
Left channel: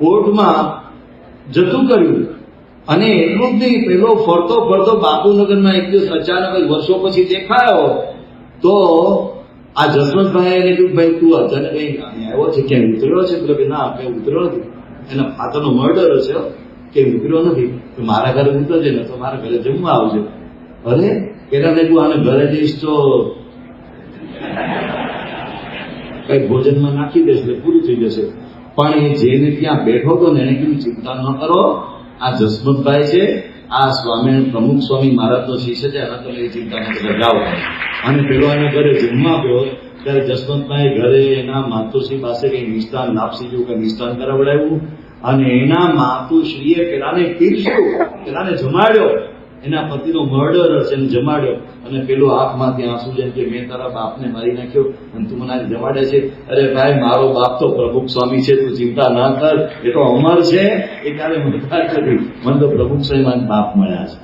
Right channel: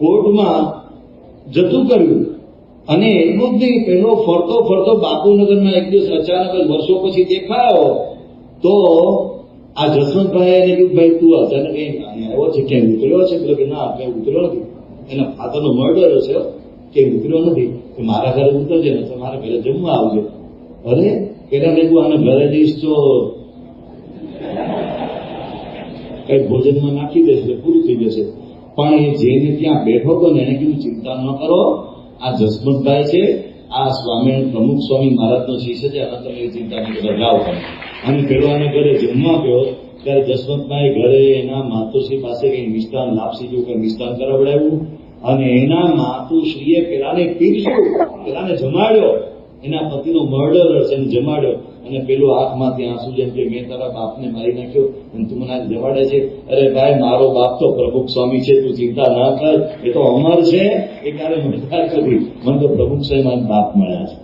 કોર્ટમાં જતું કર્યું. અને એટલું જ નહીં, પેલો ફરતો ફરતો બાપુનગરમાં એક દિવસ અચાનક વર્ષો પછી દેખાયો. તો આ જસવંતભાઈ કીધું, ભાઈ તું અચાનક કઈ આવ્યો છે, ક્યાંય ઉતર્યો છે? કે ના, કઈ ઉતર્યો નથી, એના ફાધરનો મર્ડર છે, કે ઉતર્યો નથી. કે મારા ઘરે ઉતરજે ને તો મારા ઘરે જમવા આવજો. અરે પેલા તું આને ઘરે જઈશ તો કઈ ભોજનમાં નાખી દેશે એટલે પૂરું થઈ જશે. પણ એ જેને ત્યાં બેઠો હતો ને એને કીધું, ચિંતા ન કરો, આ જસવંતભાઈ છે, આ સ્વામિનારાયણ પ્રમુખ સ્વામી મહારાજનો શિષ્ય છે, એના તમે ચિંતા ન કરો, જાઓ. અને પેલો એના ઘરે જમવા ગયો ત્યારે જસવંતભાઈ ઘરે એના માતુશ્રી પાસે કઈ મિષ્ટાન, લાપસી જેવું કઈ મિષ્ટાન કરાવડાવ્યું. અને એના માતુશ્રીએ પેલાને પીરસ્યું, પેલાને જમાડ્યો. એના પતિનો મર્ડર છે, એને જમાડ્યો. અને પેલો આંખમાંથી આંસુ જેમ કે મેં તારા બાપને મારી નાખ્યો અને તું મને જમાડે છે. અરે ભાઈ, મારો બાપ તો પ્રમુખ સ્વામી છે, તું ચિંતા ના કર, એ તો અમર છે, એ ક્યારે મદદ કરી. મને તો પ્રમુખ સ્વામી મારા બાપ મળ્યા છે.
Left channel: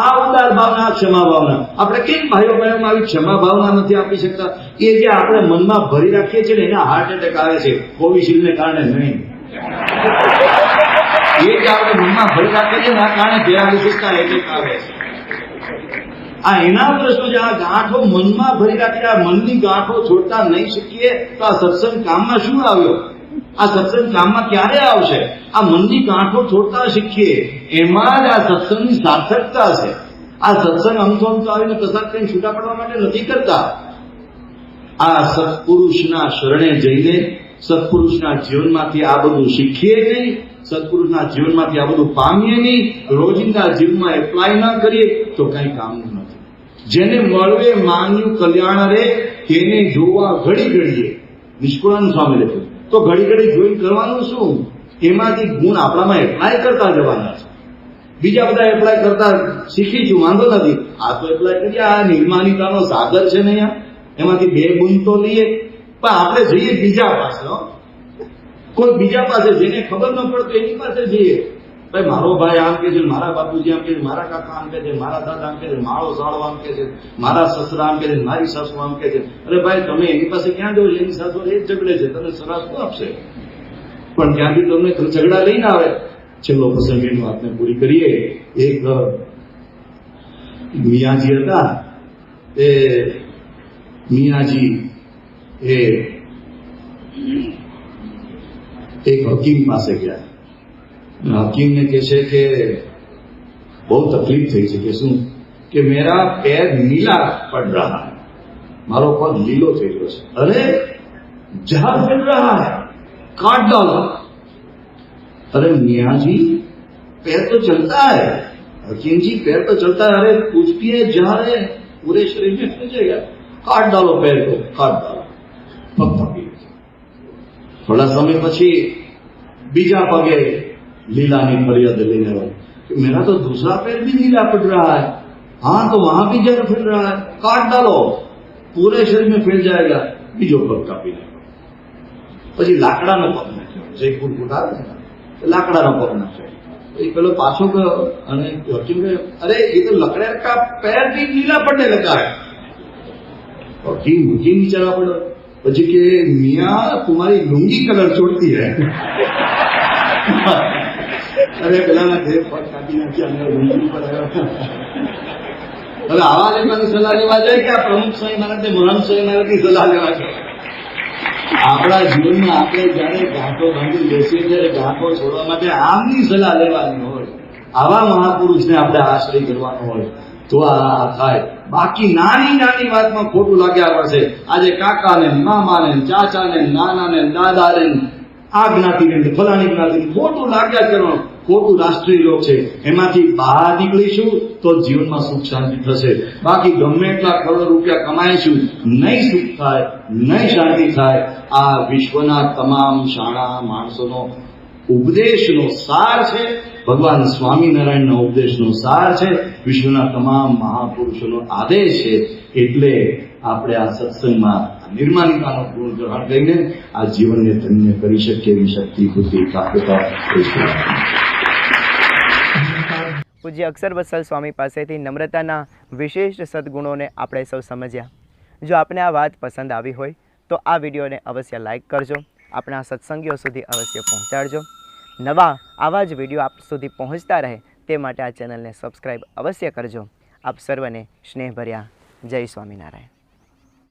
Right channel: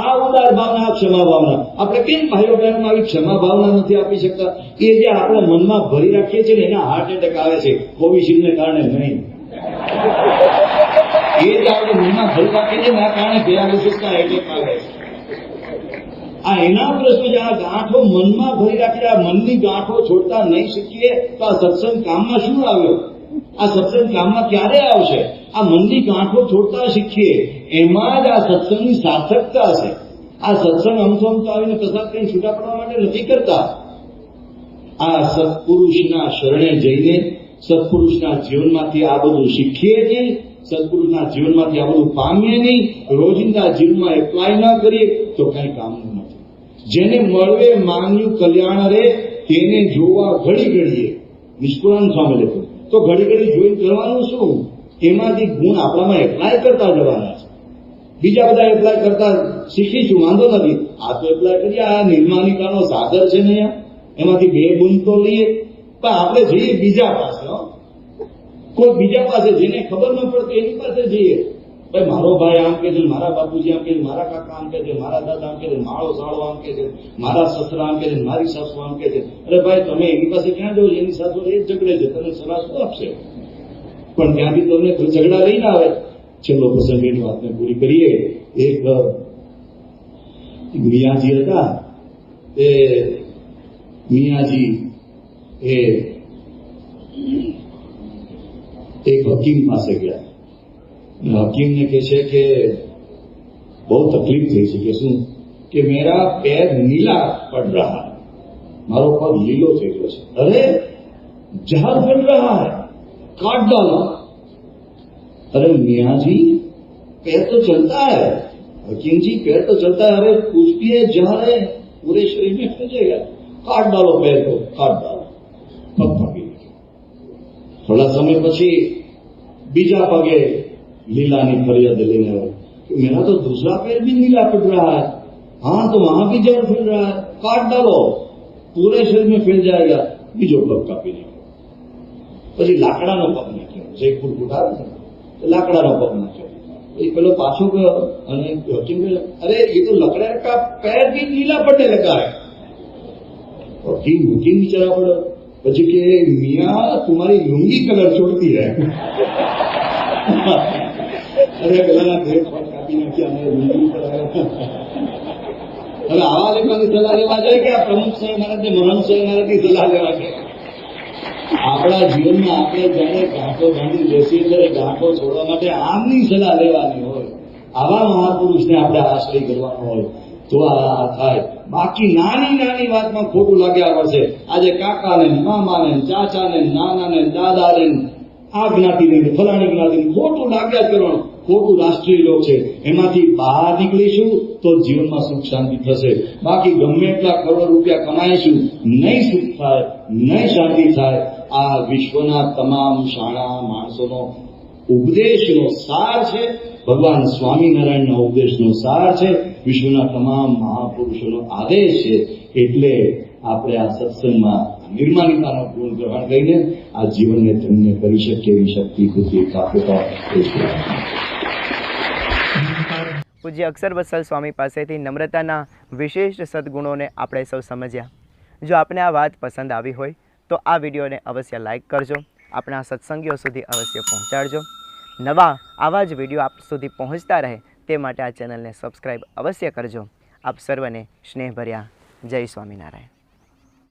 આ ઉદાર ભાવના, ક્ષમા ભાવના. આપણે કેમ ભાઈઓ બહેનોમાં આવી ક્ષમા ભાવના નથી આપી શકતા? એ જે આપણે મનમાં ભરી રાખીએ છીએ ને એના હાર્ટ એટેક આવે છે, કોવિશિલ્ડને કારણે નહીં. એ જે આપણે મનમાં ભરી રાખીએ છીએ એના કારણે બેઆવિશિષ્ટતા એટેક આવે છે. આ એના પ્રશ્નો છે. આ ગાંઠો મનમાં ભરી રાખી, આ મનની ગાંઠો છોડતા નહીં શીખીએ તો આ સત્સંગ કામમાં શું આવ્યો? આ સત્સંગ કામમાં ક્યારે આવશે? આ મનની ગાંઠો છોડતા શીખીએ, એમાં જ આ સત્સંગની સાર્થકતા છે. આ સત્સંગ અમથો આવીને કસાર કરીને છૂટા પડવા માટે નથી કરતા. આ સત્પુરુષના શરણે જઈને સત્પુરુષના જીવનમાંથી આ બધું શીખીએ નહીં, સત્પુરુષના જીવનમાંથી આ બધું પામીએ નહીં, રોજિંદા જીવનમાં એપ્લાય ના કરીએ તો કઈ કામનું નથી. જેને મળવે માંગ્યું કલ્યાણ રે, તેને જોવા ઘડી ઘડીએ. નિષ્કુળાનંદ સ્વામી લખ્યું. તો ઘડી ઘડી જોઈને કરવાનું શું? એમાંથી ગુણ આપણામાં એપ્લાય કરતા જવાના છે. બીજા બધા એપ્લાય કરતા શીખીશું, વાંધો નથી. આ તો એપ્લાય કરીએ. આ નિર્માણિકાનો સાગર છે ને, એમાંથી 2 બુંદ તો લઈએ. પણ આપણે જઈએ બીજા પાસે, કોઈ બીજા પાસે, જેને ખબર ન પડતો એની પાસે જઈએ. ભાઈ મારો ભાઈ આમ કે છે, મારા બાપુજી આમ કે છે, મારા કાકા આમ કે છે, મારા દાદા આમ કે છે, મારો સાળો આમ કે છે, મારા સસરા આમ કે છે, મારી સાસુ આમ કે છે. અરે ભાઈ, તમે એની પાસે ક્યાં જવો? એની સાથે એ ઝઘડે છે, તમને સલાહ શું આપશે? પણ ત્યાંથી તમને ઝઘડા લઈને આવે. છેલ્લો પ્રસંગ એની વાતને પૂરી કરીએ. એક મિયાજી હતા. એ મિયાજી એ એક હકીમ પાસે ગયા. હकीम ने कहे कि बहुत तकलीफ थी है कि શું કે मेरा पैर नीला पड़ रहा है, मारो पग लीलो થઈ ગયો છે. अरे जहर मिल रहा है, काट डालो. अरे मियाँ जी पैर तो चलता है. हकीम जी पैर तो चलता है. अरे कुछ भी है, जहर है, पूरे शरीर में फैल जाएगा, काट डालो पैर को, काट डालो. पग पकड़ी. थोड़ा समय પછી બીજા પગે लीलानी फरियाद लेने वाले, मेरा तो दूसरा पैर भी नीला पड़ रहा है. हाँ, तो वहां भी जहर फैल रहा है, काट डालो, पूरे शरीर में फैल जाएगा. बीजो पग कापी नाखो. પછી લાકડાનો પગ નાખ્યો. જે કુટકુટ આવે છે ને, લાકડાનો પગ નાખ્યો. એ પેલો પાછો ગયો અને હકીમ કહે, अरे ये तो लकड़े का पैर भी नीला पड़ने लगा है. घी घी नीचे पड़ो પછી કે મિયા तुम्हारी लुंगी कलर छोड़ती है अरे પેલા દેવ પર કાઢી નાખી અને લુંગી પર આવ્યો હવે આવા લેવાની સલાહ લેવા જાય કે આ પ્રમુખ સ્વામી મહારાજ મહાન સ્વામી મહારાજની સલાહ લેવા છે આપણા જીવનમાં આપણે જાણે ગાંઠો બાંધી બેસીએ ત્યારે ગાંઠો છોડવા માટે આમની સલાહ લેવાની હોય આવા મહાપુરુષને આપણે આશ્રય કરવાનો હોય તો આ થાય બાકી નાની નાની વાતમાં ખોટું લાગ્યા પડશે આજે કાકાને મામાને ચાચાને નાનાને દાદાને આ જ્ઞાતિને ફલાણી જ્ઞાતિને ખોટું લાગ્યા કરવાનું ખોટું રાષ્ટ્રીય લોક છે એમાંથી બહાર નીકળીશું તો જીવનમાં સુખ શાંતિ થશે બાકી ગમે એટલા કરોડ રૂપિયા કમાઈશું નહીં સુખ થાય નહીં શાંતિ થાય આ વિશ્વના તમામ શાણા માણસોનો ઉપદેશનો સાર છે ભગવાન સ્વામિનારાયણના ઉપદેશનો સાર છે વિશ્વના તમામ મહાપુરુષોનો આદેશ છે એટલે આપણે આ સત્સંગમાં નિર્માણિકાનો ગુણ ગ્રહણ કરીને આ જીવનને ધન્ય કરી શકીએ એવી શક્તિ બુદ્ધિ પ્રાપ્તતા પૂજ્ય અક્ષર વત્સલ સ્વામી પાસેથી નમ્રતાના વિશેષ સદગુણોને આપણે સૌ સમજ્યા. જો આપને આ વાત પસંદ આવી હોય તો આ વિડીયોને અવશ્ય લાઈક કરજો, આપણા સત્સંગીઓ સુધી અવશ્ય પહોંચાડજો. નવા આવા જ વિડીયો આપ સુધી પહોંચતા રહે તે માટે આ ચેનલને સબસ્ક્રાઈબ અવશ્ય કરજો. આપ સર્વને સ્નેહભર્યા જય સ્વામિનારાયણ.